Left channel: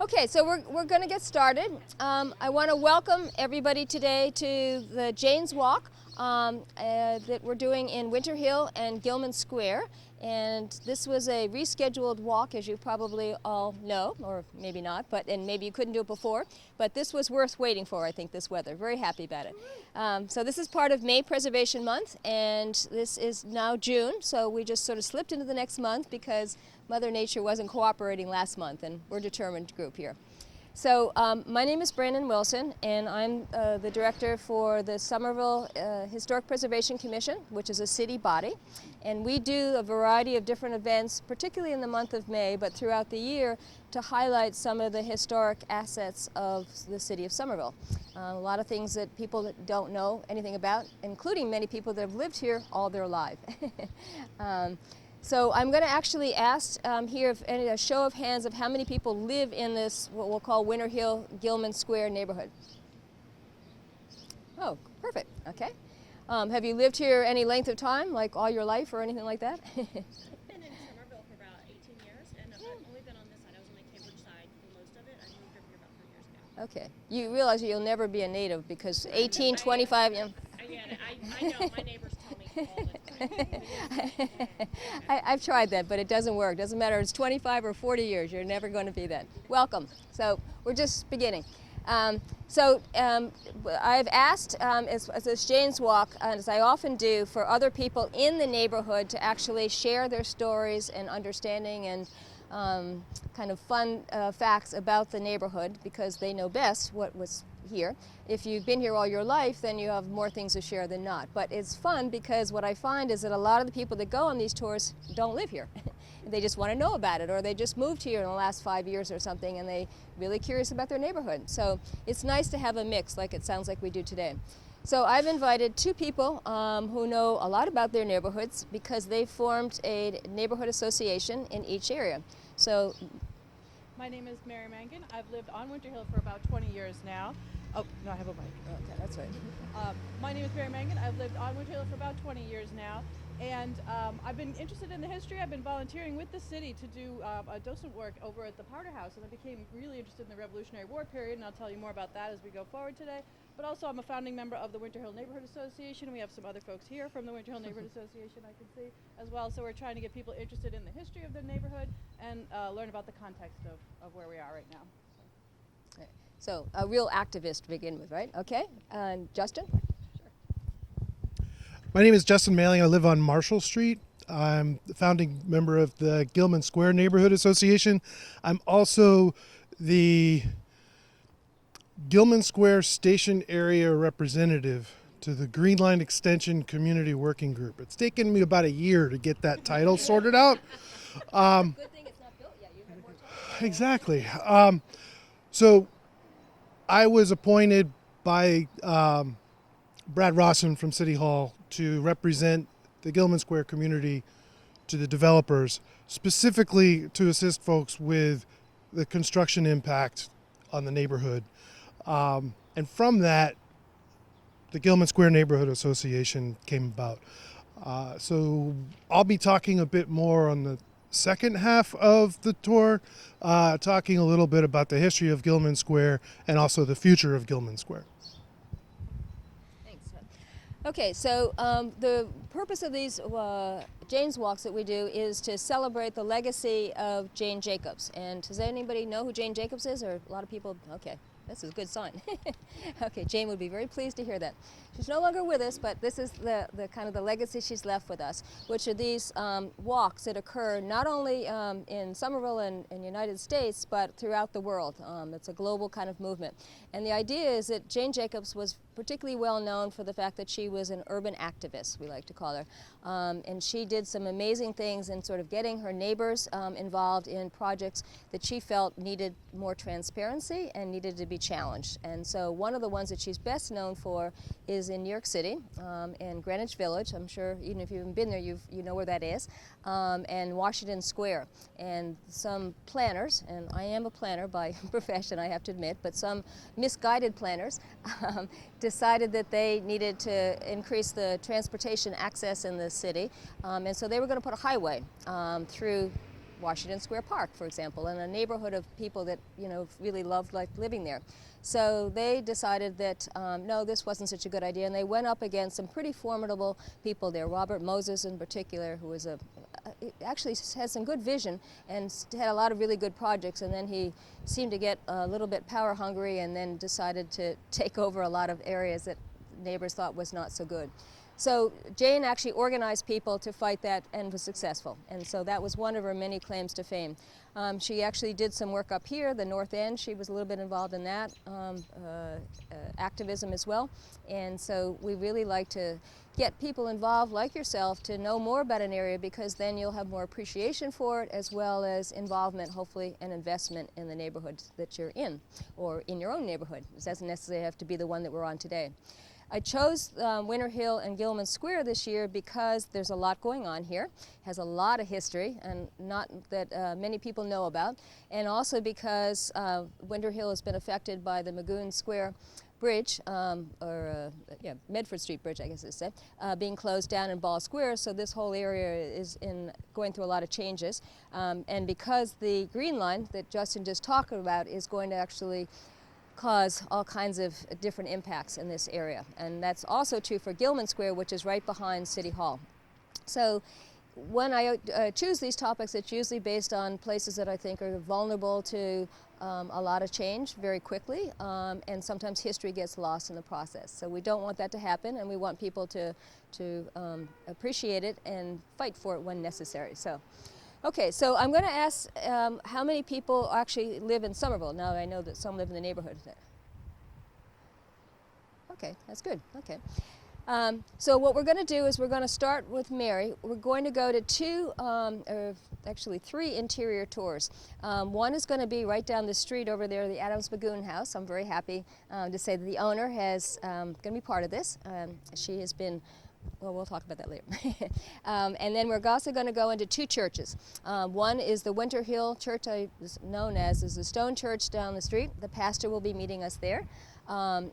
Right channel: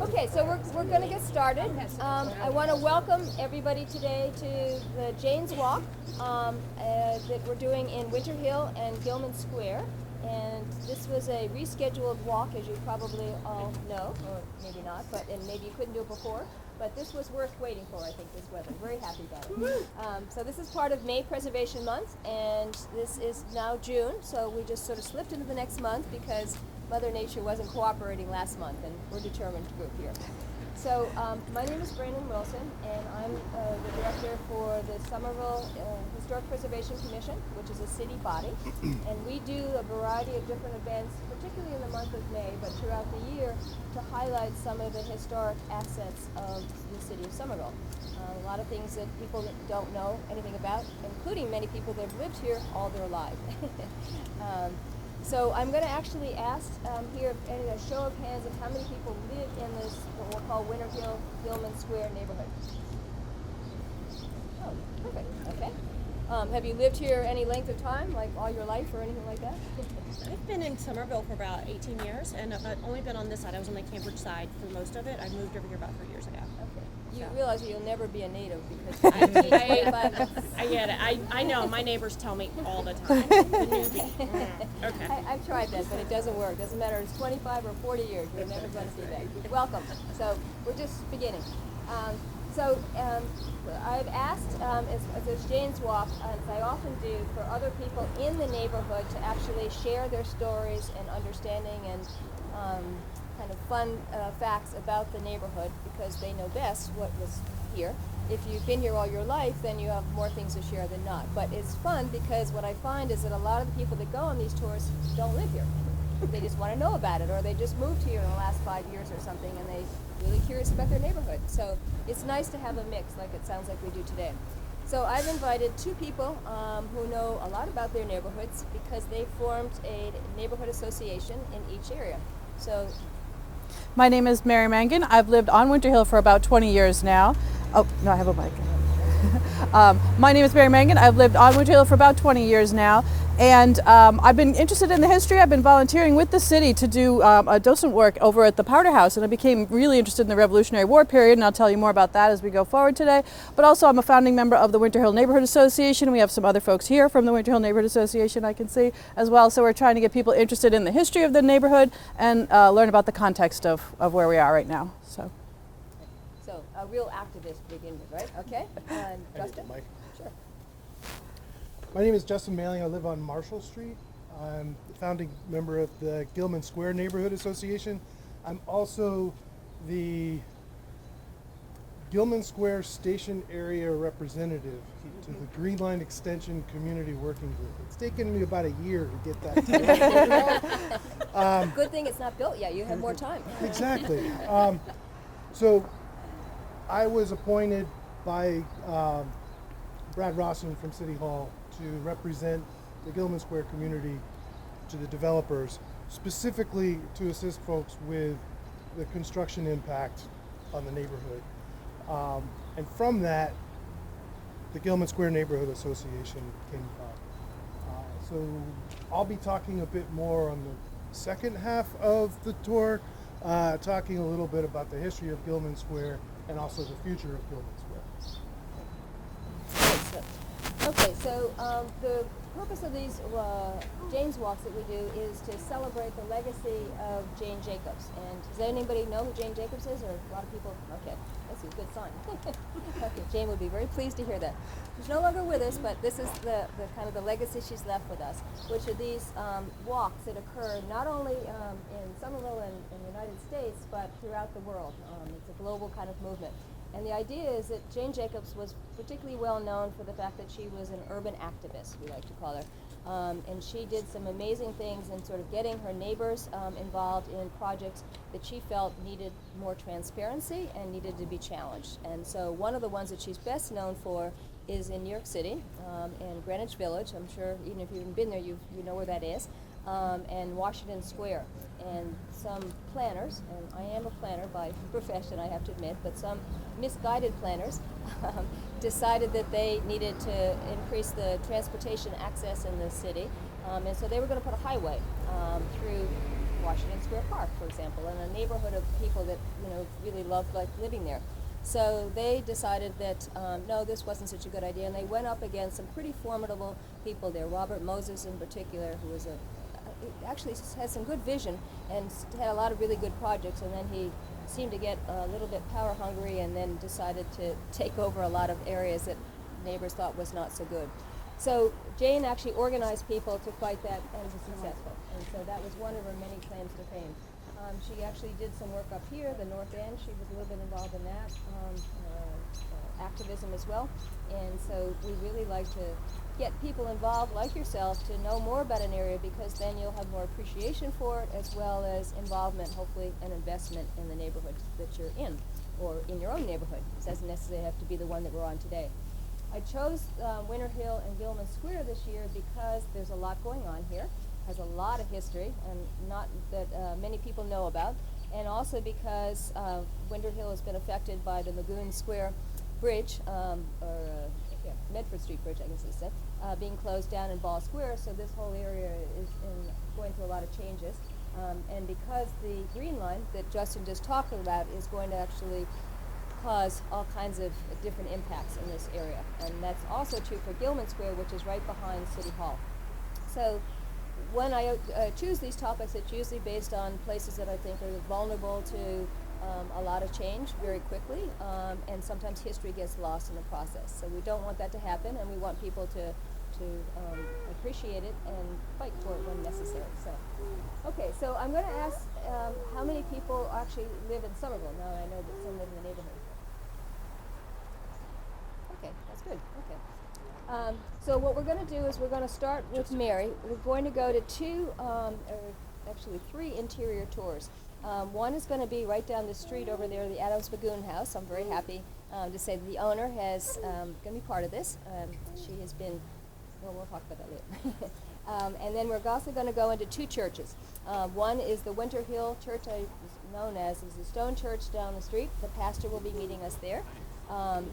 Okay, so we're going to get started. I want to welcome everybody today to the Jane's Walk that we're doing in Winter Hill and Gilman Square. And this was a rescheduled walk, as you probably all know, or maybe not, and maybe you couldn't do it before. But this was worth waiting for, I think, this weather. Very happy about it. So this is part of May Preservation Month, and this is now June, so we just sort of slipped into the next month because Mother Nature wasn't cooperating last month, and we're a determined group here. So my name is Brandon Wilson, and I'm the director for the Somerville Historic Preservation Commission, which is a city body. And we do a variety of different events, particularly in the month of May, but throughout the year, to highlight some of the historic assets of the city of Somerville. A lot of things that people that don't know anything about, including many people that have lived here all their life. So I'm going to actually ask here if a show of hands of how many people live in this, what we'll call Winter Hill Gilman Square neighborhood. Oh, perfect. Okay. Have you lived here any length of time, like all your life or anything like that? I've been in Somerville for about 18 years, and I've only been on this side. I was on the Cambridge side for most of it. I moved over here about 3 years ago. Okay. You realize you'll never be a native because 18, 25... I get it. I know. My neighbors tell me all the time. Okay. I've tried that, but it doesn't work. Doesn't matter. It's 25 or 40 years. You're never going to be that. Welcome. So we're just beginning. I've asked, as this Jane's Walk, as I often do, for other people in the neighborhood to actually share their stories and understanding and kind of fun facts about the neighborhood because they know best what was here. If you've been here all your life, then you have more things to share than not. But it's fun because what I find is that a lot of the people that go on these tours don't live here. They just want to know about it, or they just moved here in the last 5 years or something, and they're really curious about their neighborhood. So it's nice to have a mix like it sounds like we do today. So I've invited two people who know a lot about their neighborhoods because they formed a neighborhood association in each area. So my name is Mary Mangan. I've lived on Winter Hill for about 20 years now. Oh, no, I have a mic. My name is Mary Mangan. I've lived on Winter Hill for about 20 years now. And I've been interested in the history. I've been volunteering with the city to do a docent work over at the Powder House, and I became really interested in the Revolutionary War period, and I'll tell you more about that as we go forward today. But also I'm a founding member of the Winter Hill Neighborhood Association. We have some other folks here from the Winter Hill Neighborhood Association I can see as well. So we're trying to get people interested in the history of the neighborhood and learn about the context of where we are right now. So a real activist to begin with, right? Okay. Justin? Sure. My name is Justin Mailing. I live on Marshall Street. I'm the founding member of the Gilman Square Neighborhood Association. I'm also the Gilman Square Station Area Representative to the Green Line Extension Community Working Group. It's taken me about a year to get that title sorted out. Good thing it's not built yet. You have more time. Exactly. So I was appointed by Brad Rawson from City Hall to represent the Gilman Square community to the developers, specifically to assist folks with the construction impact on the neighborhood. And from that, the Gilman Square Neighborhood Association came about. So I'll be talking a bit more on the second half of the tour, talking a little bit about the history of Gilman Square and also the future of Gilman Square. Okay, so the purpose of these Jane's Walks that we do is to celebrate the legacy of Jane Jacobs. And does anybody know who Jane Jacobs is? Or a lot of people? Okay, that's a good sign. Okay, Jane would be very pleased to hear that. She's no longer with us, but this is the kind of the legacy she's left with us, which are these walks that occur not only in Somerville and in the United States, but throughout the world. It's a global kind of movement. And the idea is that Jane Jacobs was particularly well known for the fact that she was an urban activist, we like to call her. And she did some amazing things in sort of getting her neighbors involved in projects that she felt needed more transparency and needed to be challenged. And so one of the ones that she's best known for is in New York City, in Greenwich Village. I'm sure even if you haven't been there, you know where that is, and Washington Square. And some planners, and I am a planner by profession, I have to admit, but some misguided planners decided that they needed to increase the transportation access in the city, and so they were going to put a highway through Washington Square Park, for example, and a neighborhood of people that really loved living there. So they decided that no, this wasn't such a good idea, and they went up against some pretty formidable people there. Robert Moses, in particular, who was actually had some good vision and had a lot of really good projects, and then he seemed to get a little bit power hungry, and then decided to take over a lot of areas that neighbors thought was not so good. So Jane actually organized people to fight that and was successful, and so that was one of her many claims to fame. She actually did some work up here, the North End. She was a little bit involved in that, activism as well. And so we really like to get people involved like yourself to know more about an area, because then you'll have more appreciation for it, as well as involvement, hopefully, and investment in the neighborhoods that you're in, or in your own neighborhood. It doesn't necessarily have to be the one that we're on today. I chose Winter Hill and Gilman Square this year because there's a lot going on here. It has a lot of history, and not that many people know about, and also because Winter Hill has been affected by the Magoon Square Bridge, Medford Street Bridge, I guess it's said, being closed down in Ball Square, so this whole area is going through a lot of changes. And because the Green Line that Justin just talked about is going to actually cause all kinds of different impacts in this area. And that's also true for Gilman Square, which is right behind City Hall. So when I choose these topics, it's usually based on places that I think are vulnerable to a lot of change very quickly, and sometimes history gets lost in the process. So we don't want that to happen, and we want people to appreciate it and fight for it when necessary. So, okay, so I'm going to ask how many people actually live in Somerville. Now I know that some live in the neighborhood. Okay, that's good. Okay. So what we're going to do is we're going to start with Mary. We're going to go to actually three interior tours. One is going to be right down the street over there in the Adams Magoon house. I'm very happy to say that the owner is going to be part of this. She has been, well, we'll talk about that later. And then we're also going to go into two churches. One is the Winter Hill Church, known as is the Stone Church down the street. The pastor will be meeting us there.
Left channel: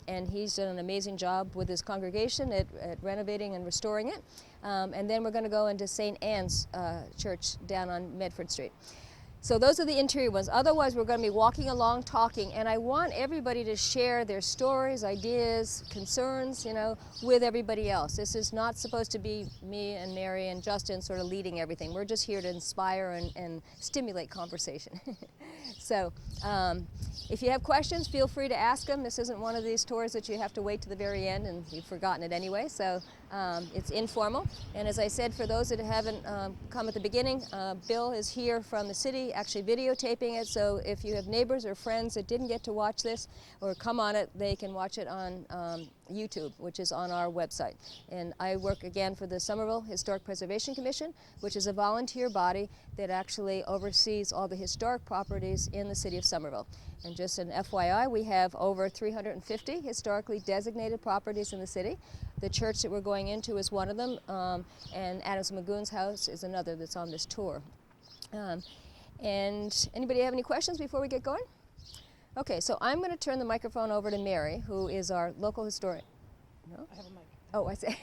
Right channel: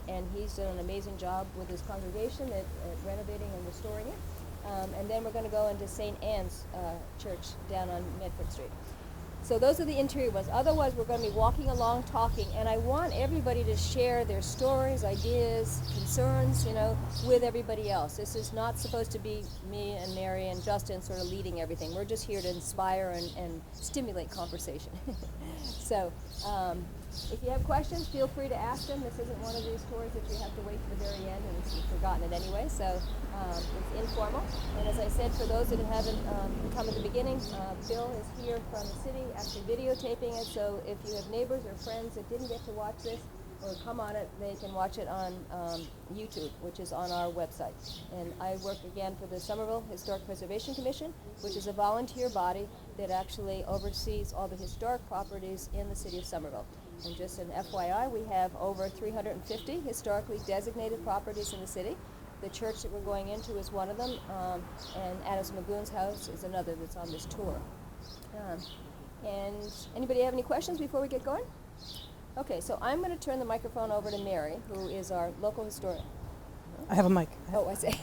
And he's done an amazing job with his congregation at renovating and restoring it. And then we're going to go into St. Anne's Church down on Medford Street. So those are the interior ones. Otherwise, we're going to be walking along, talking, and I want everybody to share their stories, ideas, concerns, with everybody else. This is not supposed to be me and Mary and Justin sort of leading everything. We're just here to inspire and stimulate conversation. So if you have questions, feel free to ask them. This isn't one of these tours that you have to wait to the very end and you've forgotten it anyway. So it's informal. And as I said, for those that haven't come at the beginning, Bill is here from the city actually videotaping it. So if you have neighbors or friends that didn't get to watch this or come on it, they can watch it on YouTube, which is on our website. And I work again for the Somerville Historic Preservation Commission, which is a volunteer body that actually oversees all the historic properties in the city of Somerville. And just an FYI, we have over 350 historically designated properties in the city. The church that we're going into is one of them, and Adams Magoon's house is another that's on this tour. And anybody have any questions before we get going? Okay, so I'm going to turn the microphone over to Mary, who is our local historian. I have a mic. Oh, I see.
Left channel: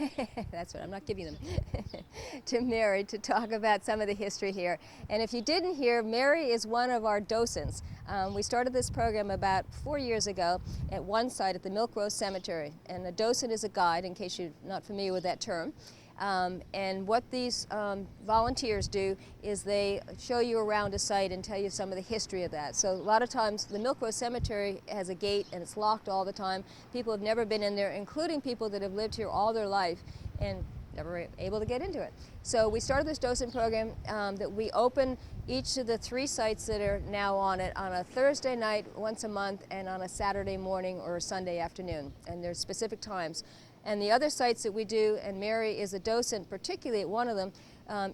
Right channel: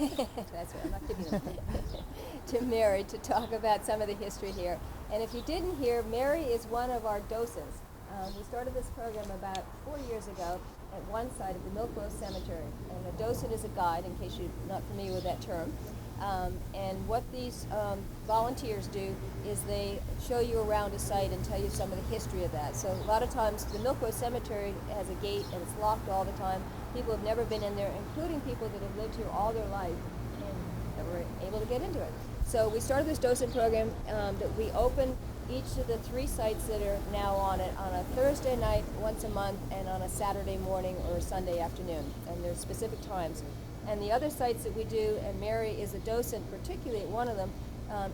That's what I'm not giving them. To Mary to talk about some of the history here. And if you didn't hear, Mary is one of our docents. We started this program about 4 years ago at one site at the Milk Rose Cemetery. And a docent is a guide, in case you're not familiar with that term. And what these volunteers do is they show you around a site and tell you some of the history of that. So a lot of times the Milk Rose Cemetery has a gate and it's locked all the time. People have never been in there, including people that have lived here all their life and never able to get into it. So we started this docent program that we open each of the three sites that are now on it on a Thursday night once a month and on a Saturday morning or a Sunday afternoon. And there's specific times. And the other sites that we do, and Mary is a docent, particularly at one of them,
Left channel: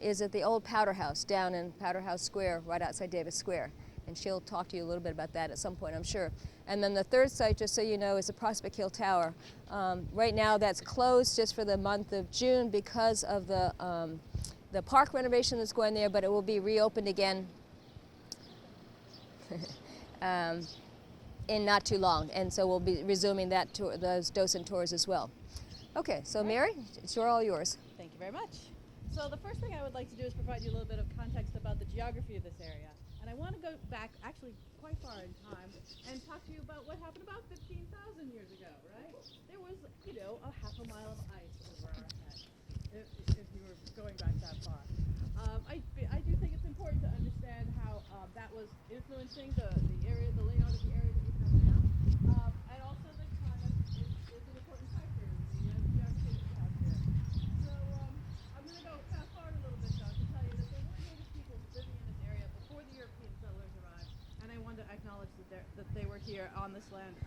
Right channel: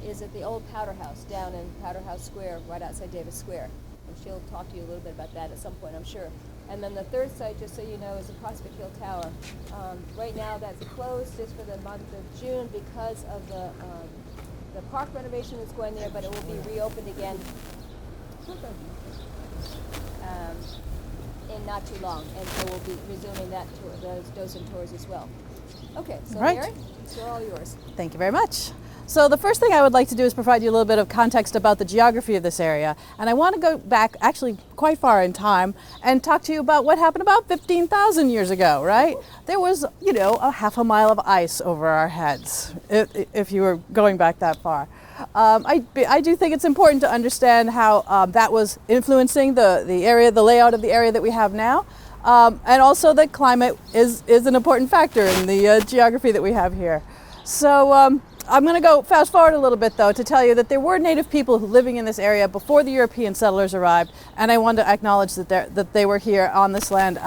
is at the old Powder House down in Powder House Square, right outside Davis Square. And she'll talk to you a little bit about that at some point, I'm sure. And then the third site, just so you know, is the Prospect Hill Tower. Right now that's closed just for the month of June because of the park renovation that's going there, but it will be reopened again in not too long. And so we'll be resuming that tour, those docent tours as well. Okay, so Right. Mary, it's all yours. Thank you very much. So the first thing I would like to do is provide you a little bit of context about the geography of this area. And I want to go back actually quite far in time and talk to you about what happened about 15,000 years ago, right? There was, a half a mile of ice over our heads, if you were going back that far. I do think it's important to understand how that was influencing the area, the layout of the area that we have now. And also that climate is an important factor in the geography that we have here. So I'm going to go fast forward a little bit, though, to tell you that there were native people living in this area before the European settlers arrived, and I want to acknowledge that they were here on this land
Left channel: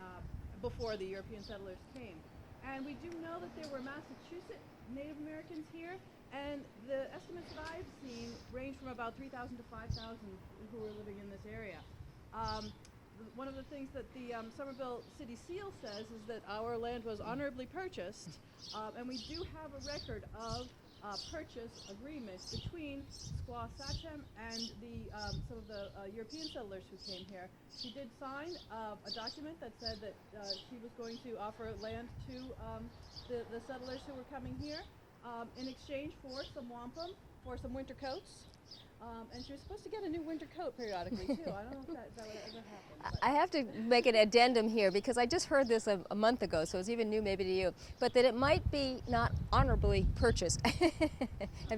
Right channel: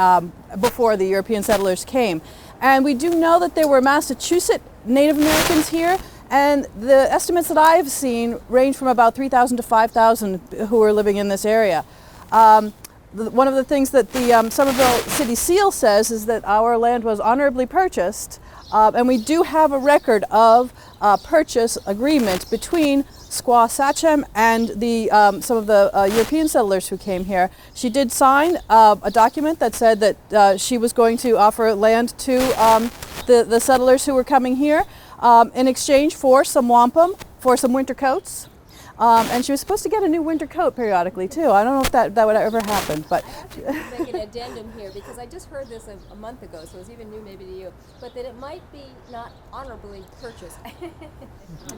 before the European settlers came. And we do know that there were Massachusetts Native Americans here, and the estimates that I've seen range from about 3,000 to 5,000 who were living in this area. One of the things that the Somerville City Seal says is that our land was honorably purchased, and we do have a record of purchase agreement between Squaw Sachem and some of the European settlers who came here. She did sign a document that said that she was going to offer land to the settlers who were coming here in exchange for some wampum, for some winter coats. And she was supposed to get a new winter coat periodically too. I don't know if that would ever happen, but I have to make an addendum here because I just heard this a month ago, so it's even new maybe to you, but that it might be not honorably purchased. Have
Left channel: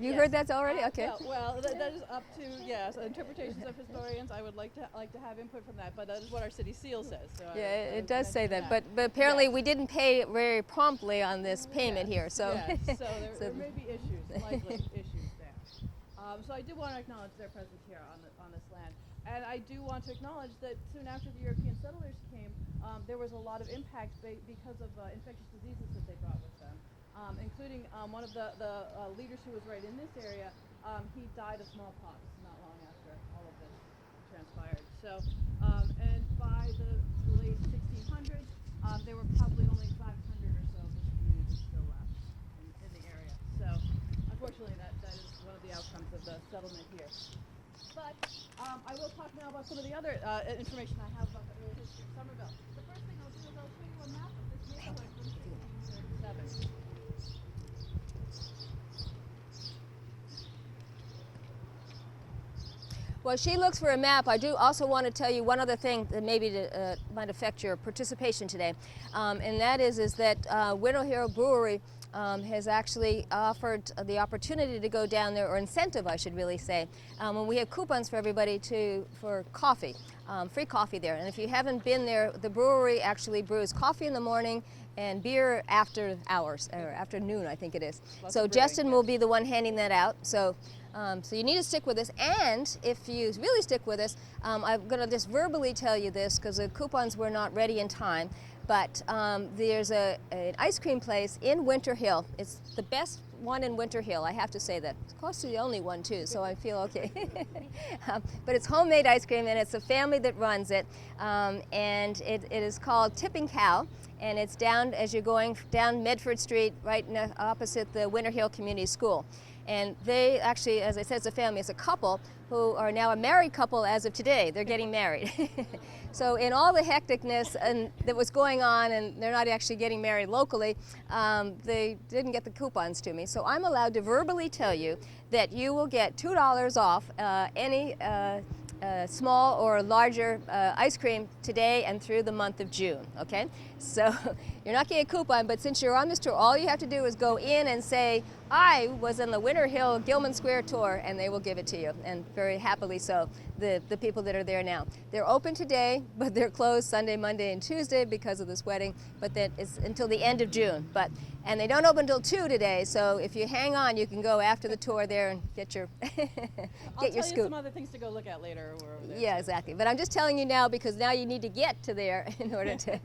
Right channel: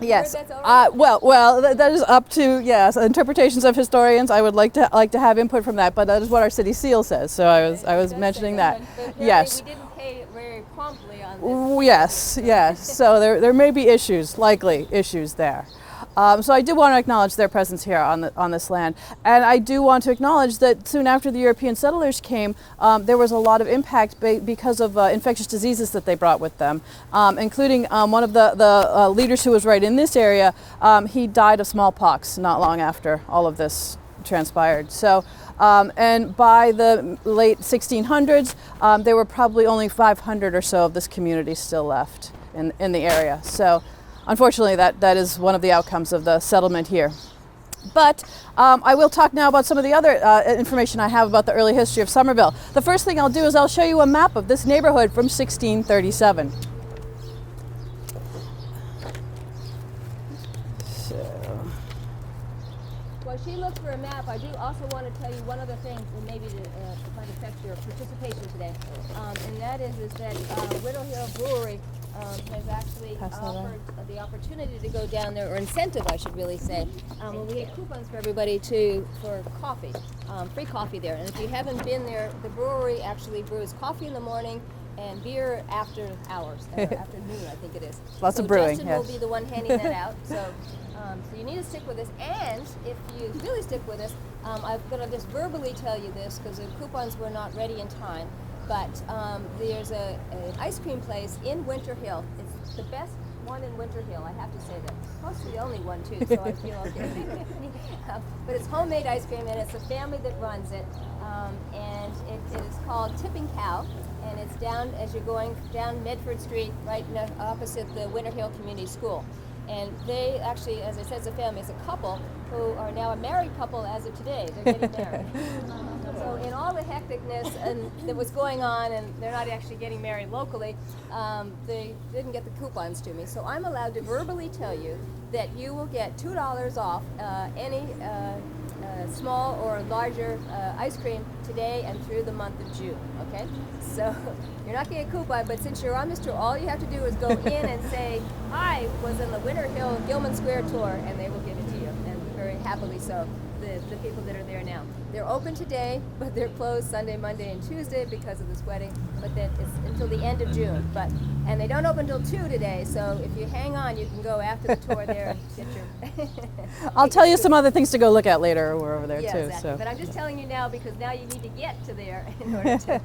you heard that's already? Well, that is up to interpretations of historians. I would like to have input from that, but that is what our city seal says. So I was mentioning that. But apparently we didn't pay very promptly on this. Yes, here, so. yes. So there may be likely issues there. So I do want to acknowledge their presence here on this land. And I do want to acknowledge that soon after the European settlers came, there was a lot of impact because of infectious diseases that they brought with them, including one of the leaders who was right in this area. He died of smallpox not long after all of this transpired. So, and by the late 1600s, there were probably only 500 or so of this community still left in the area. So. Unfortunately, that is one of the outcomes of the settlement here. But I will talk now about some of the other information I have about the early history of Somerville. The first thing I'll do is I'll show you a map of this neighborhood from 1637. While she looks for a map, I do also want to tell you one other thing that maybe might affect your participation today, and that is that Winter Hill Brewery has actually offered the opportunity to go down there, or incentive I should really say. We have coupons for everybody for coffee, free coffee there. And if you haven't been there, the brewery actually brews coffee in the morning and beer after hours, or afternoon I think it is. Lots so of brewing, Justin will be the one handing that out. So you need to stick with us, and if you really stick with us, I'm going to just verbally tell you this because the coupons were not ready in time. But there's an ice cream place in Winter Hill. It's the best one in Winter Hill, I have to say that. It's possibly the only one too, so I feel okay. But it's homemade ice cream, and it's a family that runs it. And it is called Tipping Cow, and it's down as you're going down Medford Street, right opposite the Winter Hill Community School. And they actually, as I said, it's a family. It's a couple who are now a married couple as of today. They're getting married. So in all the hecticness that was going on, and they're not actually getting married locally, they didn't get the coupons to me. So I'm allowed to verbally tell you that you will get $2 off any small or larger ice cream today and through the month of June, okay? So you're not getting a coupon, but since you're on this tour, all you have to do is go in and say, I was in the Winter Hill Gilman Square tour, and they will give it to you, and very happily so. The people that are there now. They're open today, but they're closed Sunday, Monday, and Tuesday because of this wedding, but then it's until the end of June. And they don't open until 2 today, so if you hang on, you can go after the tour there and get your... I'll tell you some other things to go look at later. We're over there too. Exactly. So. But I'm just telling you now because now you need to get to there in order to...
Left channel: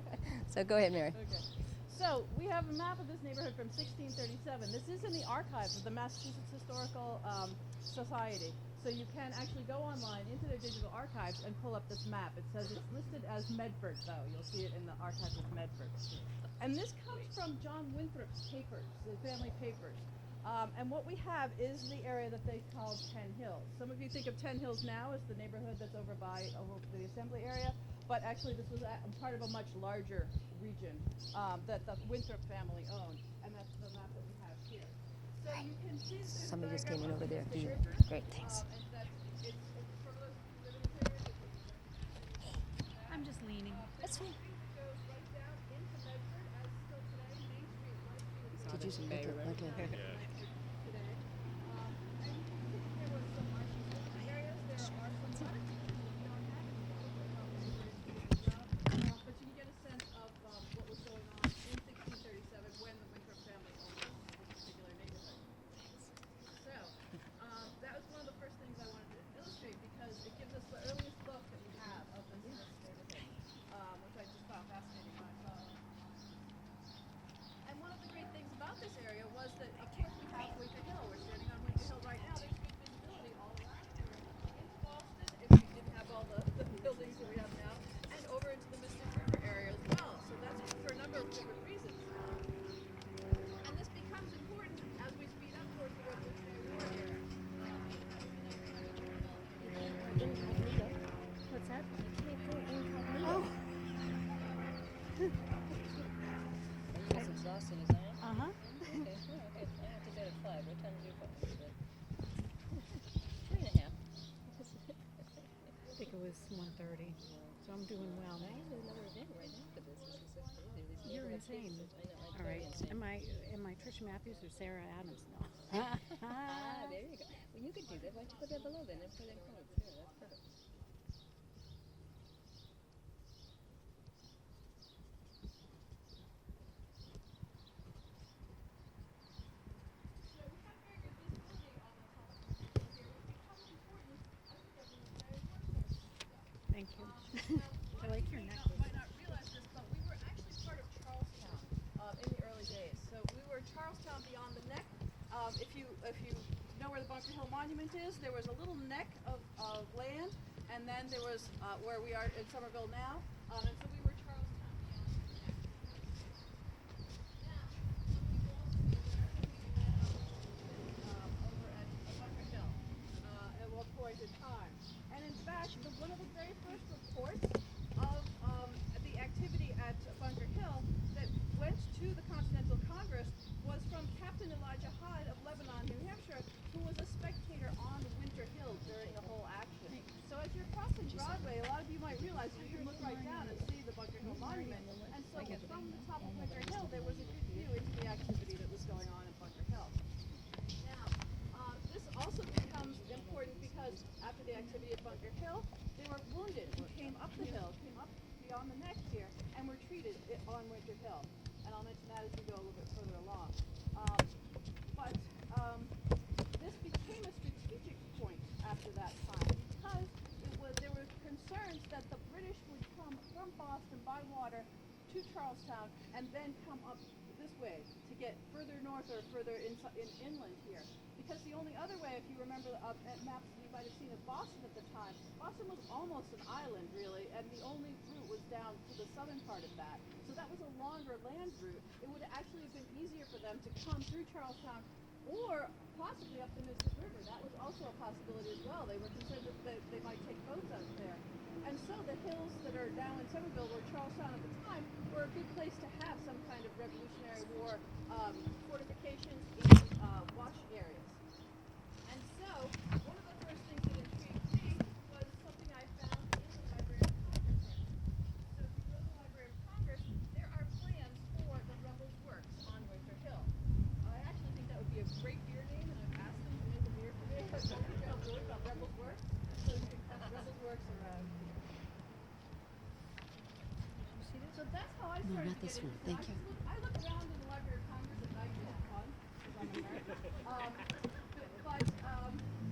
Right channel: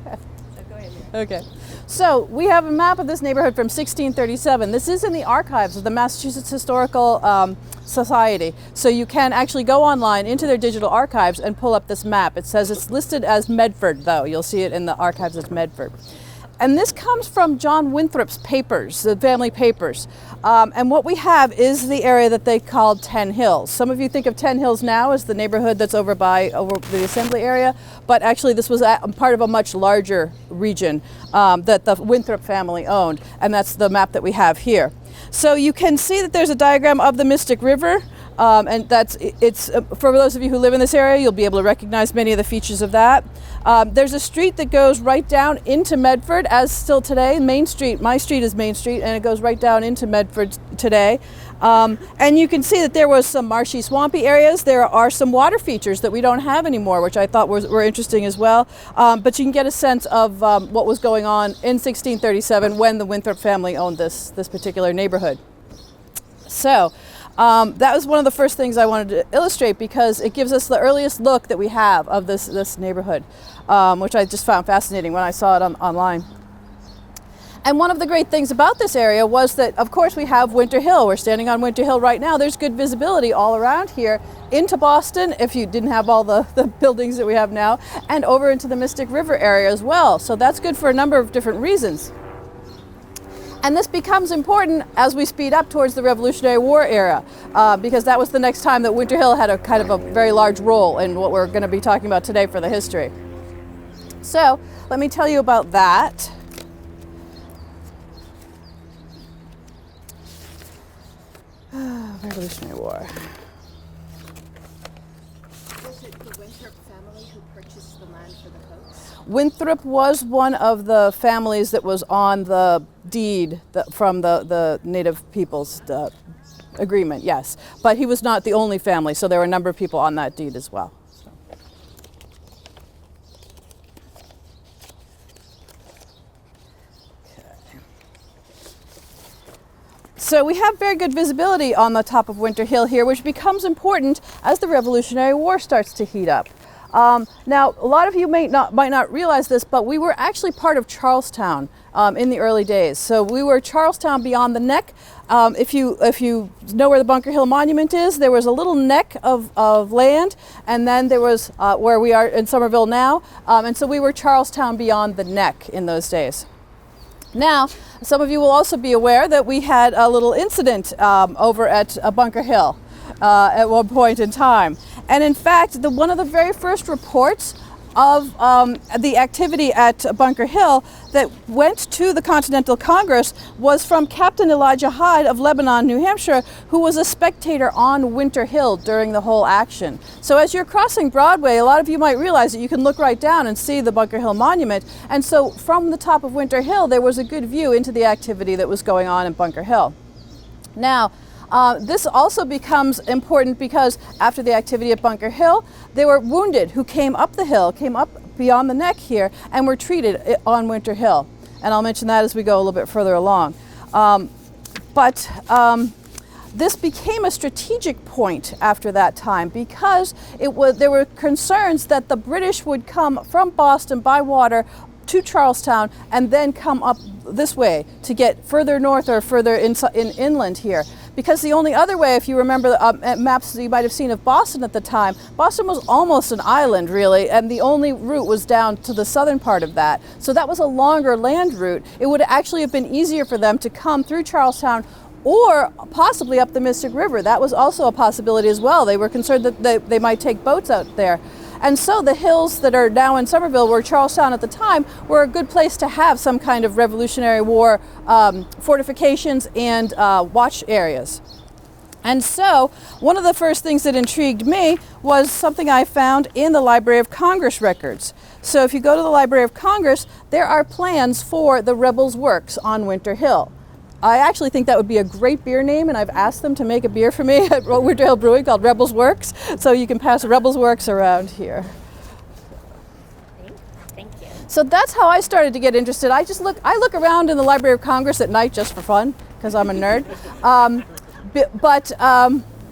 So go ahead, Mary. Okay. So we have a map of this neighborhood from 1637. This is in the archives of the Massachusetts Historical Society. So you can actually go online into their digital archives and pull up this map. It says it's listed as Medford, though. You'll see it in the archives as Medford. And this comes from John Winthrop's papers, the family papers. And what we have is the area that they called 10 Hills. Some of you think of 10 Hills now as the neighborhood that's over the assembly area, but actually this was part of a much larger region that the Winthrop family owned, and that's the map that we have here. So you can see that there's a diagram of the Mystic River, and it's for those of you who live in this area, you'll be able to recognize many of the features of that. There's a street that goes right down into Medford, as still today. Main Street, my street is Main Street, and it goes right down into Medford today. And you can see that there was some marshy, swampy areas. There are some water features that we don't have anymore, which I thought were interesting as well. But you can get a sense of what was going on in 1637 when the Winthrop family owned this particular neighborhood. So that was one of the first things I wanted to illustrate, because it gives us the earliest look that we have of this neighborhood, which I just found fascinating when I saw it online. And one of the great things about this area was that, of course, we have Winter Hill. We're standing on Winter Hill right now. There's good visibility all around here into Boston, if you didn't have all the buildings that we have now, and over into the Mystic River area as well. So that's good for a number of different reasons. And this becomes important as we speed up towards the Revolutionary War era, because that was the next time that Winter Hill had a kind of a very large role in what we're going to be talking about today for the history. So let me tell you about that. Revolutionary War. Was it the Winthrop family who purchased the land for the Coats? Winthrop was one of the families that was on the deed from the Native Peoples agreement, yes. But he was not the only family, so there were a number of people on that deed as well. So we have very good visibility on the top of Winter Hill here, which becomes important as the Revolutionary War starts to heat up. Now, a lot of you might not realize this, but we were actually part of Charlestown in the early days. So we were Charlestown beyond the neck. If you know where the Bunker Hill Monument is, there was a little neck of land, and then there was where we are in Somerville now, and so we were Charlestown beyond the neck in those days. Now, some of you will also be aware that we had a little incident over at Bunker Hill at one point in time. And in fact, one of the very first reports of the activity at Bunker Hill that went to the Continental Congress was from Captain Elijah Hyde of Lebanon, New Hampshire, who was a spectator on Winter Hill during the whole action. So as you're crossing Broadway, a lot of you might realize that you can look right down and see the Bunker Hill Monument. And so from the top of Winter Hill, there was a good view into the activity that was going on in Bunker Hill. Now, this also becomes important because after the activity at Bunker Hill, they were wounded who came up the hill, came up beyond the neck here, and were treated on Winter Hill. And I'll mention that as we go a little bit further along. This became a strategic point after that time because there were concerns that the British would come from Boston by water to Charlestown and then come up this way to get further north or further inland here. Because the only other way, if you remember maps that you might have seen of Boston at the time, Boston was almost an island really, and the only route was down to the southern part of that. So that was a longer land route. It would actually have been easier for them to come through Charlestown or possibly up the Mystic River. That was also a possibility as well. They were concerned that they might take boats out there. And so the hills that are now in Somerville, were Charlestown at the time, were a good place to have some kind of Revolutionary War fortifications and watch areas. And so one of the first things that intrigued me was something I found in the Library of Congress records. So if you go to the Library of Congress, there are plans for the Rebels' Works on Winter Hill. I actually think that would be a great beer name, and I've asked them to make a beer for me at Winter Hill Brewing called Rebels Works, so you can pass Rebels Works around here. Thank you. So that's how I started to get interested. I look around in the Library of Congress at night just for fun, because I'm a nerd.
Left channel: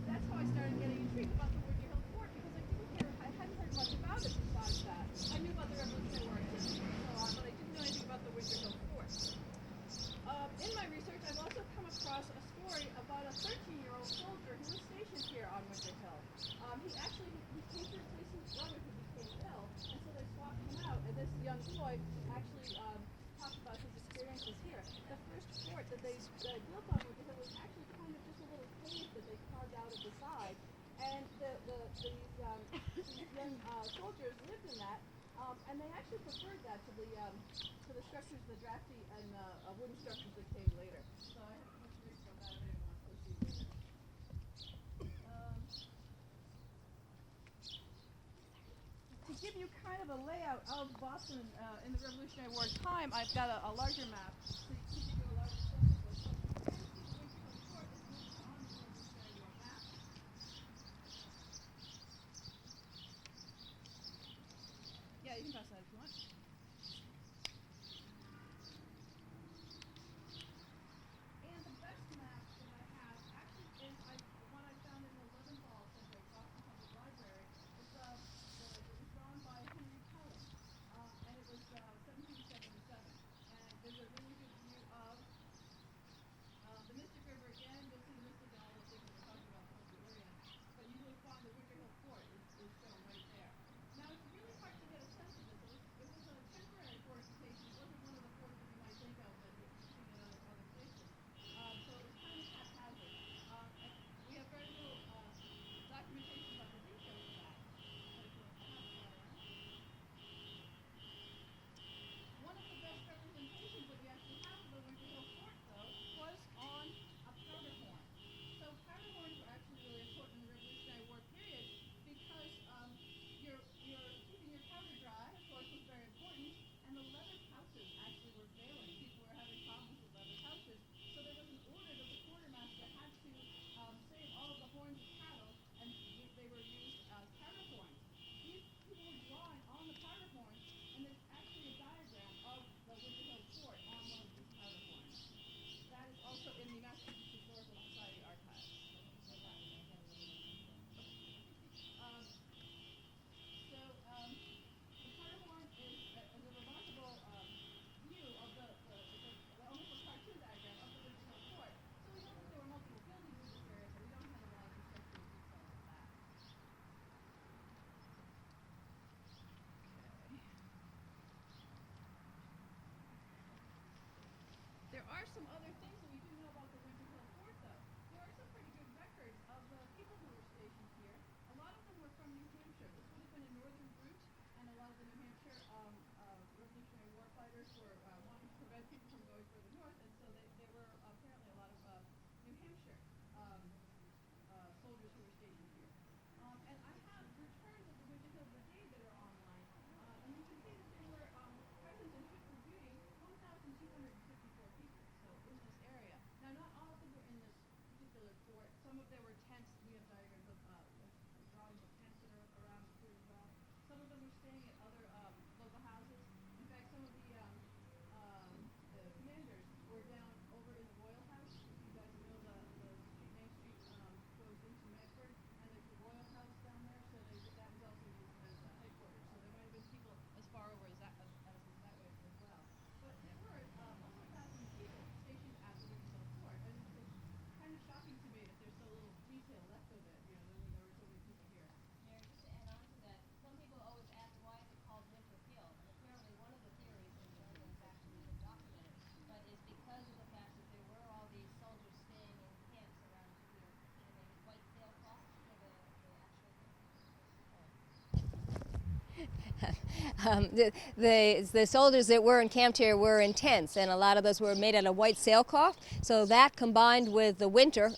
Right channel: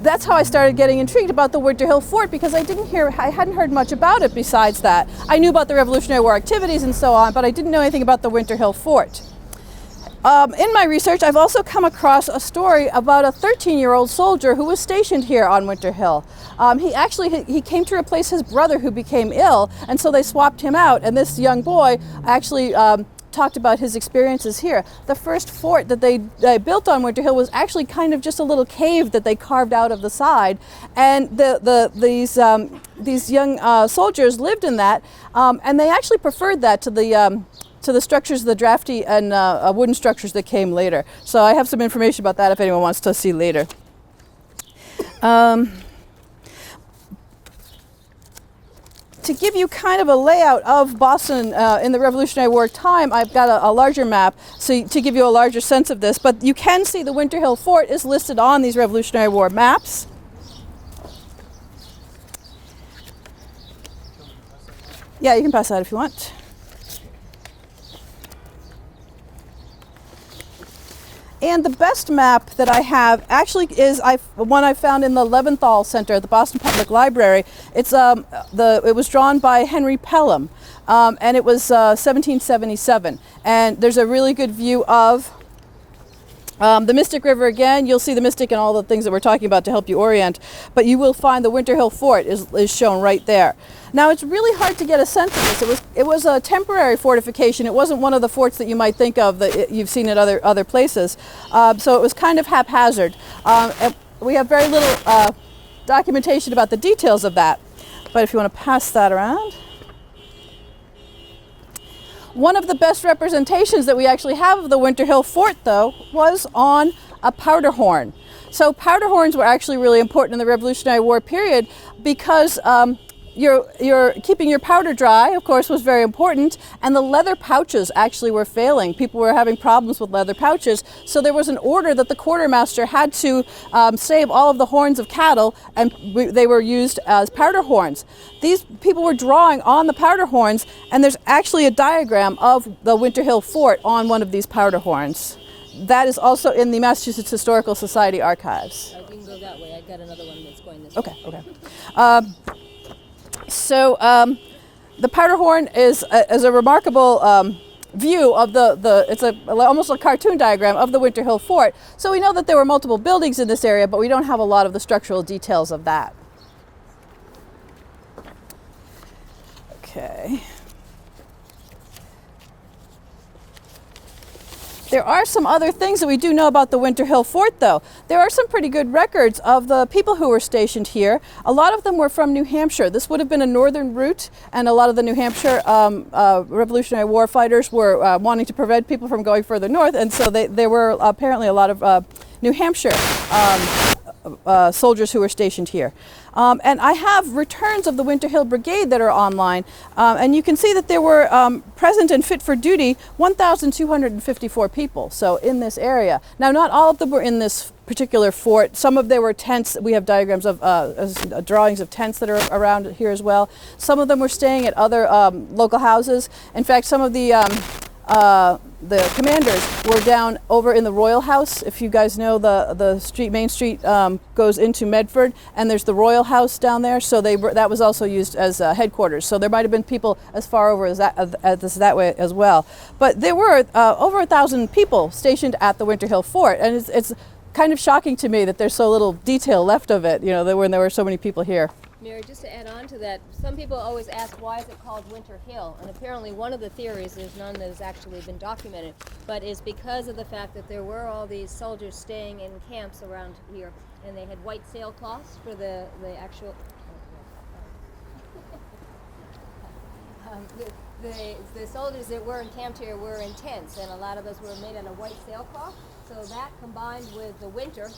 That's how I started getting intrigued about the Winter Hill Fort, because I hadn't heard much about it besides that. I knew about the Revolutionary War activities and so on, but I didn't know anything about the Winter Hill Fort. In my research, I've also come across a story about a 13-year-old soldier who was stationed here on Winter Hill. He came to replace his brother who became ill, and so they swapped him out, and this young boy actually talked about his experiences here. The first fort that they built on Winter Hill was actually kind of just a little cave that they carved out of the side, and these young soldiers lived in that, and they actually preferred that to to the structures, the drafty and wooden structures that came later. So I have some information about that if anyone wants to see later. To give you kind of a layout of Boston in the Revolutionary War time, I've got a larger map to give you a larger sense of this. But you can see the Winter Hill Fort is listed on these Revolutionary War maps. Yeah, you can pass that if you want. And the best map that I have actually is one I found in the Leventhal Center at the Boston Public Library. It was drawn by Henry Pelham, and it was 1777. And there's a really good view of the Mystic River again. You'll see the Mystic and all the things that we're talking about to help you orient, but you will find the Winter Hill Fort is shown right there. Now it's really hard to get a sense of this. It was a temporary fortification. It wasn't one of the forts that you might think of that you've seen at other places. So it was kind of haphazard. And we have very little documentation about the details of that. But if you want to pass that around. One of the best representations that we actually have of the Winter Hill Fort, though, was on a powder horn. So powder horns were actually really important in the Revolutionary War period because your keeping your powder dry, of course, was very important, and the leather pouches actually were failing. People were having problems with leather pouches, so there was an order that the quartermaster had to save all of the horns of cattle, and they were used as powder horns. These people were drawing on the powder horns, and there's actually a diagram of the Winter Hill Fort on one of these powder horns. That is also in the Massachusetts Historical Society archives. You can go that way. I got another one that's going this Okay, way. okay. So the powder horn is a remarkable view of it's almost a cartoon diagram of the Winter Hill Fort. So we know that there were multiple buildings in this area, but we don't have a lot of the structural details of that. Okay. There are some other things that we do know about the Winter Hill Fort, though. There are some pretty good records of the people who were stationed here. A lot of them were from New Hampshire. This would have been a northern route, and a lot of the New Hampshire Revolutionary War fighters were wanting to prevent people from going further north, and so there were apparently a lot of New Hampshire soldiers who were stationed here. And I have returns of the Winter Hill Brigade that are online, and you can see that there were present and fit for duty 1,254 people, so in this area. Now, not all of them were in this particular fort. Some of there were tents. We have diagrams of drawings of tents that are around here as well. Some of them were staying at other local houses. In fact, some of the commanders were down over in the Royal House. If you guys know, the main street goes into Medford, and there's the Royal House down there. So that was also used as headquarters. So there might have been people as far over as that way as well. But there were over 1,000 people stationed at the Winter Hill Fort, and it's kind of shocking to me that there's so little detail left of it. You know, when there were so many people here. Mary, just to add on to that, some people always ask why is it called Winter Hill, and apparently one of the theories, there's none that has actually been documented, but is because of the fact that there were all these soldiers staying in camps around here, and they had white sailcloths for the actual. The soldiers that were encamped here were in tents, and a lot of those were made out of white sailcloth. So that, combined with the winter,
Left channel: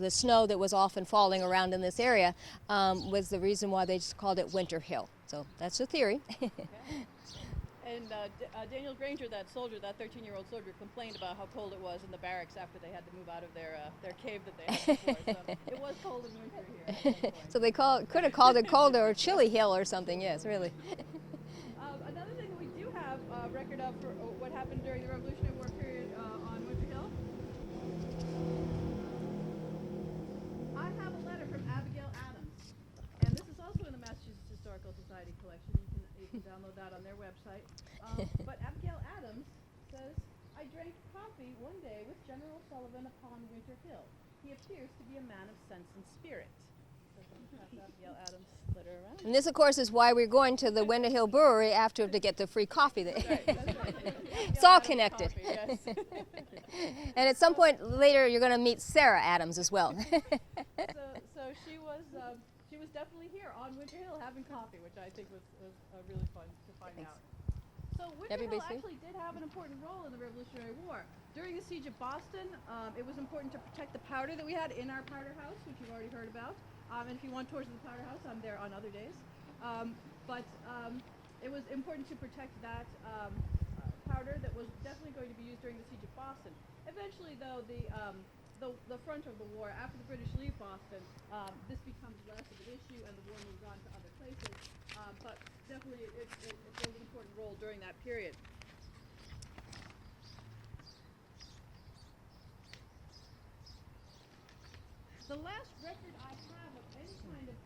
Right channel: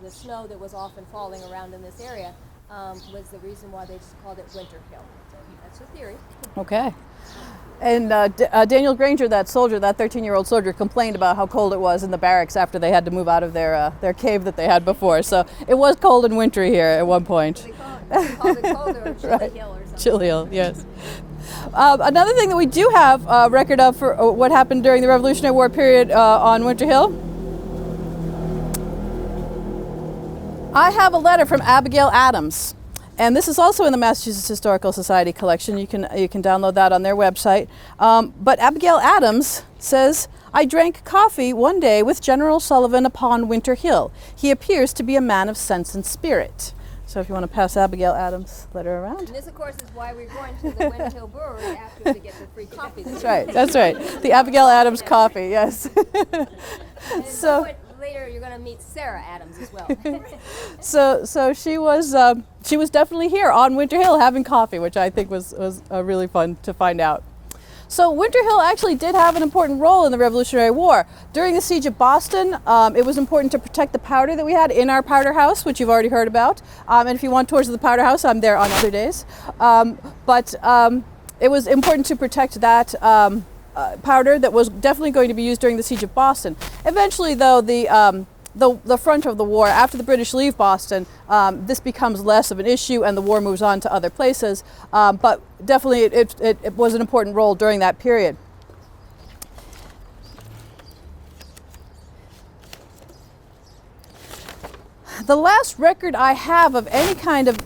the snow that was often falling around in this area, was the reason why they just called it Winter Hill. So that's the theory. Okay. And Daniel Granger, that soldier, that 13-year-old soldier, complained about how cold it was in the barracks after they had to move out of their cave that they had before. So it was cold and wintry here at one point. So they called it cold or Chilly Right. Hill or something. Chilly Hill, right. yes. Another thing that we do have record of for what happened during the Revolutionary War period on Winter Hill. I have a letter from Abigail Adams. And this is also in the Massachusetts Historical Society collection. You can download that on their website. But Abigail Adams says, "I drank coffee one day with General Sullivan upon Winter Hill. He appears to be a man of sense and spirit." So if you want to pass Abigail Adams' letter around. And this, of course, is why we're going to the Winter Hill Brewery after to get the free coffee. That's right. That's right. The Abigail Coffee Adams nectar. coffee. Yes. And at some point later, you're going to meet Sarah Adams as well. So she was definitely here on Winter Hill having coffee, which I think was really fun to find out. So Winter Hill actually did have an important role in the Revolutionary War. During the siege of Boston, it was important to protect the powder that we had in our powder house, which you've already heard about. And if you want tours of the powder house, I'm there on other days. But it was important to protect that powder that was definitely going to be used during the siege of Boston. Eventually, though, the front of the war, after the British leave Boston, this becomes less of an issue and the war moves on to other places. But definitely it was an important role during that period. The last record I have of any kind of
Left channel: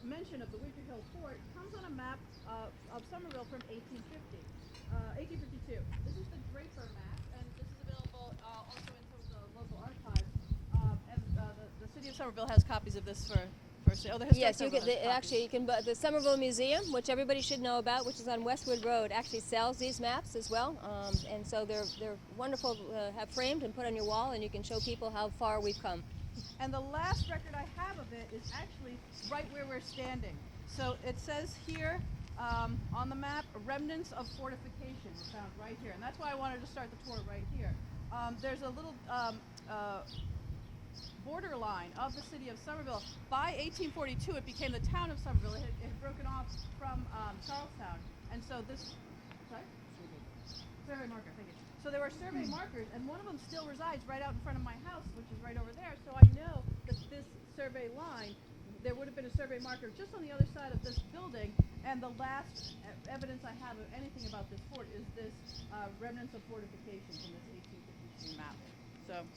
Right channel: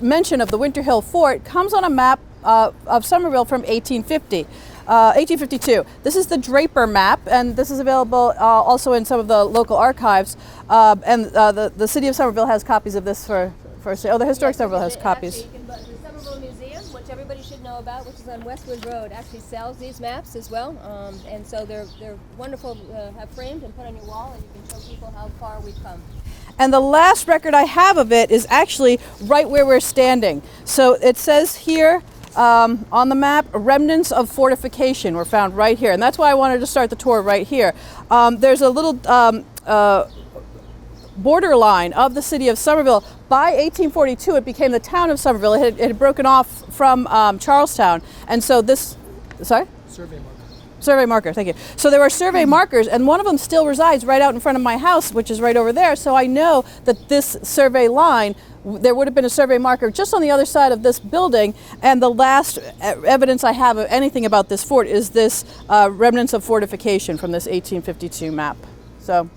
mention of the Winter Hill Fort comes on a map of Somerville from 1852. This is the Draper map, and this is available also in some of the local archives. The city of Somerville has copies of this for sale. The historic Somerville has copies. Actually, the Somerville Museum, which everybody should know about, which is on Westwood Road, actually sells these maps as well. And so they're wonderful to have framed and put on your wall, and you can show people how far we've come. And the last record I have of it is actually right where we're standing. So it says here on the map, remnants of fortification were found right here. And that's why I wanted to start the tour right here. There's a little borderline of the city of Somerville. By 1842, it became the town of Somerville. It had broken off from Charlestown. And so this, sorry? Survey marker. Survey marker, thank you. So there were survey markers, and one of them still resides right out in front of my house, which is right over there. So I know that this survey line, there would have been a survey marker just on the other side of this building, and the last evidence I have of anything about this fort is this remnants of fortification from this 1852 map. So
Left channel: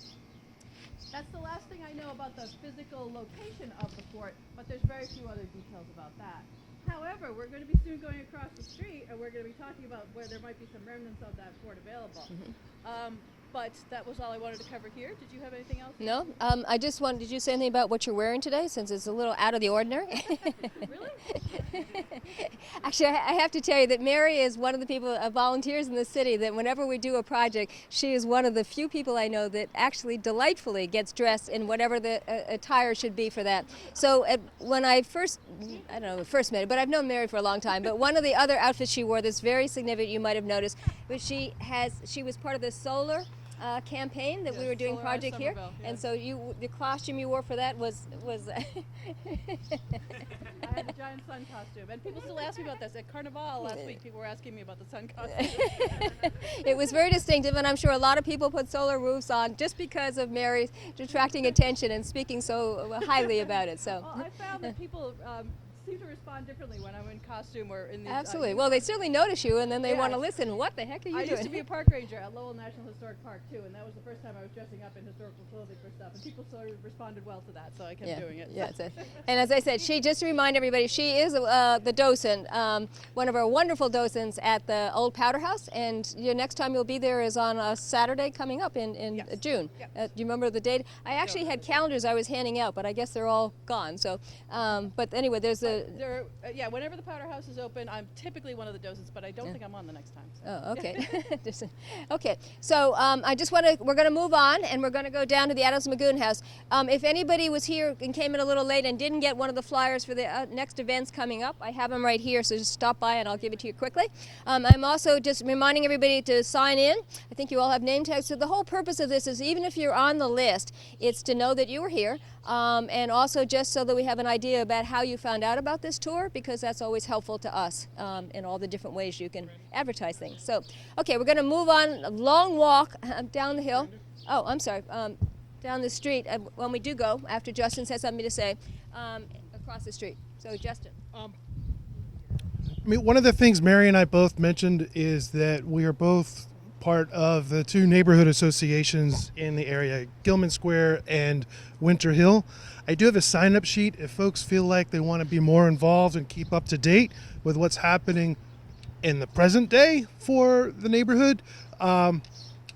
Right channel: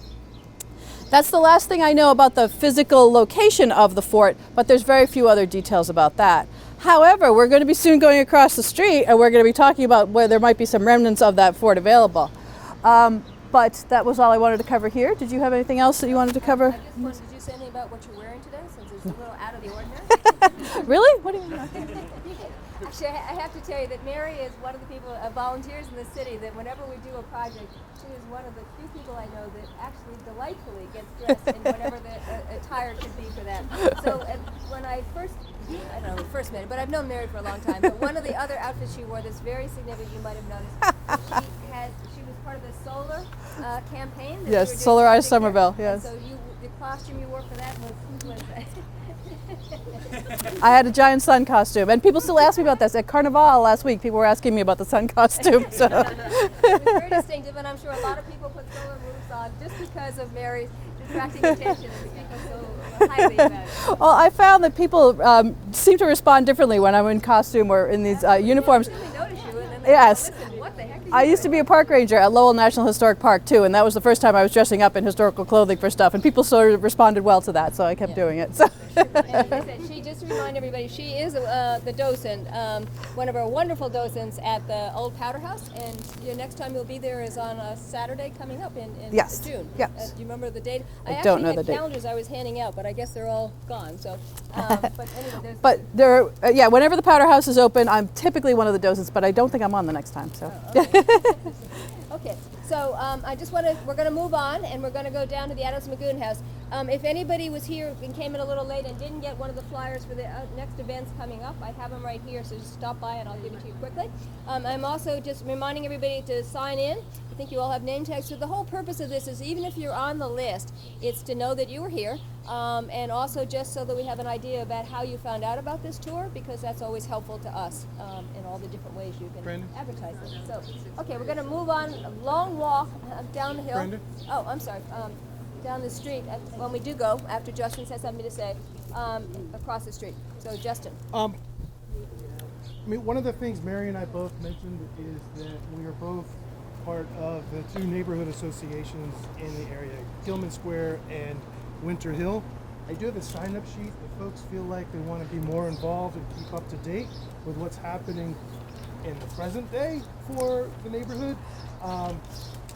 that's the last thing I know about the physical location of the fort, but there's very few other details about that. However, we're going to be soon going across the street, and we're going to be talking about where there might be some remnants of that fort available. But that was all I wanted to cover here. Did you have anything else that you wanted to cover? I just wanted, did you say anything about what you're wearing today, since it's a little out of the ordinary? Really? What do you Actually, I have to tell you that Mary is one of the people, volunteers in the city, that whenever we do a project, she is one of the few people I know that actually delightfully gets dressed in whatever the attire should be for that. So when I first, I don't know, first met her, but I've known Mary for a long time, but one of the other outfits she wore that's very significant, you might have noticed, she was part of the solar campaign that we were doing. Yes, Solarize project Somerville, here. yes. And so the costume you wore for that was I had a giant sun costume, and people still ask me about this. At Carnival last week, people were asking me about the sun costume. So. It was very distinctive, and I'm sure a lot of people put solar roofs on just because of Mary attracting attention and speaking so highly about it. So. Well, I found that people seem to respond differently when I'm in costume or in these uniforms. Well, they certainly notice you, and then they Yes. want to listen. What the heck are you I doing? used to be a park ranger at Lowell National Historic Park too, and that was the first time I was dressing up in historical clothing for stuff, and people sort of responded well to that, so I kept doing it. So. And as I said, just to remind everybody, she is the docent, one of our wonderful docents at the old powder house, and your next time you'll be there is on a Saturday coming up in Yes. June. Yes. Do you remember the date? I don't actually know had the date. calendars I was handing out, but I guess they're all gone. So, but anyway, there's But there, whenever the powder house is open, I'm typically one of the docents, but I don't think I'm on the next time. So. Oh, okay. Okay. So we're going to move on, and we're going to go down to the Adams Magoon House. If anybody was here and came in a little late and didn't get one of the flyers for the next events coming up, I have them right here, so just stop by and I'll give it to you quickly. I'm also just reminding everybody to sign in. I think you all have name tags. So the whole purpose of this is, even if you're on the list, it's to know that you were here. And also just so that we have an idea about how you found out about this tour, because that's always helpful to us in all the different ways you can advertise things. So, okay, we're going to move on, a long walk down the hill. Brandon? Oh, I'm sorry, down the street when we do go, after Justin has something to say, across the street. So, Justin. I mean, one of the things Mary and I both mentioned is that we are both part of the two neighborhood associations in the area, Gilman Square and Winter Hill. I do have a sign-up sheet if folks feel like they want to be more involved and keep up to date with what's happening in the present day for the neighborhood.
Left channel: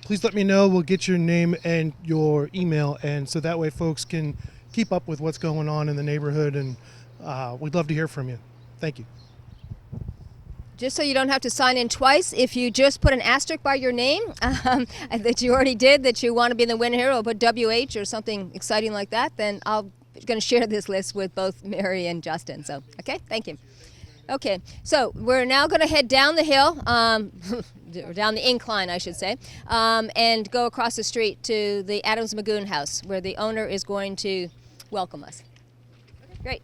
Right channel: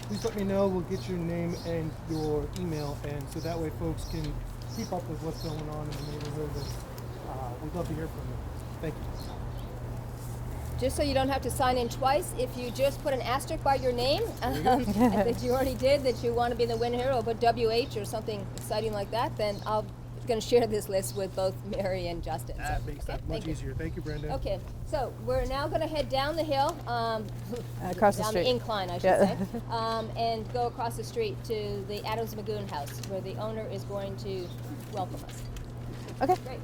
Please let me know. We'll get your name and your email, and so that way folks can keep up with what's going on in the neighborhood, and we'd love to hear from you. Thank you. Just so you don't have to sign in twice, if you just put an asterisk by your name that you already did, that you want to be in the Winter Hill, or put WH or something exciting like that, then I'll going to share this list with both Mary and Justin. So, That makes okay, it much thank you. easier. Thank you, Brandon. Okay, so we're now going to head down the hill, Across the down the street. incline, I should Yeah. say, and go across the street to the Adams Magoon house, where the owner is going to welcome us. Okay. Great.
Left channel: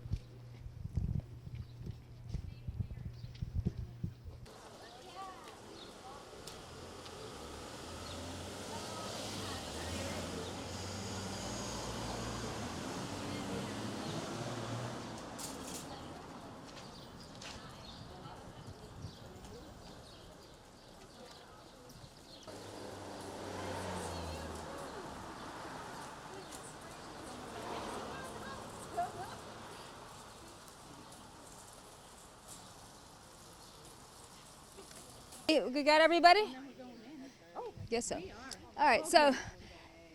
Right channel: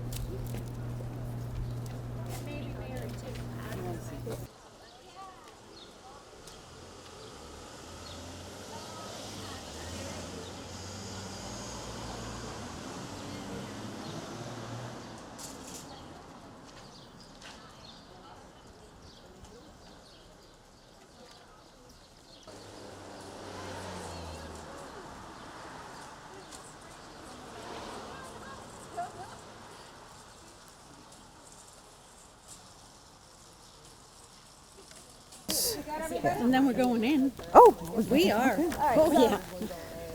You got everybody? And then we're going in. Oh, We are. All right,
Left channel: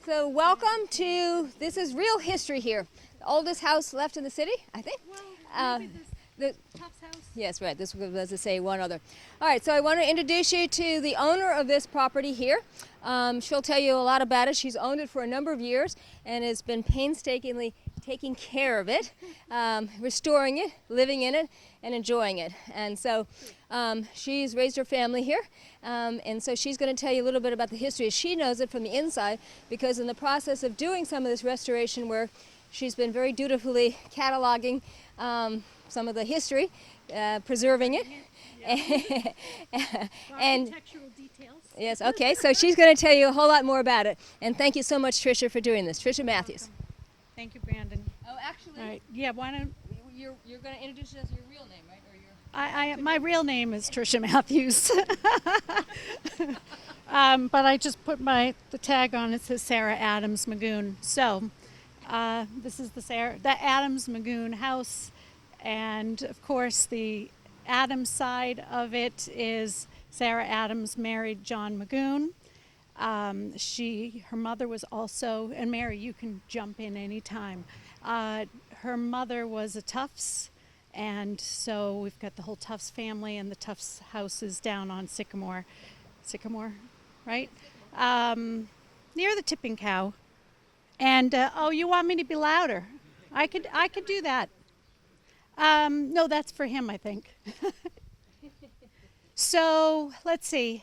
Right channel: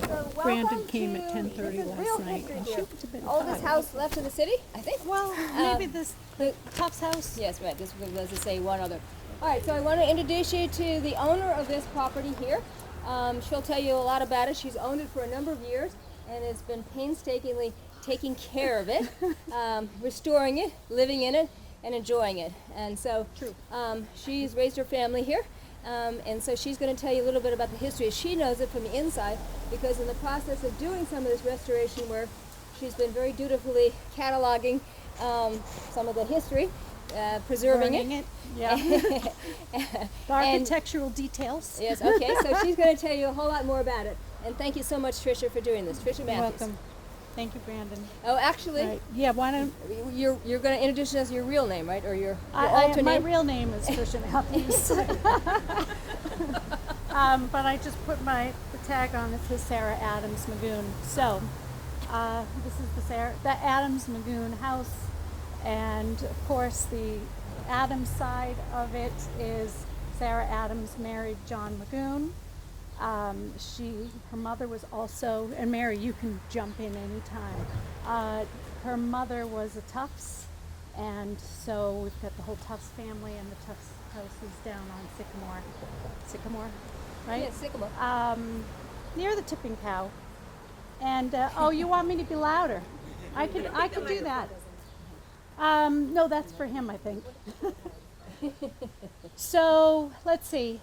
so welcome to, this is real history here. Oldest house left in the city, I think? Well, maybe this The, Tufts house. yes, right, this was to say one other. All right, so I want to introduce you to the owner of this property here. She'll tell you a lot about it. She's owned it for a number of years and has been painstakingly taking care of it, restoring it, living in it, and enjoying it. And so she's raised her family here. And so she's going to tell you a little bit about the history. She knows it from the inside because in the process of doing some of this restoration work, she's been very dutifully cataloging some of the history, preserving it. Yeah. The architectural details. Yes, okay, so she's going to tell you a whole lot more about it. And thank you so much, Tricia, for doing this. Tricia You're Matthews. welcome. Thank you, Brandon. Oh, actually, Right. Yeah, why don't you're going to introduce us as your real name, right? Or your I alternate my name? real name is Tricia Matthews. But I just put the tag on. It says Sarah Adams Magoon. So this is the Adams Magoon house, and of course the Adams side of it is Sarah Adams married John Magoon. Her mother was also, and Mary, you can jump in anytime. Her mother was a Tufts, and so we've got the whole Tufts family, and the Tufts house is down on Sycamore, right? Yeah, Sycamore. Near the Tipping Cow. And oh, you want me to be louder? I can do that. No, that's for him, I think. So let's see.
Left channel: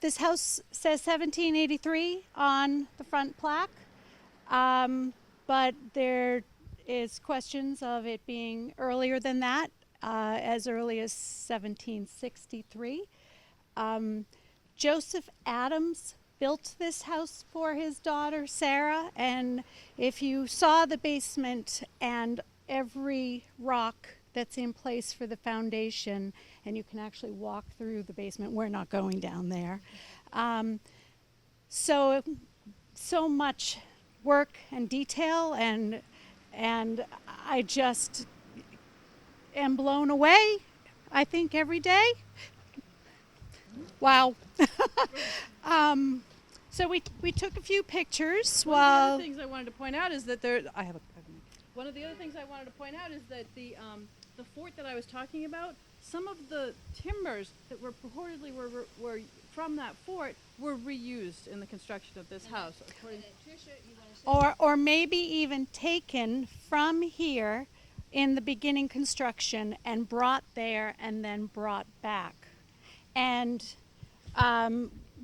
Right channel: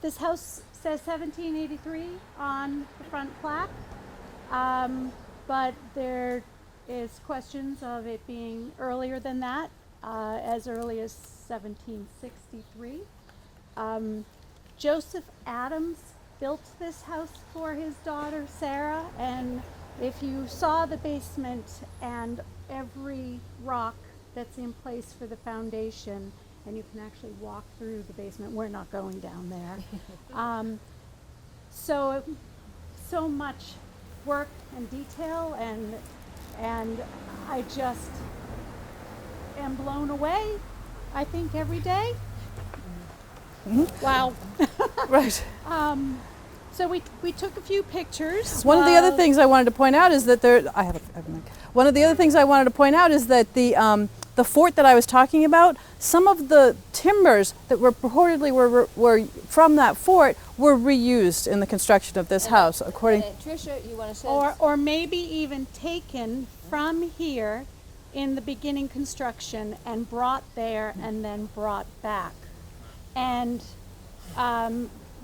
This house says 1783 on the front plaque, but there is questions of it being earlier than that, as early as 1763. Joseph Adams built this house for his daughter Sarah, and if you saw the basement and every rock that's in place for the foundation, and you can actually walk through the basement. We're not going down there. So much work and detail, and I just am blown away, I think, every day. Wow. right. So we took a few pictures. One of the other things I wanted to point out is that I have a mic. One of the other things I wanted to point out is that the fort that I was talking about, some of the timbers that were purportedly were from that fort were reused in the construction of this house, according. Tricia, you want to say? Or maybe even taken from here in the beginning construction and brought there and then brought back. And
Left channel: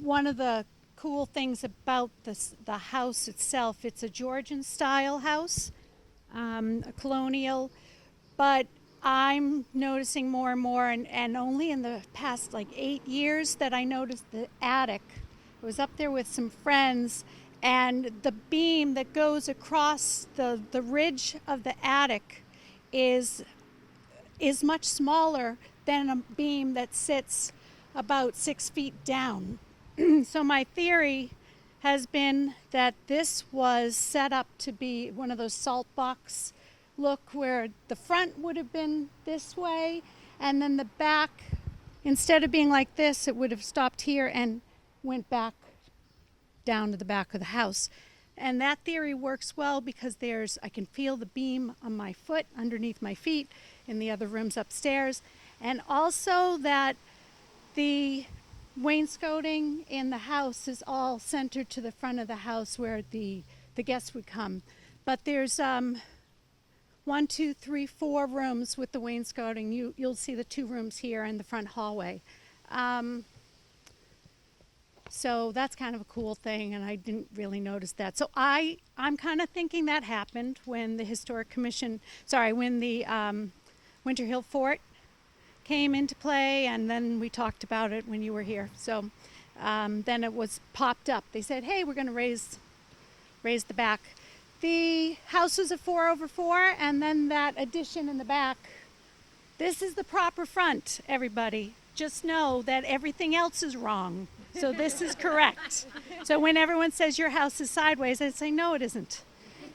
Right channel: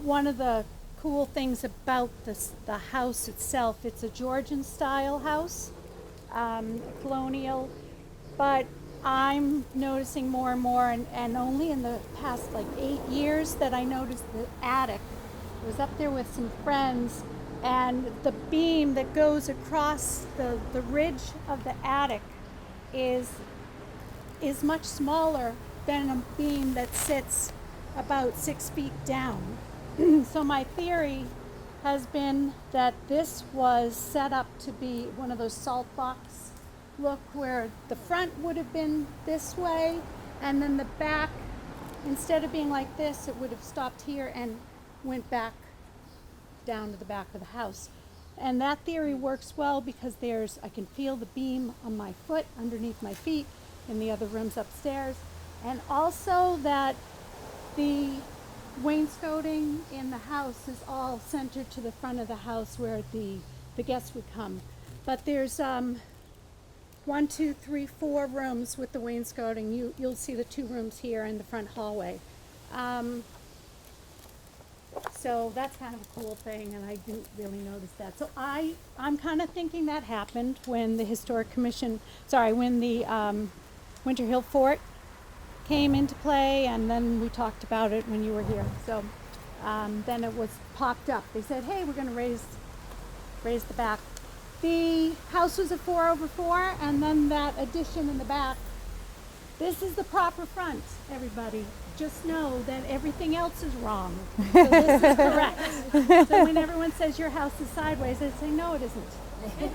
one of the cool things about the house itself, it's a Georgian style house, a colonial, but I'm noticing more and more, and only in the past like 8 years that I noticed the attic. I was up there with some friends, and the beam that goes across the ridge of the attic is much smaller than a beam that sits about 6 feet down. So my theory has been that this was set up to be one of those salt box look, where the front would have been this way, and then the back, instead of being like this, it would have stopped here and went back down to the back of the house. And that theory works well because I can feel the beam on my foot, underneath my feet, in the other rooms upstairs. And also that the wainscoting in the house is all centered to the front of the house where the guests would come. but there's 1, 2, 3, 4 rooms with the wainscoting. You'll see the 2 rooms here in the front hallway. So that's kind of a cool thing, and I didn't really notice that. So I'm kind of thinking that happened when the Historic Commission, when the Winter Hill Fort came into play, and then we talked about it when you were here. So then it was popped up. They said, hey, we're going to raise the back. The house was a 4/4, and then that addition in the back. This is the proper front, everybody. Just know that everything else is wrong. So this is correct. So when everyone says your house is sideways, I say, no, it isn't.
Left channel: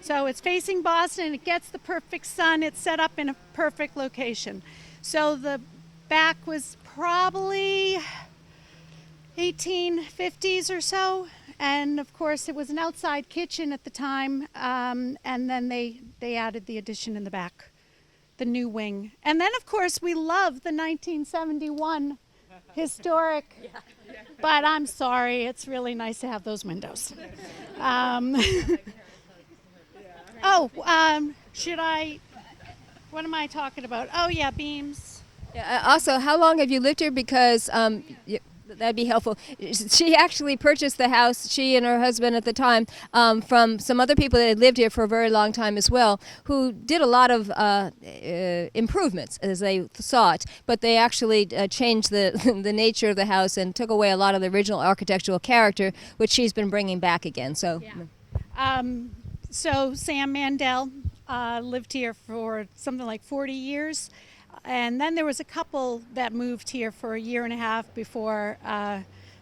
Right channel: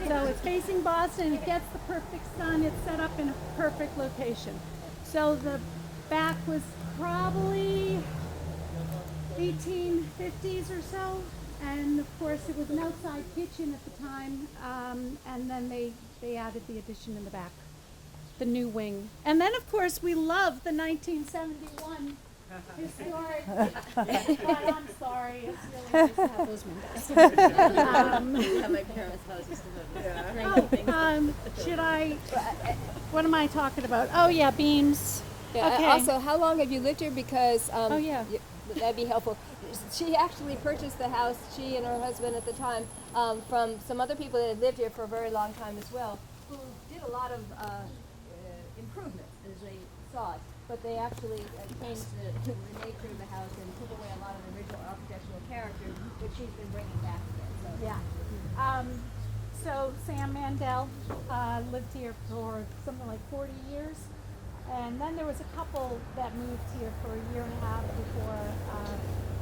So it's facing Boston, it gets the perfect sun, it's set up in a perfect location. So the back was probably 1850s or so. And of course it was an outside kitchen at the time. And then they added the addition in the back. The new wing. And then of course we love the 1971 historic, but I'm sorry, it's really nice to have those windows. Should I, what am I talking about? Oh yeah, beams. Yeah. Okay. Also, how long have you lived here? Because yeah. that'd be helpful. She actually purchased the house, she and her husband at the time, from some other people that had lived here for a very long time as well, who did a lot of improvements as they saw it. But they actually changed the the nature of the house and took away a lot of the original architectural character, which she's been bringing back again. So. Yeah. So Sam Mandel lived here for something like 40 years. And then there was a couple that moved here for a year and a half before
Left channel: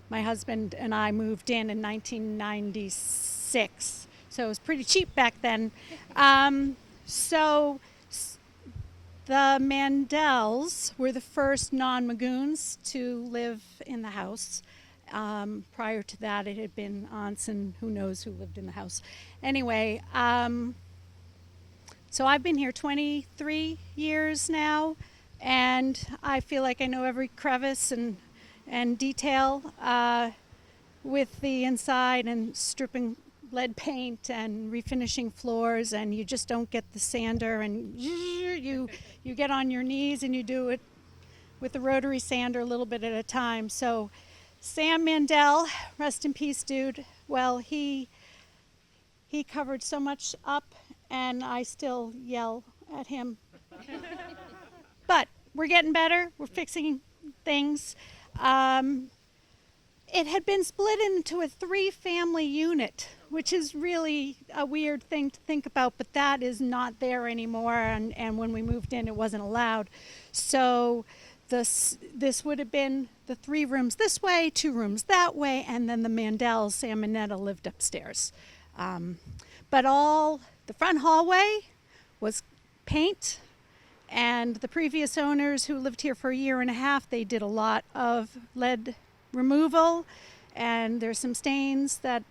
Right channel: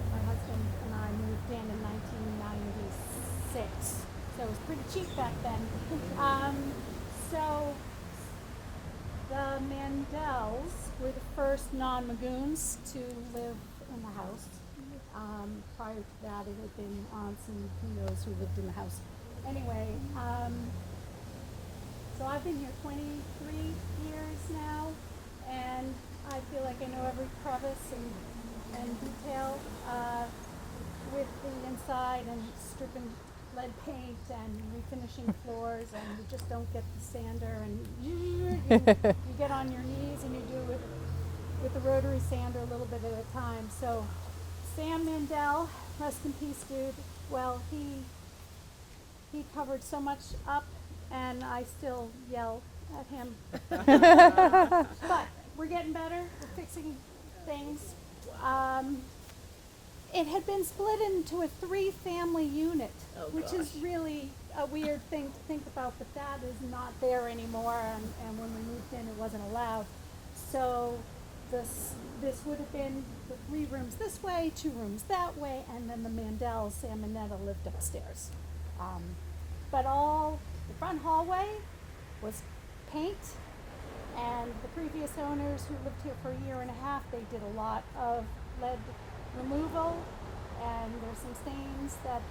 my husband and I moved in 1996. So it was pretty cheap back then. So the Mandels were the first non-Magoons to live in the house. Prior to that, it had been aunts and who knows who lived in the house. Anyway, so I've been here 23 years now. And I feel like I know every crevice and detail with the inside and stripping lead paint and refinishing floors, and you just don't get the sander, and you get on your knees and you do it with the rotary sander a little bit at a time. So Sam Mandel, rest in peace, dude. Well, he covered so much up, and I still yell at him. But we're getting better. We're fixing things. It had been split into a 3-family unit, which is really a weird thing to think about, but that is not there anymore, and when we moved in, it wasn't allowed. So this would have been the 3 rooms this way, 2 rooms that way, and then the Mandels, Sam and Netta, lived upstairs. But all the front hallway was paint, and the previous owners who lived here for a year and a half, they did a lot of lead removal, and there's some stains that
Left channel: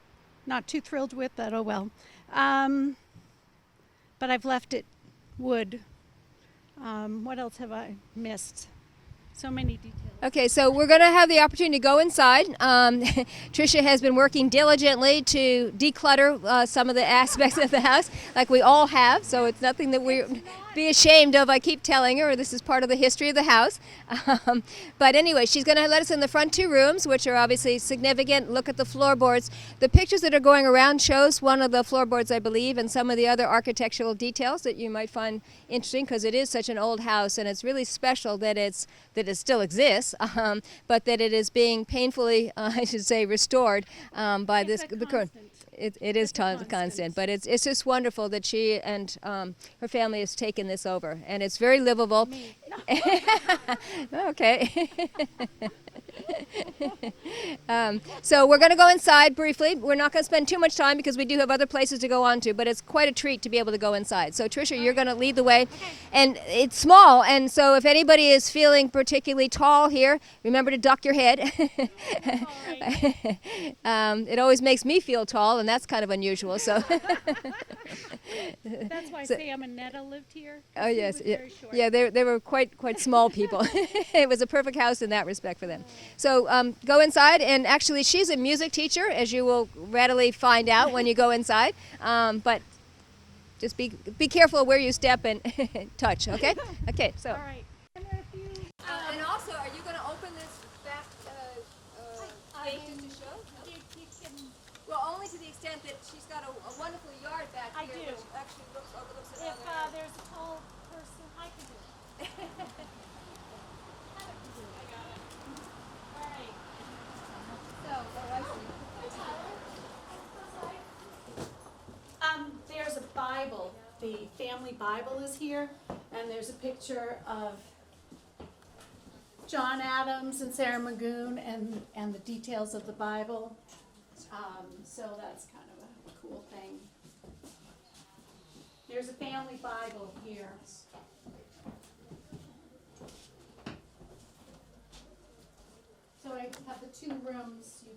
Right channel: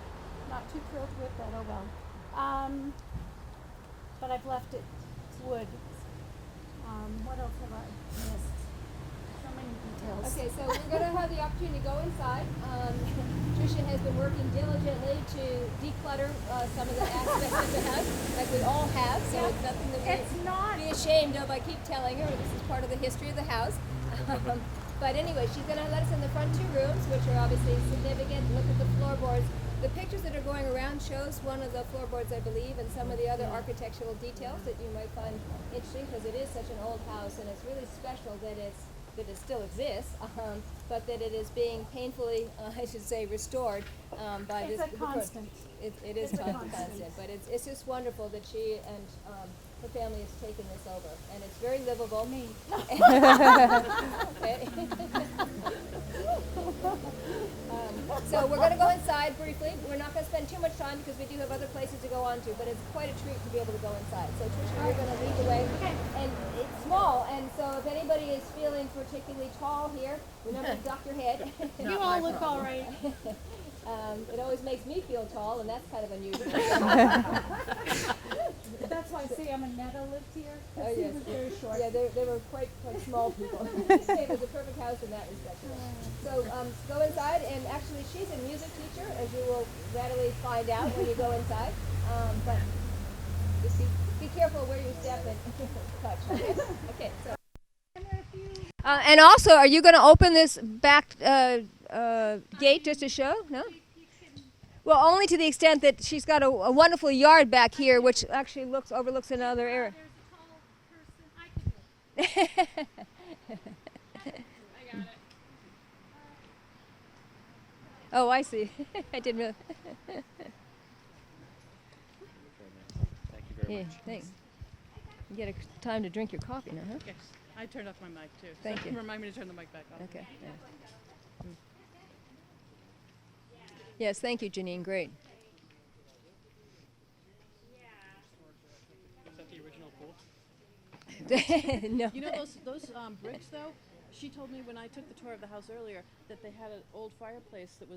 not too thrilled with, but oh well. But I've left it wood. What else have I missed? So many details. Okay, so we're going to have the opportunity to go inside. Tricia has been working diligently to declutter some of the aspects of the house, like we all have, so it's nothing that we be ashamed of. I keep telling her this is part of the history of the house. But anyway, she's going to let us in the front 2 rooms, which are obviously significant. Look at the floorboards. The pictures that are going around shows one of the floorboards, I believe, and some of the other architectural details that you might find interesting, because it is such an old house, and it's really special that it still exists, but that it is being painfully, I should say, restored by It's this. a constant. It is constant, but it's just wonderful that she and her family has taken this over, and it's very livable. Okay. So we're going to go inside briefly. We're not going to spend too much time because we do have other places to go on to, but it's quite a treat to be able to go inside. So Tricia, you're going to lead the way. And it's small, and so if anybody is feeling particularly tall here, remember to duck your head. You all look all right. It always makes me feel tall, and that's kind of unusual. So. That's why Sam and Netta lived here. Oh yes, was yeah, very short. yeah. They were quite small people. It was a perfect house in that respect for them. So go inside, and actually she's a music teacher, as you will readily find out when you go inside. But Just be careful where you step and touch, okay? Okay, so. And also, are you going to open this back gate just to show? No? Well, only to the extent that she's got a wonderful yard back here, which actually overlooks another area. Oh, I see. I didn't realize. There's a Bible. Yeah, The thanks. family Bible is Get a here. time to drink and your there's a coffee now. picture of I turned off my mic too. Thank you. Remind me to turn it John Adams and Sarah Magoon and the details of the Bible. Yes, thank you, Janine. Great. So that's kind of a cool thing. There's a family Bible here. No. You know those bricks though? She told me when I took the tour of the house earlier So that I they had have an the old two fireplace rooms. that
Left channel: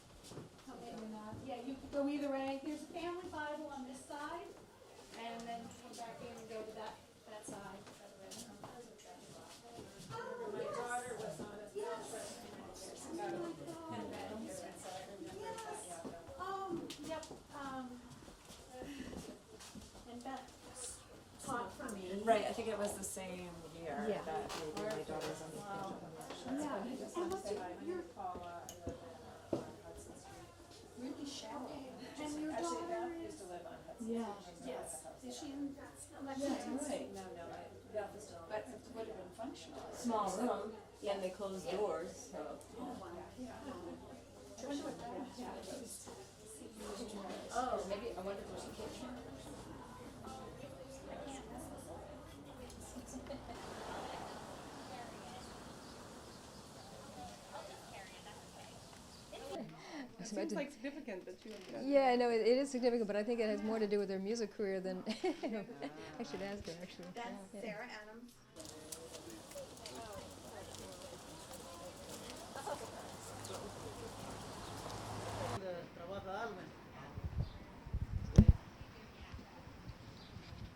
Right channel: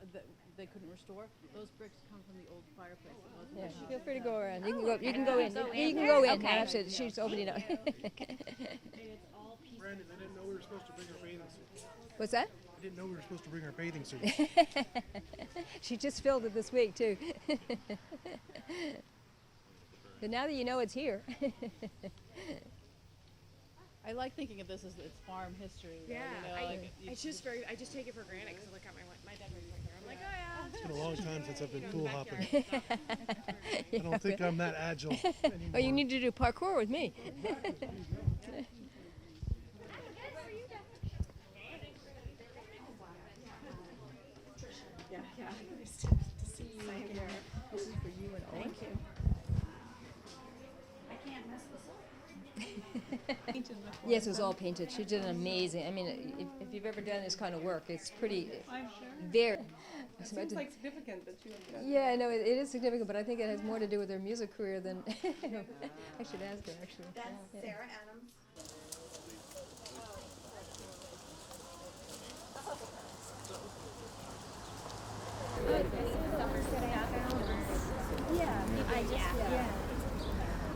was that they couldn't restore. Yeah, you could go either way. There's a family Bible. Feel free to go around. You can go in. You can go in. Okay. Absolutely. She's opening up. What's that? Didn't know we were supposed to bring our bathing suits. She just filled it this week too. So now that you know it's here. Right, I think it was the same year. I like thinking of this as a farm history. It's just I just take it for granted because look at my dad. I'm like, oh yeah. It's been a long time since I've been pool hopping. I don't think I'm that agile. Oh, you need to do parkour with me. Small room, and they closed doors. Yes, it was all painted. She did an amazing. I mean, if you've ever done this kind of work, it's pretty, very. It seems like significant that you have done. Yeah, no, it is significant, but I think it has more to do with her music career than. I should ask her actually. That's Yeah. Sarah Adams.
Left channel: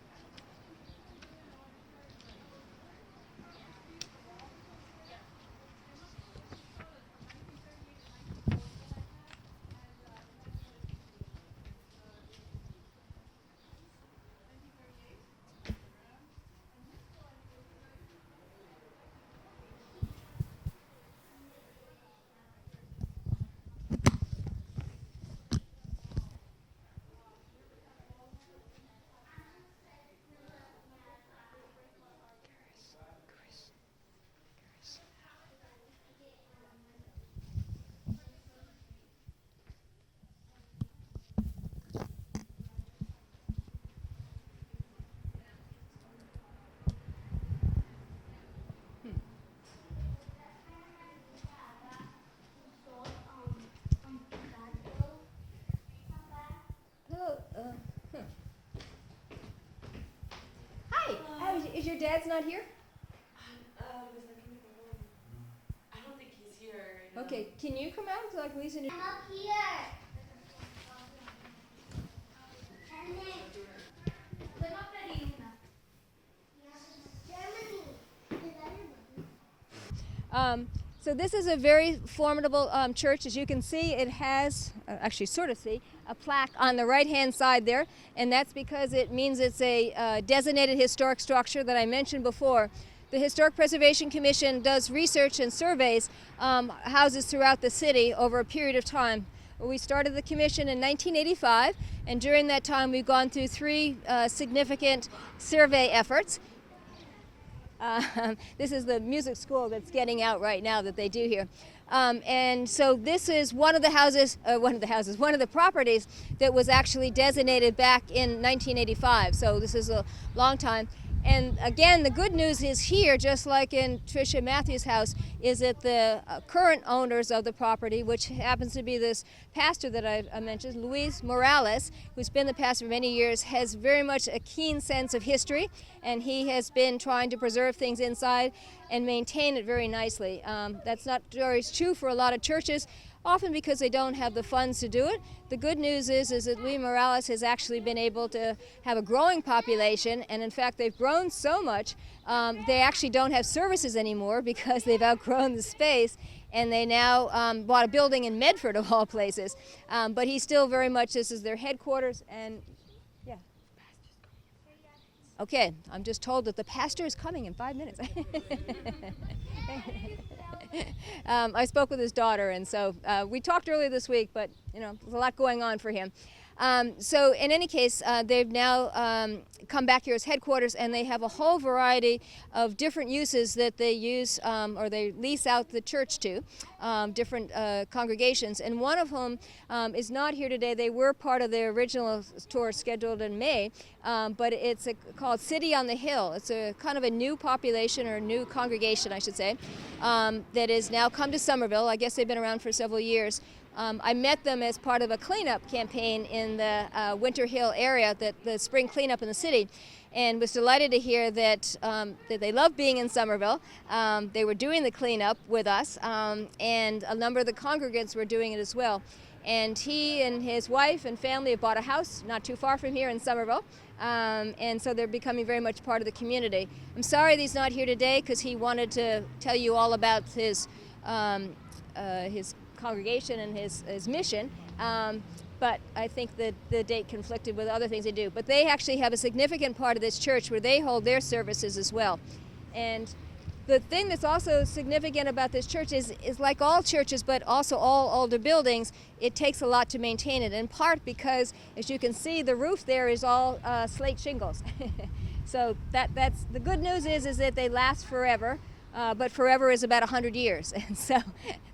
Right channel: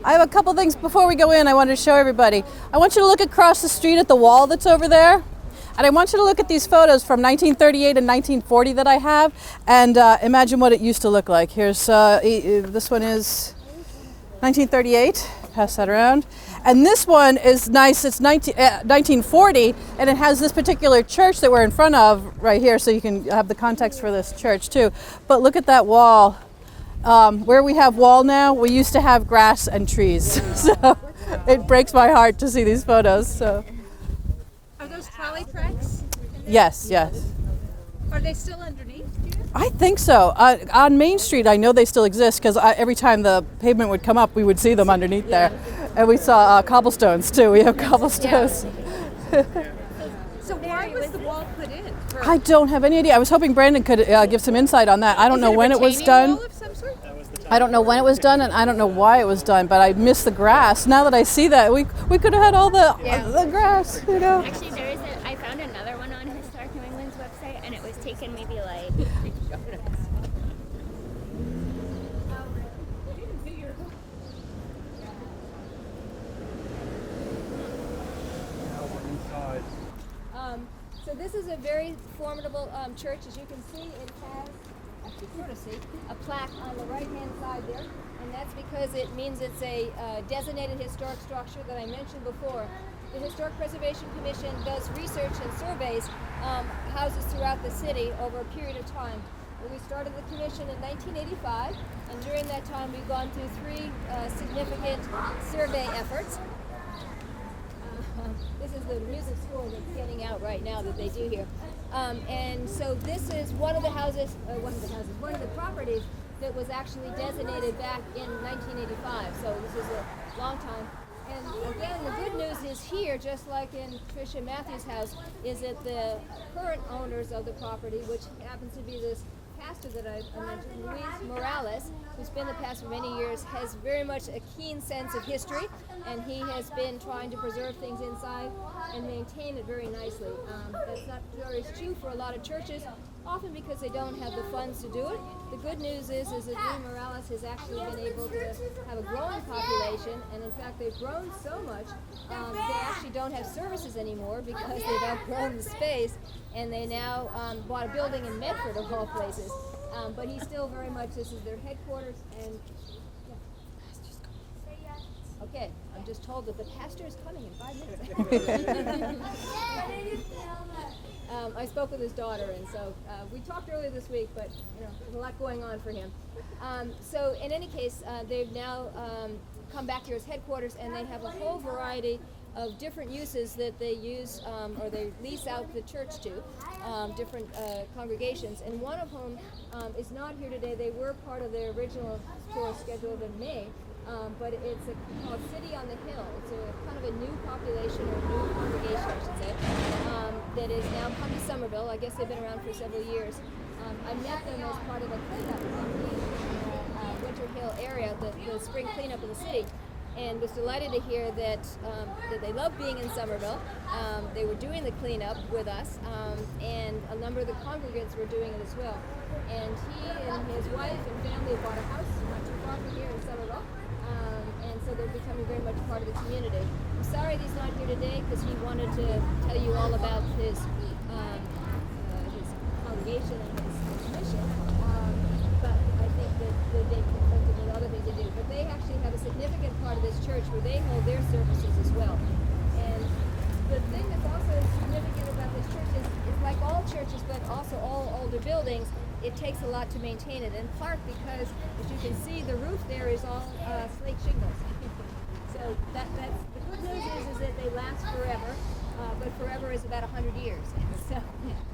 I have a couple things before we go in I wanted to show everybody. I want you to look across the street at the wall that's over there. And I want you to look at these photos from 1938 and 1940 that I have and imagine what it used to look like. Here's, this one is 1938, pass that around. And this one is nice, it's 1940 and it has this particular church that we're in front of right here so you can have the context for this church too. But look at that wall. Where we have wall now, we used to have grass and trees. So it breaks my heart to see these photos. So Are those trolley tracks? yes, yes. Are they still underneath? I think so. On Main Street, I know they still exist because every time the pavement would come up, we would see them underneath there. And we saw cobblestones too. We have cobblestones. So why was the wall put in? I don't have any idea. I was hoping Brandon could give some insight on that. I don't know when it was done. I don't know when it was done, and I don't know why it was done. But I miss the grass. Now that I see that, we could have had all the grass. You know. Actually, I found another one on Historic New England's website, and it was taken maybe like. So this is a very formidable church. As you can see, it has, actually sort of see, a plaque on the right-hand side there, and that's because it means it's a designated historic structure that I mentioned before. The Historic Preservation Commission does research and surveys houses throughout the city over a period of time. Well, we started the commission in 1985, and during that time we've gone through three significant survey efforts. This is the music school that's getting out right now that they do here. And so this is one of the properties that was actually designated back in 1985. So this is a long time. And again, the good news is here, just like in Tricia Matthews' house, is that the current owners of the property, which happens to be this pastor that I mentioned, Luis Morales, who's been the pastor for many years, has very much a keen sense of history, and he has been trying to preserve things inside and maintain it very nicely. That's not always true for a lot of churches, often because they don't have the funds to do it. The good news is that Luis Morales has actually been able to have a growing population, and in fact they've grown so much they actually don't have services anymore because they've outgrown the space, and they now bought a building in Medford of all places. But he's still very much, this is their headquarters, and yeah. Okay, I'm just told that the pastor is coming in 5 minutes. I spoke with his daughter, and so we talked earlier this week, but there's a lot going on for him. So in any case, they've now come back here as headquarters, and they have a whole variety of different uses that they use or they lease out the church to, different congregations, and one of whom is not here today. They were part of their original tour scheduled in May, but it's called City on the Hill. It's a kind of a new population, or a new congregation, I should say, that has now come to Somerville. I guess they've been around for several years. I met them as part of a cleanup campaign in the Winter Hill area, the spring cleanup in the city, and was delighted to hear that they love being in Somerville. They were doing the cleanup with us, and a number of the congregants were doing it as well. And he and his wife and family have bought a house not too far from here in Somerville, and so they're becoming very much part of the community. I'm sorry that he's not here today, because he wanted to tell you all about his congregation and his mission, but I think that the date conflicted with other things they do. But they actually have a significant part of this church where they hold their services as well. And the thing that's also significant about this church is like all churches, but also all older buildings, it takes a lot to maintain it, in part because, as you can see, the roof there is all slate shingles. So that's the good news is that they last forever. But forever is about 100 years, and so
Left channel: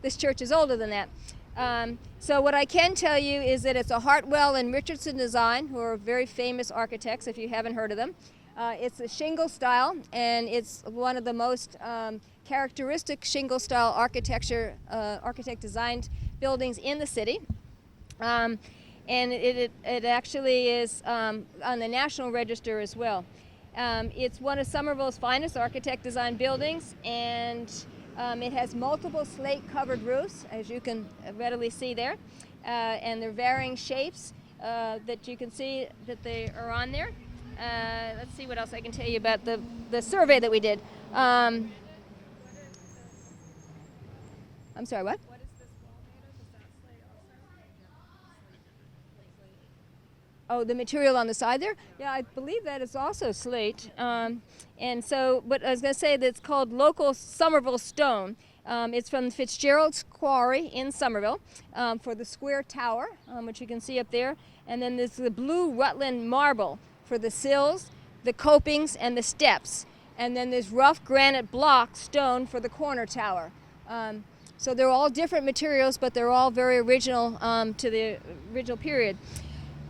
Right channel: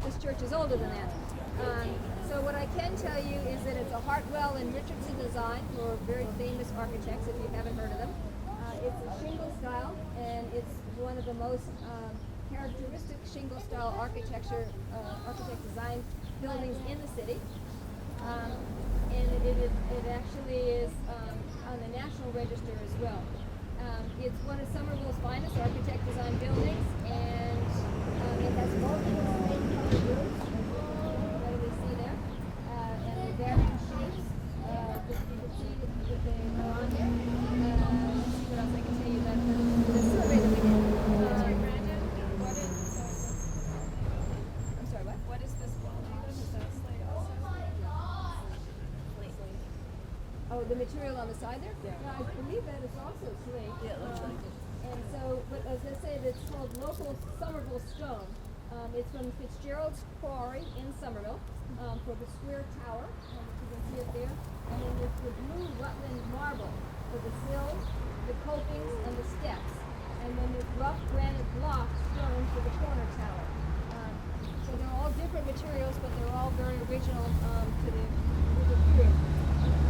this church is older than that. So what I can tell you is that it's a Hartwell and Richardson design, who are very famous architects if you haven't heard of them. It's a shingle style, and it's one of the most characteristic shingle style architect designed buildings in the city. And it actually is on the National Register as well. It's one of Somerville's finest architect designed buildings, and it has multiple slate covered roofs, as you can readily see there, and they're varying shapes that you can see that they are on there. Let's see what else I can tell you about the survey that we did. I'm sorry, what? What is this wall? Is that slate also? Oh, the material on the side there? Yeah, I believe that is also slate. And so, but I was going to say that it's called local Somerville stone. It's from Fitzgerald's Quarry in Somerville for the square tower, which you can see up there. And then there's the blue Rutland marble for the sills, the copings, and the steps. And then there's rough granite block stone for the corner tower. So they're all different materials, but they're all very original to the original period.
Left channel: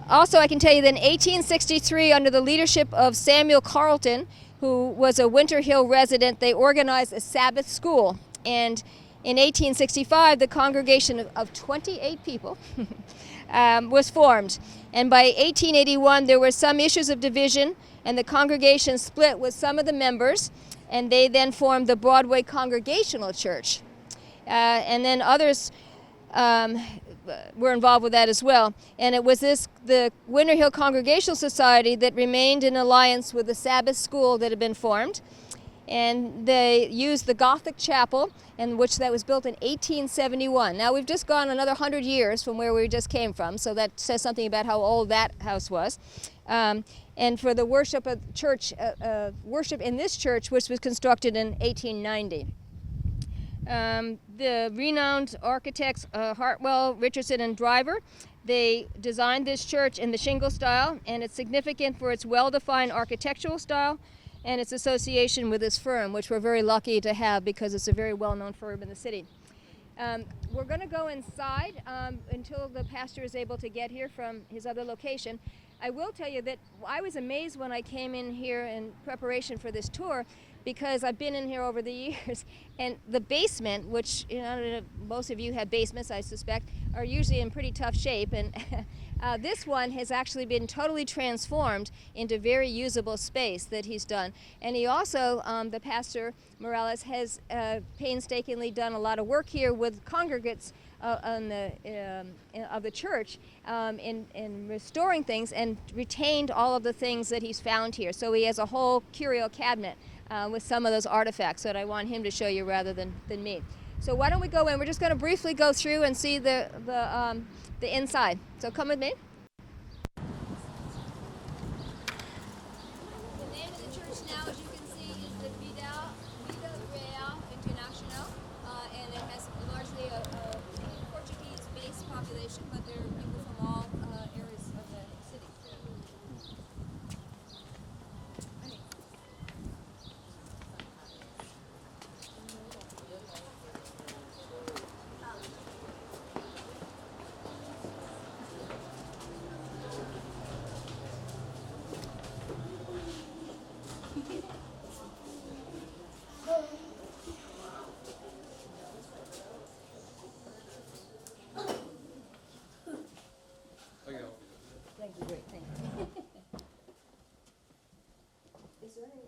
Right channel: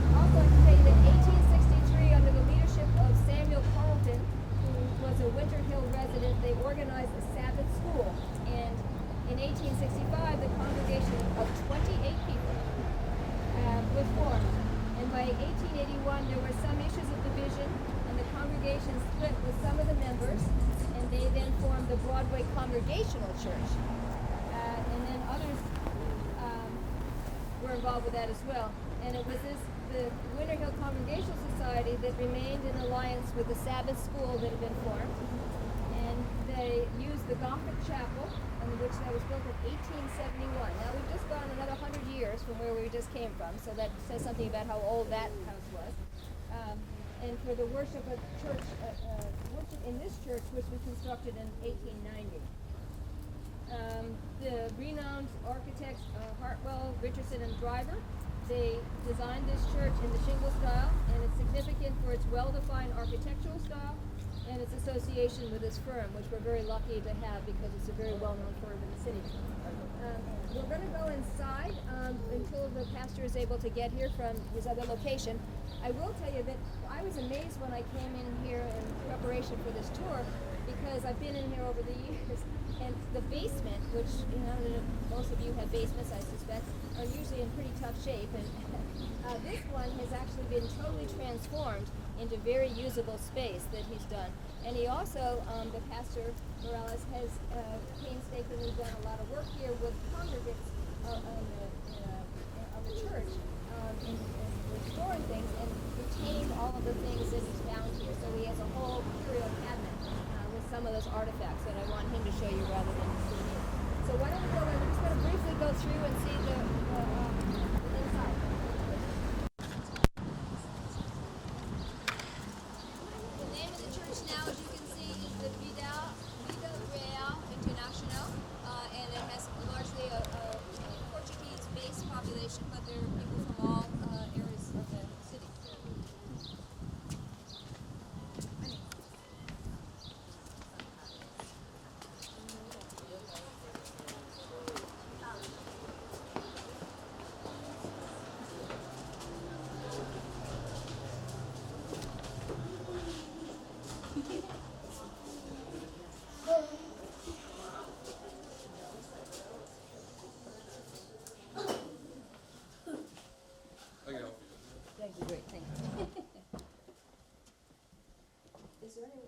Also, I can tell you that in 1863, under the leadership of Samuel Carleton, who was a Winter Hill resident, they organized a Sabbath school. And in 1865, the congregation of 28 people was formed. And by 1881, there were some issues of division, and the congregation split with some of the members, and they then formed the Broadway Congregational Church. And then others were involved with that as well. And it was the Winter Hill Congregational Society that remained in alliance with the Sabbath school that had been formed. And they used the Gothic chapel, which was built in 1871. Now we've just gone another 100 years from where we just came from, so that says something about how old that house was. And for the worship of church, worship in this church, which was constructed in 1890. The renowned architects Hartwell, Richardson, and Driver, they designed this church in the shingle style, and it's significant for its well-defined architectural style and its association with this firm, which we're very lucky to have because it's a very well-known firm in the city. We're going to go inside until the pastor is able to get here from his other location. I will tell you that I was amazed when I came in here in preparation for this tour, because I've been in here over the years, and the basement, which most of you have basements, I suspect, are usually in pretty tough shape, and this one has actually been totally transformed into very usable space that he's done. And he also, the pastor Morales, has painstakingly done a lot of work here with congregants of the church in restoring things, and retained all of the things that he's found here. So he has a whole curio cabinet with some of those artifacts that I want him to show you rather than me. So why don't we go in? We're just going to briefly go through and see the inside. So come with me. The name Thank you, great, thank you. Is there any?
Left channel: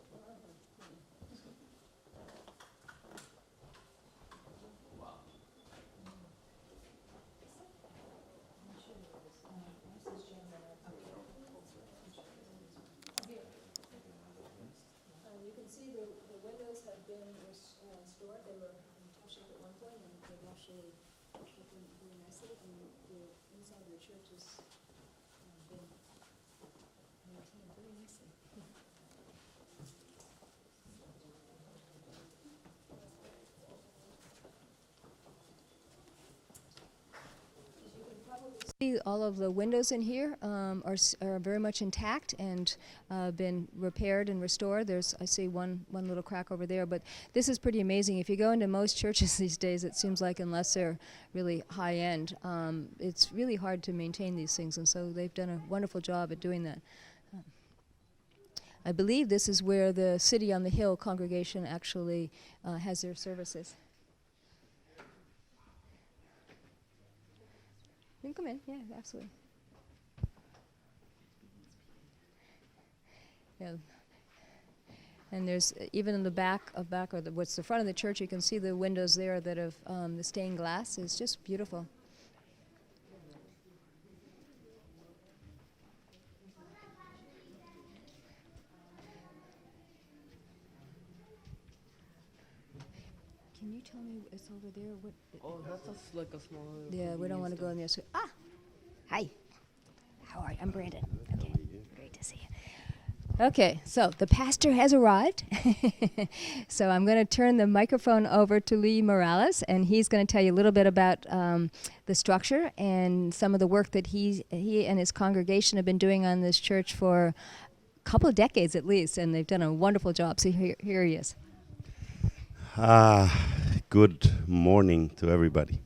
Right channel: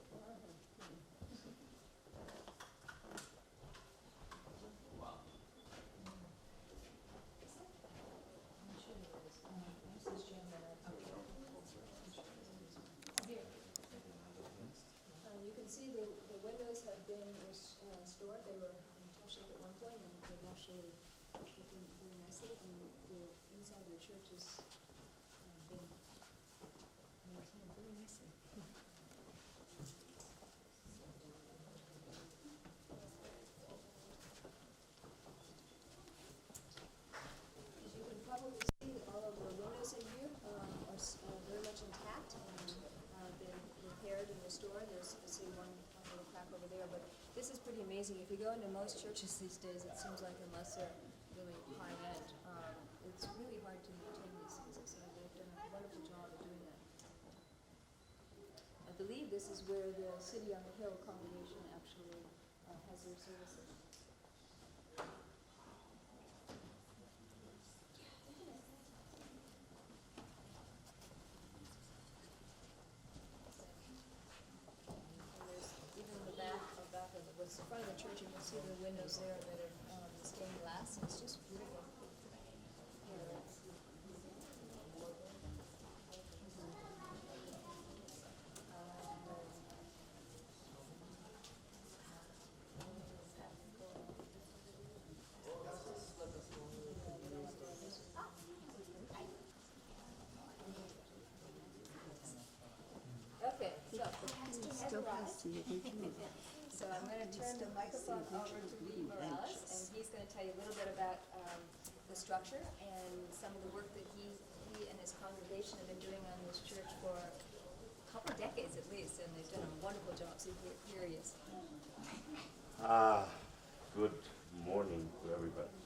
You can see the windows have been restored. They were in tough shape at one point, and they've actually looking very nicely. And the inside of the church has been maintained very nicely. As you can probably see, all of the windows in here are very much intact and been repaired and restored. I see one little crack over there, but this is pretty amazing. If you go into most churches these days, it seems like unless they're really high end, it's really hard to maintain these things, and so they've done a wonderful job at doing that. I believe this is where the City on the Hill congregation actually has their services. You can come in, yeah, absolutely. Yeah. And there's even in the back or what's the front of the church, you can see the windows there that have the stained glass. It's just beautiful. Can you tell me it's over there? Oh, that's just like a small. Yeah, we don't want to go in there. So, hi. How are you? I'm Brandon. Okay, great to see you. Okay, so the pastor has arrived. So I'm going to turn the microphone over to Lee Morales, and he's going to tell you a little bit about the structure and some of the work that he and his congregation have been doing on this church for a couple of decades at least, and they've done a wonderful job. So here he is. Good morning to everybody.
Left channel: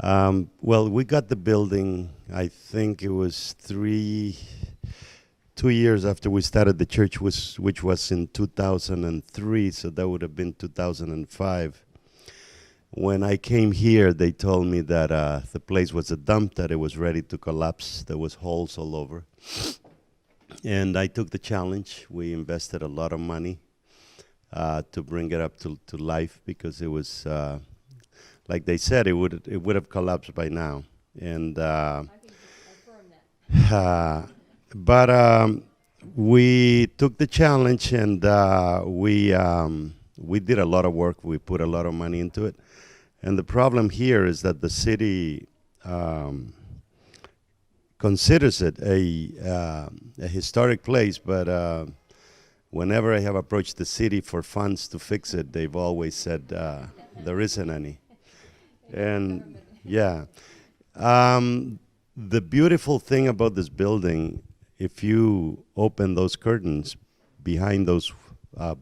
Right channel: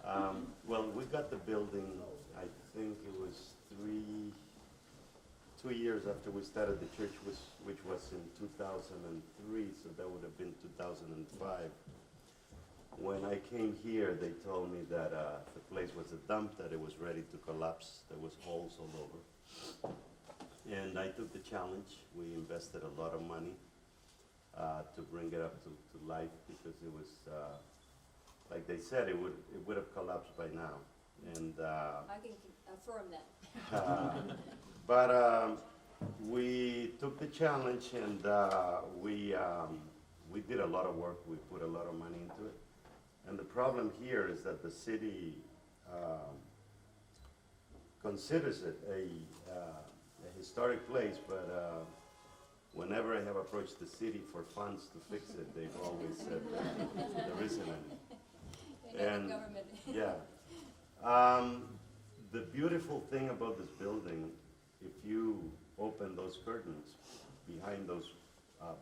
Well, we got the building, I think it was 2 years after we started the church, which was in 2003, so that would have been 2005. When I came here, they told me that the place was a dump, that it was ready to collapse. There was holes all over. And I took the challenge. We invested a lot of money to bring it up to life, because it was, like they said, it would have collapsed by now. And I can confirm that. but we took the challenge, and we did a lot of work. We put a lot of money into it. And the problem here is that the city considers it a historic place, but whenever I have approached the city for funds to fix it, they've always said there isn't any. And yeah. The beautiful thing about this building, if you open those curtains, behind those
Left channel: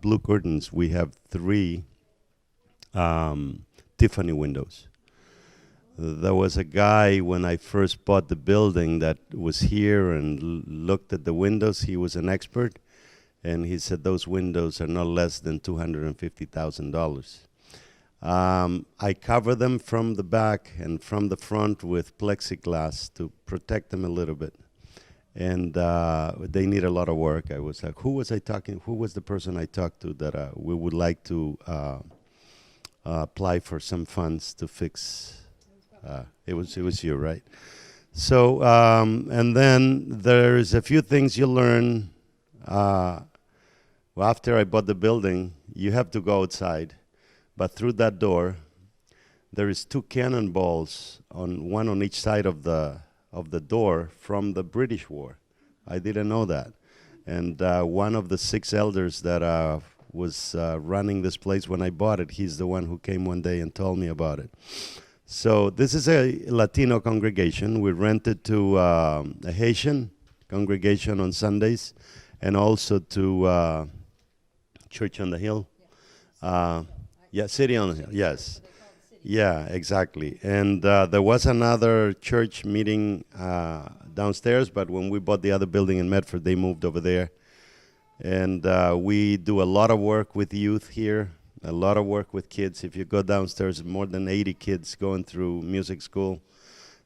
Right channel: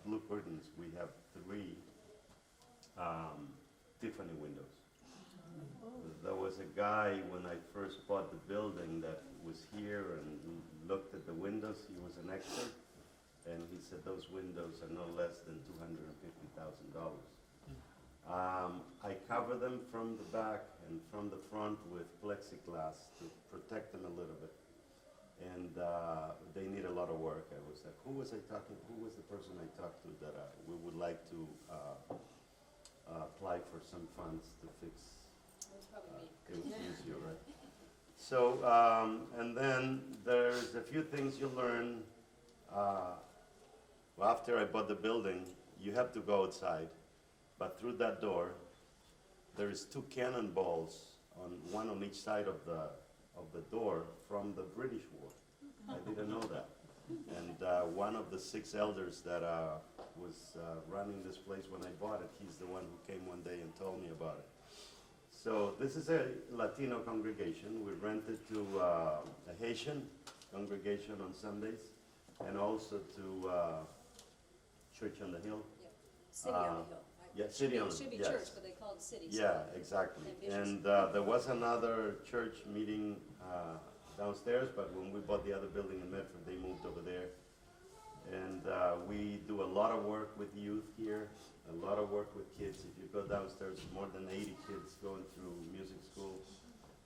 blue curtains, we have 3 Tiffany windows. There was a guy when I first bought the building that was here and looked at the windows. He was an expert, and he said those windows are not less than $250,000. I cover them from the back and from the front with plexiglass to protect them a little bit. And they need a lot of work. I was like, who was the person I talked to that we would like to apply for some funds to fix? It was you, right? So, and then there's a few things you learn. Well, after I bought the building, you have to go outside. But through that door, there is 2 cannonballs, one on each side of the door from the British War. I didn't know that. And one of the 6 elders that was running this place when I bought it, he's the one who came one day and told me about it. So this is a Latino congregation. We rented to a Haitian congregation on Sundays, and also to Church on the Hill. Yeah, City on the Hill, yes. Yeah, exactly. And there was another church meeting downstairs, but when we bought the other building in Medford, they moved over there. And we do a lot of work with youth here, a lot of work with kids. If you go downstairs, more than 80 kids going through music school.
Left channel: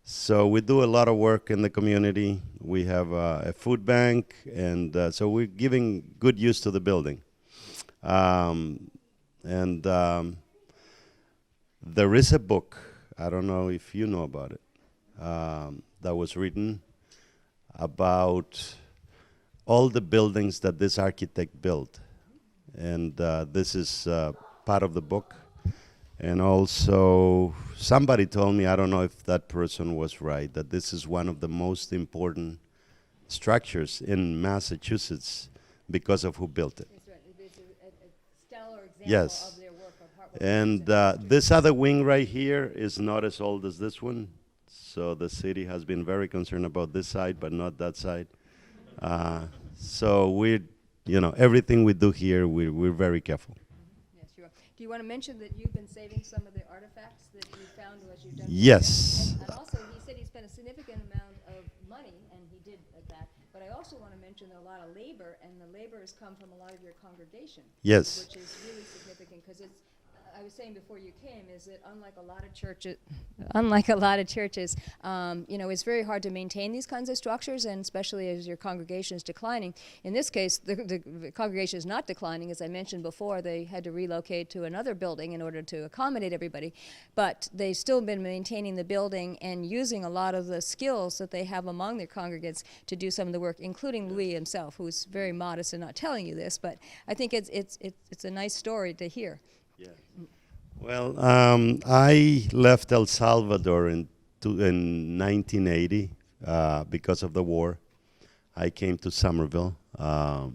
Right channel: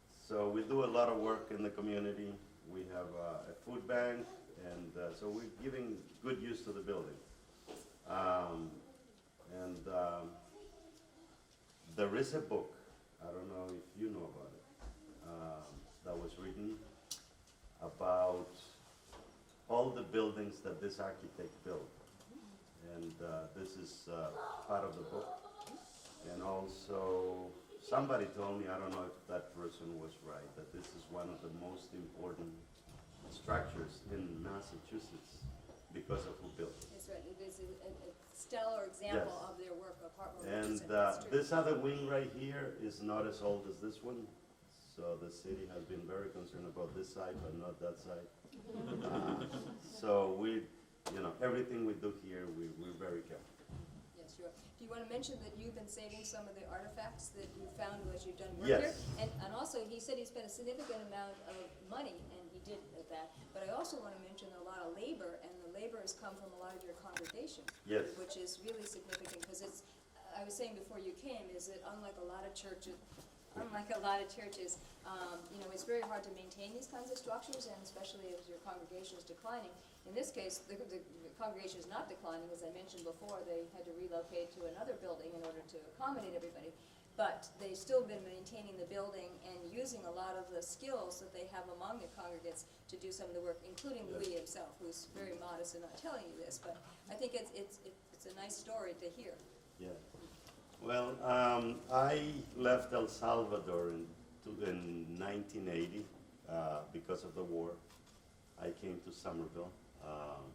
So we do a lot of work in the community. We have a food bank, and so we're giving good use to the building. Um, and there is a book, I don't know if you know about it, that was written about all the buildings that this architect built. And this is part of the book. And also, somebody told me, I don't know if that person was right, that this is one of the most important structures in Massachusetts because of who built it. That's right. It's a stellar example Yes. of their work of hard work. And this other wing right here is not as old as this one. So the city has been very concerned about this side, but not that side. So we're, everything we do here, we're very careful. Yes, sure. Do you want to mention that you've been saving some of the artifacts that you found as you've done? Yes. And also, he said he spent a significant amount of money, and he did that. But I also want to mention a lot of labor, and the labor has come from a lot of your congregation. Yes. Which is really significant because it's. I was saying before you came, is that unlike a lot of churches, it's very hard to maintain these kinds of structures, and especially as your congregation is declining. In this case, the congregation is not declining. As I mentioned before, they had to relocate to another building in order to accommodate everybody. But they've still been maintaining the building and using a lot of the skills that they have among their congregants to do some of the work, including Louis himself, who's very modest and not telling you this. But I think it's a nice story to hear. Yeah. Well, I left El Salvador in 1980 because of the war. I came to Somerville. I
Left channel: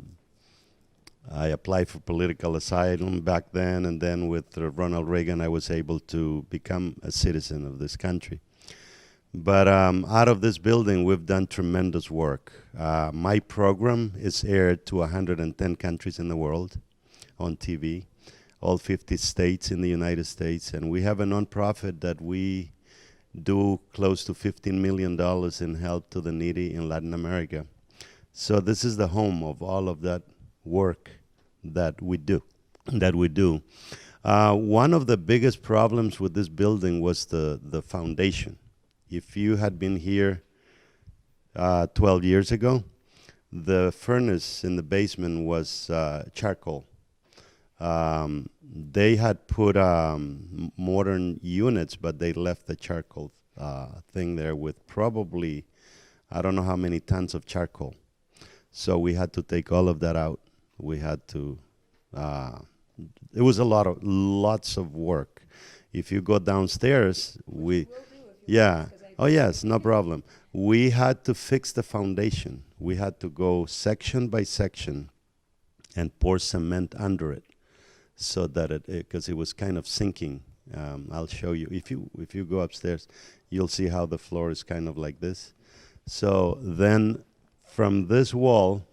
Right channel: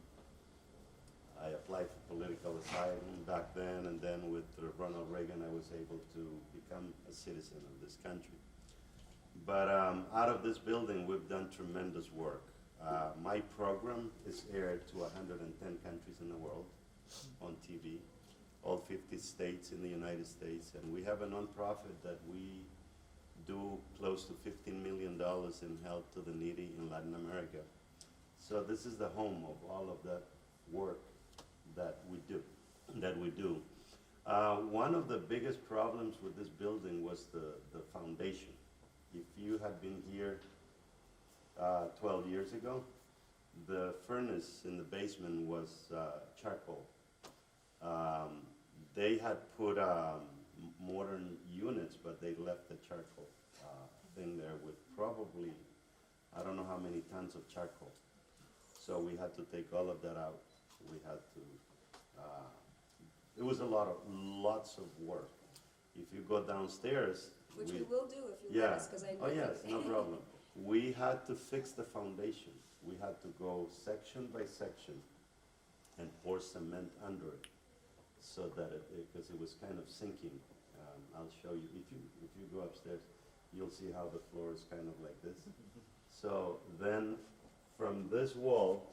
applied for political asylum back then, and then with Ronald Reagan, I was able to become a citizen of this country. But out of this building, we've done tremendous work. My program is aired to 110 countries in the world on TV. All 50 states in the United States, and we have a nonprofit that we do close to $15 million in help to the needy in Latin America. So this is the home of all of that work that we do. One of the biggest problems with this building was the foundation. If you had been here 12 years ago, the furnace in the basement was charcoal. They had put modern units, but they left the charcoal thing there with probably, I don't know how many tons of charcoal. So we had to take all of that out. We had to, it was lots of work. If you go downstairs, oh yes, no problem. We had to fix the foundation. We had to go section by section and pour cement under it, so that because it was kind of sinking. I'll show you. If you go upstairs, you'll see how the floor is kind of like this. So then from this wall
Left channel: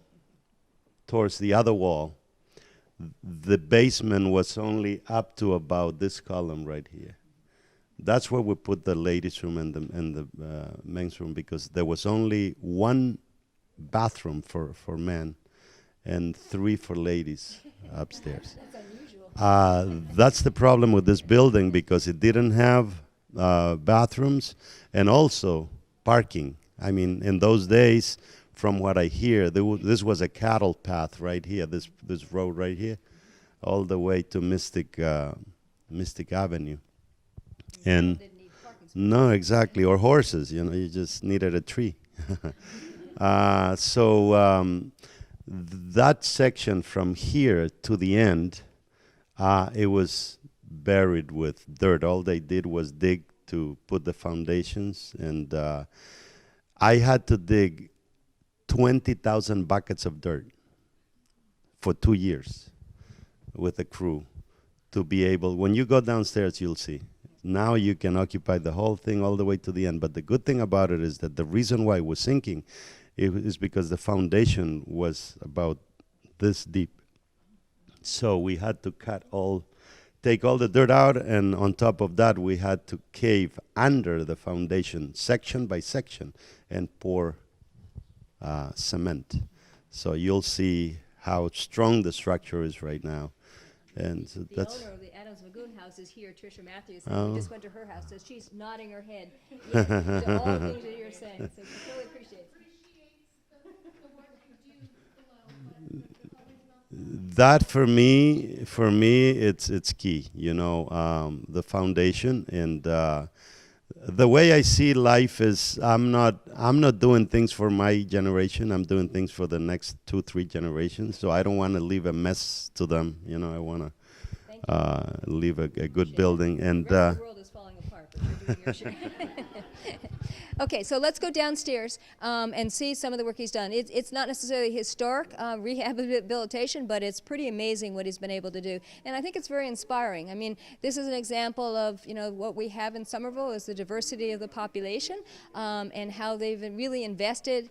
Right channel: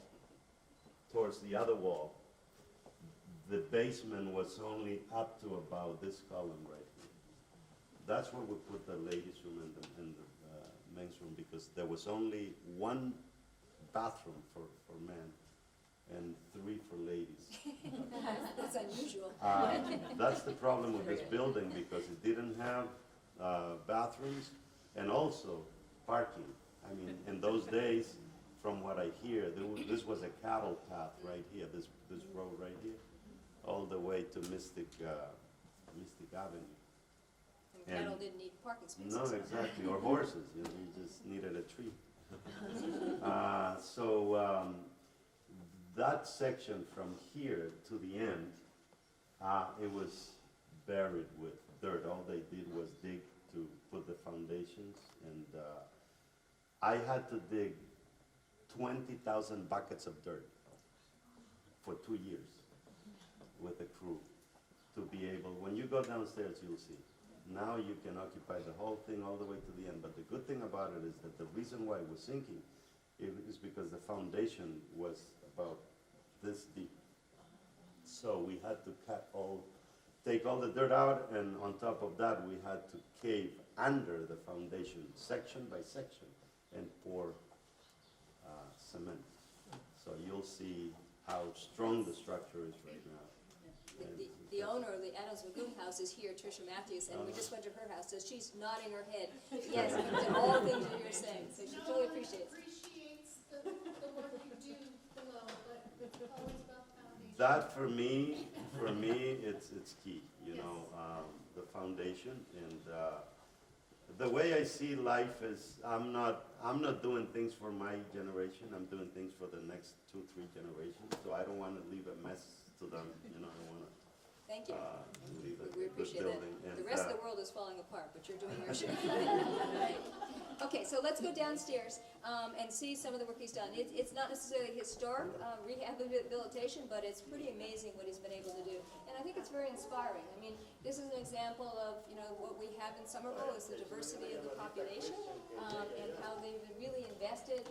towards the other wall, the basement was only up to about this column right here. That's where we put the ladies' room and the men's room, because there was only one bathroom for men and 3 for ladies upstairs. That's unusual. That's the problem with this building, because it didn't have bathrooms and also parking. I mean, in those days, from what I hear, this was a cattle path right here, this road right here, all the way to Mystic Avenue. And no, exactly, or horses, you just needed a tree. That section from here to the end, it was buried with dirt. All they did was dig to put the foundations, and I had to dig 20,000 buckets of dirt for 2 years with a crew to be able, when you go downstairs, you'll see. Now you can occupy the whole thing all the way to the end. But the good thing about it is that the reason why it was sinking is because the foundation was about this deep. So we had to take all the dirt out, and on top of that, we had to cave under the foundation, section by section, and pour cement. So you'll see how strong the structure is right now. And so the owner of the Adams Lagoon House is here, Tricia Matthews. We just went to her house, so she's nodding her head. Yes, to all the things that you're saying. So she totally appreciates it. That for me, it's key. You know, the foundation and the way I see life is I'm not doing things for my generation. I'm doing things for the next 2, 3 generations. So I don't want to leave a mess to them. You know, I want to leave a good building. And The rest of the world is falling apart, but you're doing your shit. Okay, so let's go downstairs and see some of the work he's done. It's not necessarily historic rehabilitation, but it's pretty amazing what he's been able to do. And I think it's very inspiring. I mean, this is an example of, you know, what we have in Somerville is the diversity of the population and how they've really invested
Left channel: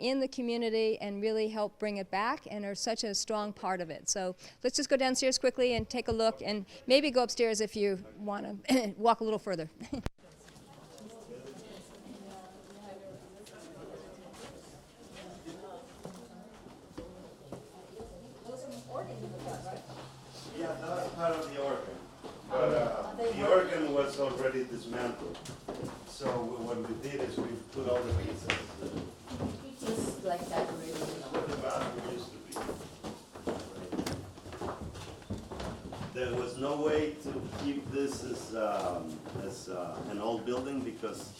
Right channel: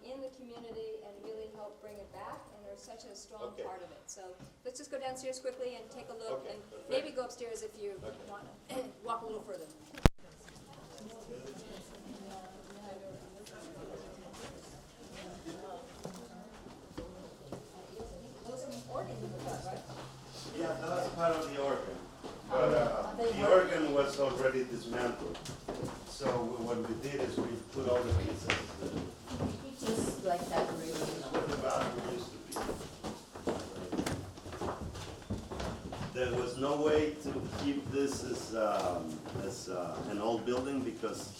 in the community and really helped bring it back and are such a strong part of it. So let's just go downstairs quickly and take a look and maybe go upstairs if you want to walk a little further. yeah, that's part of the organ. But the organ was already dismantled. So what we did is we put all the pieces. Just like that, really. Where the bathroom used to be. There was no way to keep this as an old building because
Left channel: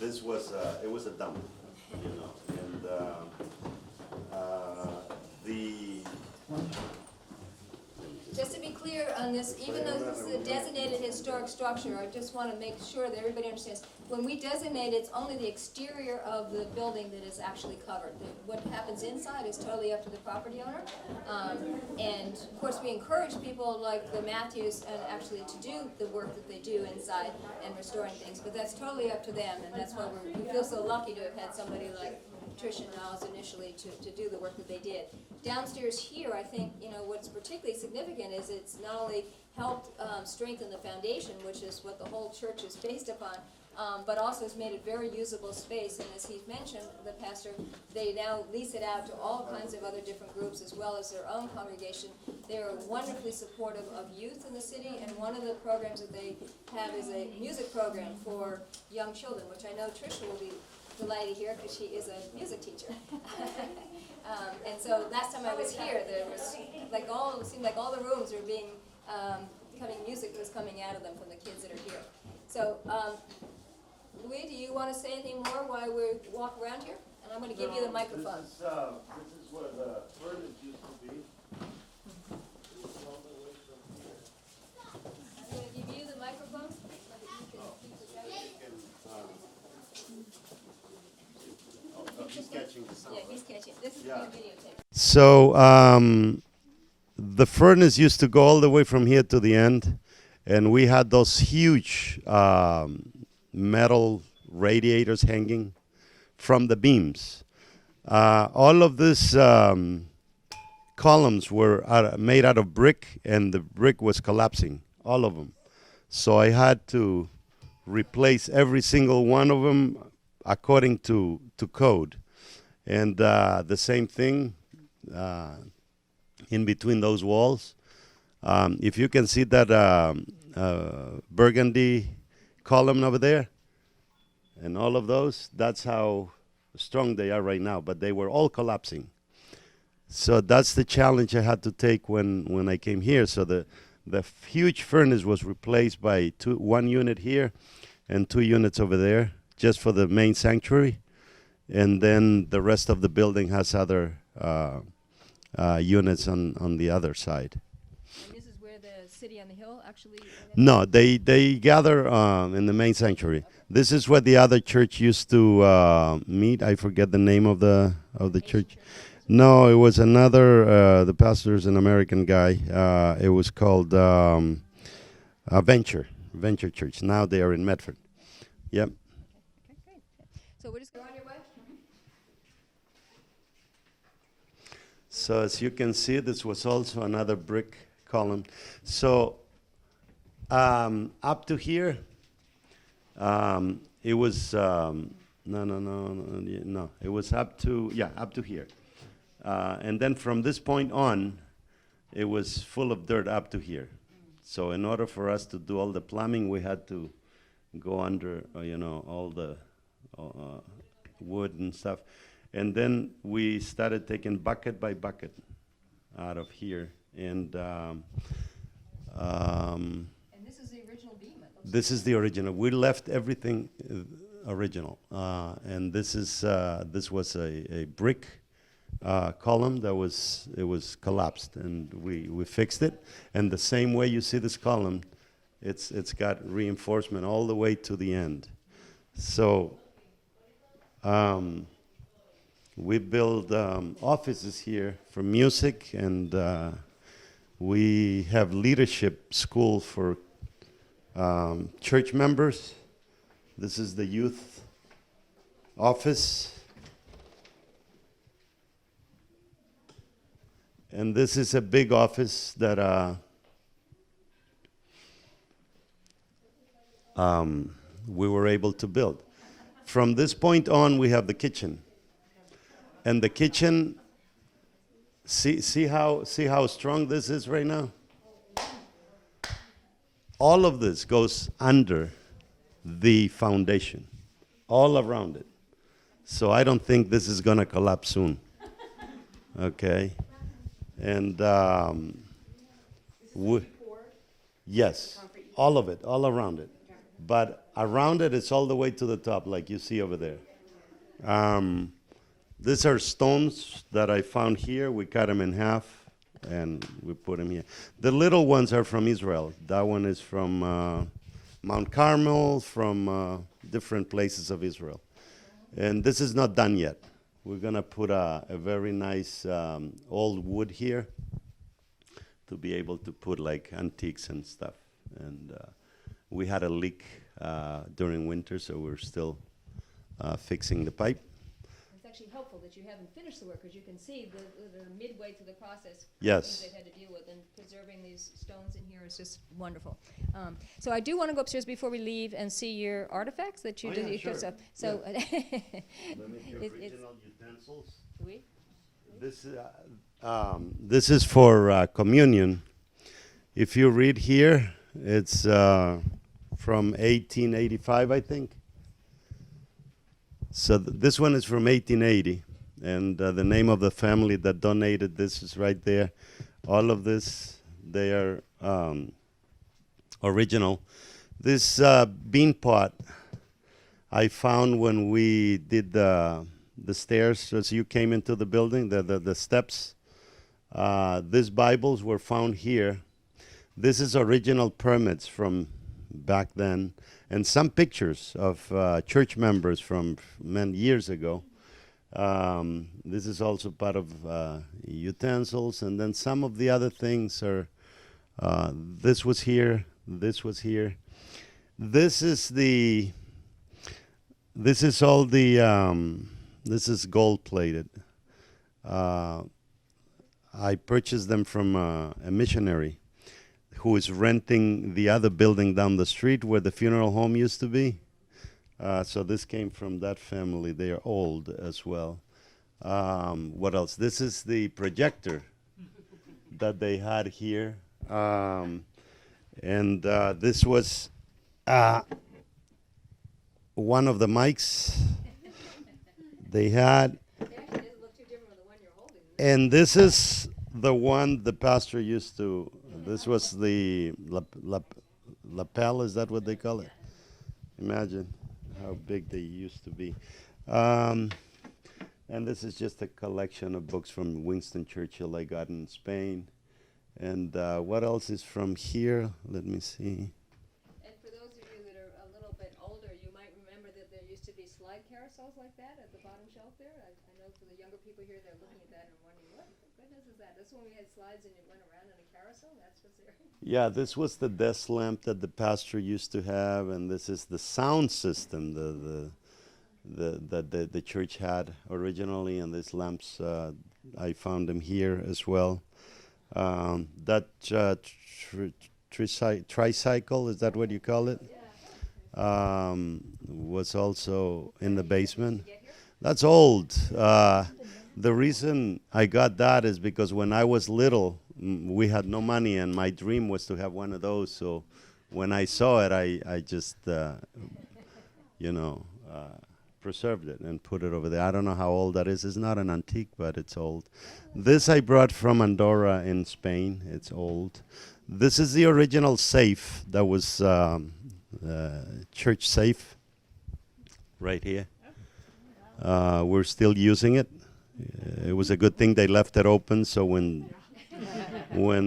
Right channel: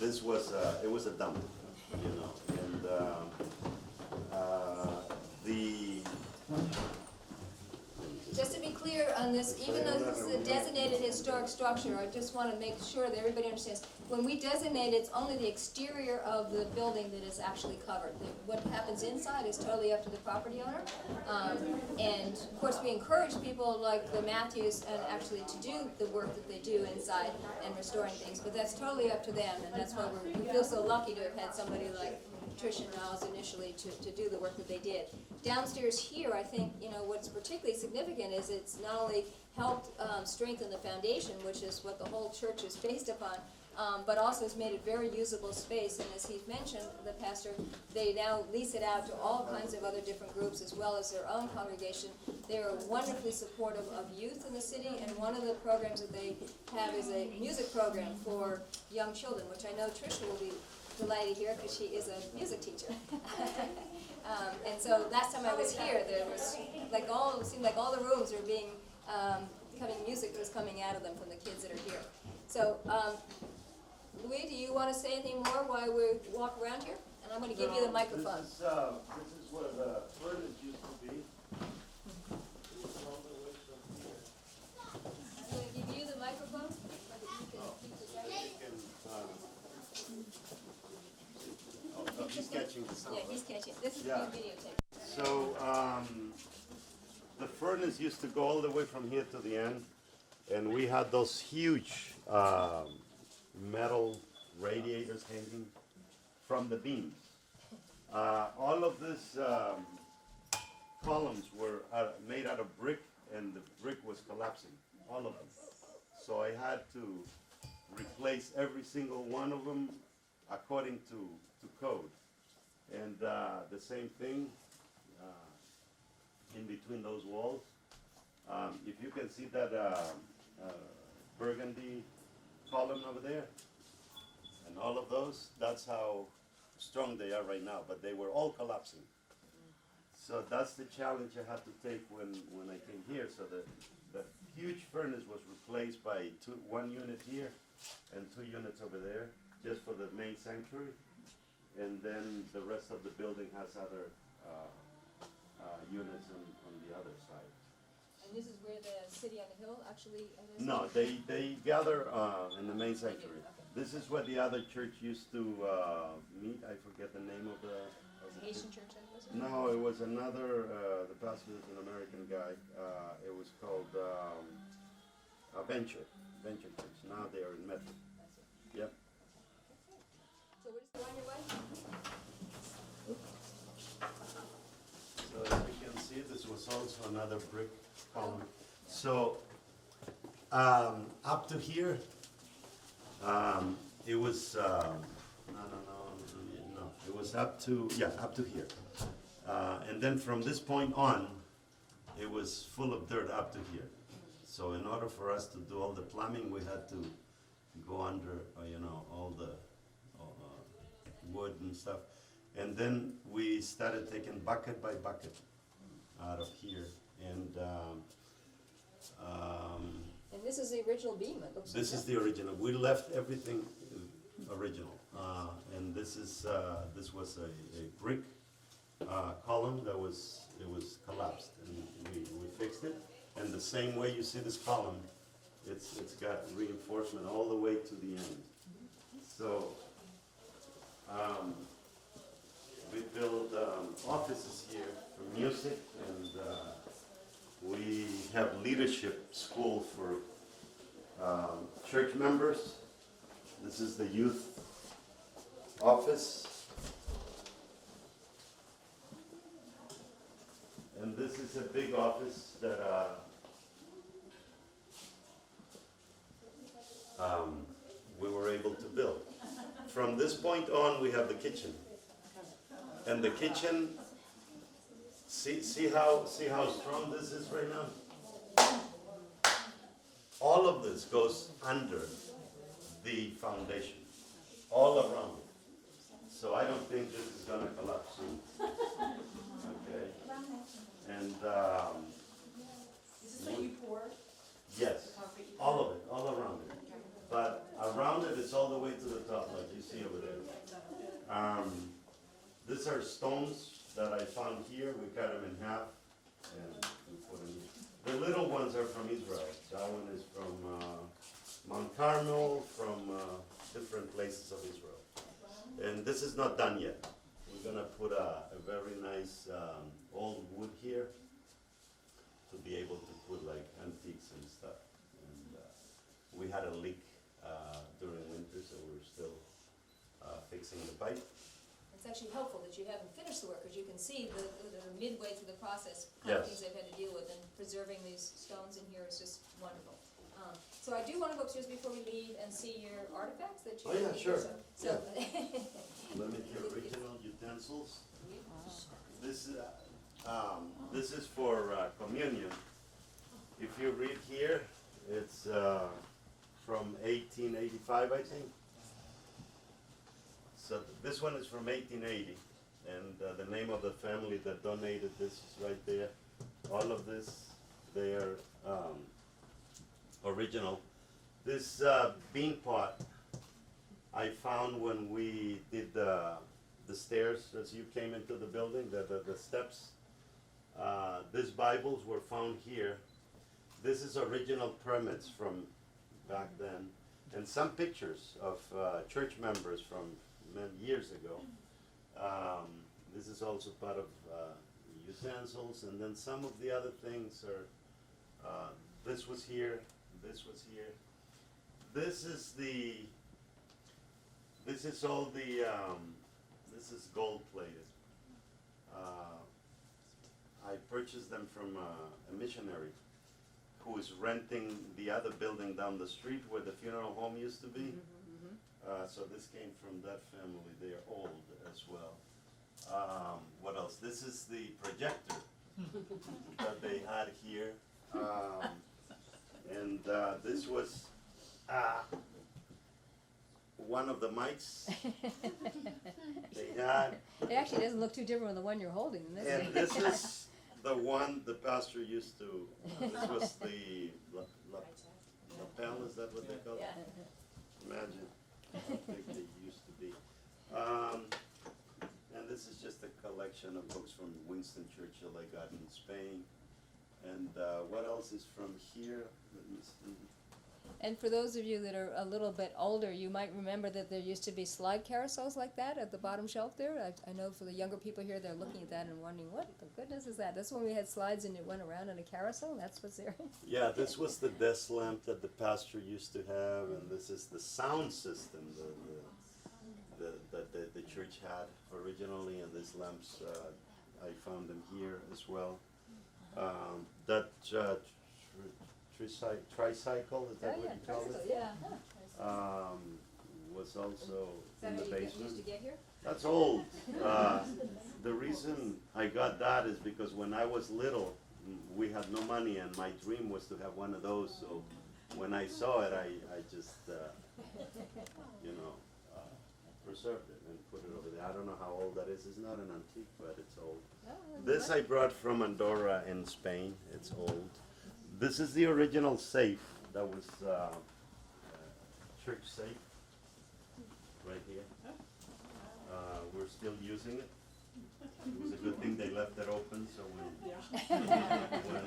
this was it was a dump, you know, and the. Just to be clear on this, even though this is a designated historic structure, I just want to make sure that everybody understands. When we designate, it's only the exterior of the building that is actually covered. What happens inside is totally up to the property owner. And of course, we encourage people like the Matthews and actually to do the work that they do inside and restoring things, but that's totally up to them, and that's why we feel so lucky to have had somebody like Tricia Niles initially to do the work that they did. Downstairs here, I think, you know, what's particularly significant is it's not only helped strengthen the foundation, which is what the whole church is based upon, but also has made a very usable space. And as he's mentioned, the pastor, they now lease it out to all kinds of other different groups as well as their own congregation. They are wonderfully supportive of youth in the city, and one of the programs that they have is a music program for young children, which I know Tricia will be delighted here because she is a music teacher. And so last time I was here, there was like it seemed like all the rooms were being music was coming out of them from the kids that are here. So, Louis, do you want to say anything more while we walk around here? And I'm going to give you the microphone. This is where the furnace used to be. I'm going to give you the microphone. He's catching the sound. Yeah, he's catching. This is being videotaped. So the furnace used to go all the way from here to the end, and we had those huge metal radiators hanging from the beams. All of these columns were made out of brick, and the brick was collapsing, all of them. So I had to replace every single one of them according to code. And the same thing in between those walls. If you can see that burgundy column over there, and all of those, that's how strong they are right now, but they were all collapsing. So that's the challenge I had to take when I came here. So the huge furnace was replaced by one unit here and 2 units over there, just for the main sanctuary. And then the rest of the building has other units on the other side. And this is where the city on the hill actually... No, they gather in the main sanctuary. This is where the other church used to meet. I forget the name of the church. No, it was another. The pastor's an American guy. It was called Venture Church. Now they are in Medford. Yep. So we're just going on your way? So as you can see, this was also another brick column. So up to here, it was no. It was up to here, and then from this point on, it was full of dirt up to here. So in order for us to do all the plumbing, we had to go under, all the wood and stuff. And then we started taking bucket by bucket out of here And And this is the original beam. It looks this is the original. We left everything original. And this was a brick column that was collapsed, and we fixed it. And the same way you see this column, it's got reinforcement all the way to the end. So we build offices here for music, and we have leadership school for church members. This is the youth office. And this is a big office that we were able to build. From this point on, we have the kitchen. And the kitchen, see how strong this is right now? All of this goes under the foundation, all around it. So I don't think this is going to collapse soon. Okay? And yes, all of it, all around it. But around it, it's all the way to the top, like you see over there. These are stones that I found here. We cut them in half, and we put them here. The little ones are from Israel. That one is from Mount Carmel, from different places of Israel. And this is not done yet. We're going to put a very nice old wood here to be able to put like antiques and stuff. And we had a leak during winter, so we're still fixing the pipe. It's actually helpful that you haven't finished the work, because you can see the midway through the process. Yes. Things they've had to deal with, and preserving these stones in here is just wonderful. So I do want to go upstairs before we leave and see your artifacts that you did. Sure. So Let me the original utensils. This is for communion. If you read here, it's from 1885, I think. So this one is from 1880, and the name of the family that donated this is right there. All of this, they are original. This bean pot I found when we did the stairs as you came into the building, the steps. These Bibles were found here. This is original permits from back then, and some pictures of church members from many years ago. This is also part of utensils, and then some of the other things are, this was here, this was here. This is all the, this is gold plated. I purchased them from a missionary who is renting the other building down the street where the funeral home used to be. So this came from that family. They are old as well. What else? This is the projector that they had here. And this was one of the mics they had. it actually doesn't look too different from the one you're holding. And this is the one the pastor used to, this was the lapel, is that what they call it? Imagine how big they used to be. And this is just a collection of books from Winston Churchill I got in Spain. And what else is from here? Let me see. And for those of you that are a little bit older, you might remember that there used to be slide carousels like that at the bottom shelf there. I know for the younger people here, they're looking at that and wondering, what the goodness is that? That's when we had slides and it went around in a carousel, and that's what's there. Yeah, this was the desk lamp that the pastor used to have, and this is the sound system that the church had originally, and these lamps, I found them here as well. That tricycle, is that what you call it? Yeah. Was also in the basement. That's old. The reason I got that is because when I was little, we had no money, and my dream was to have one of those. So when I saw it, I just, preserved it and put it over there. I don't know how old that is. It's not an antique, but it's old. This I brought from Andorra in Spain. It's old. This is the original safe that was church safe right here. We're still using it. It was a good thing they left it open, so when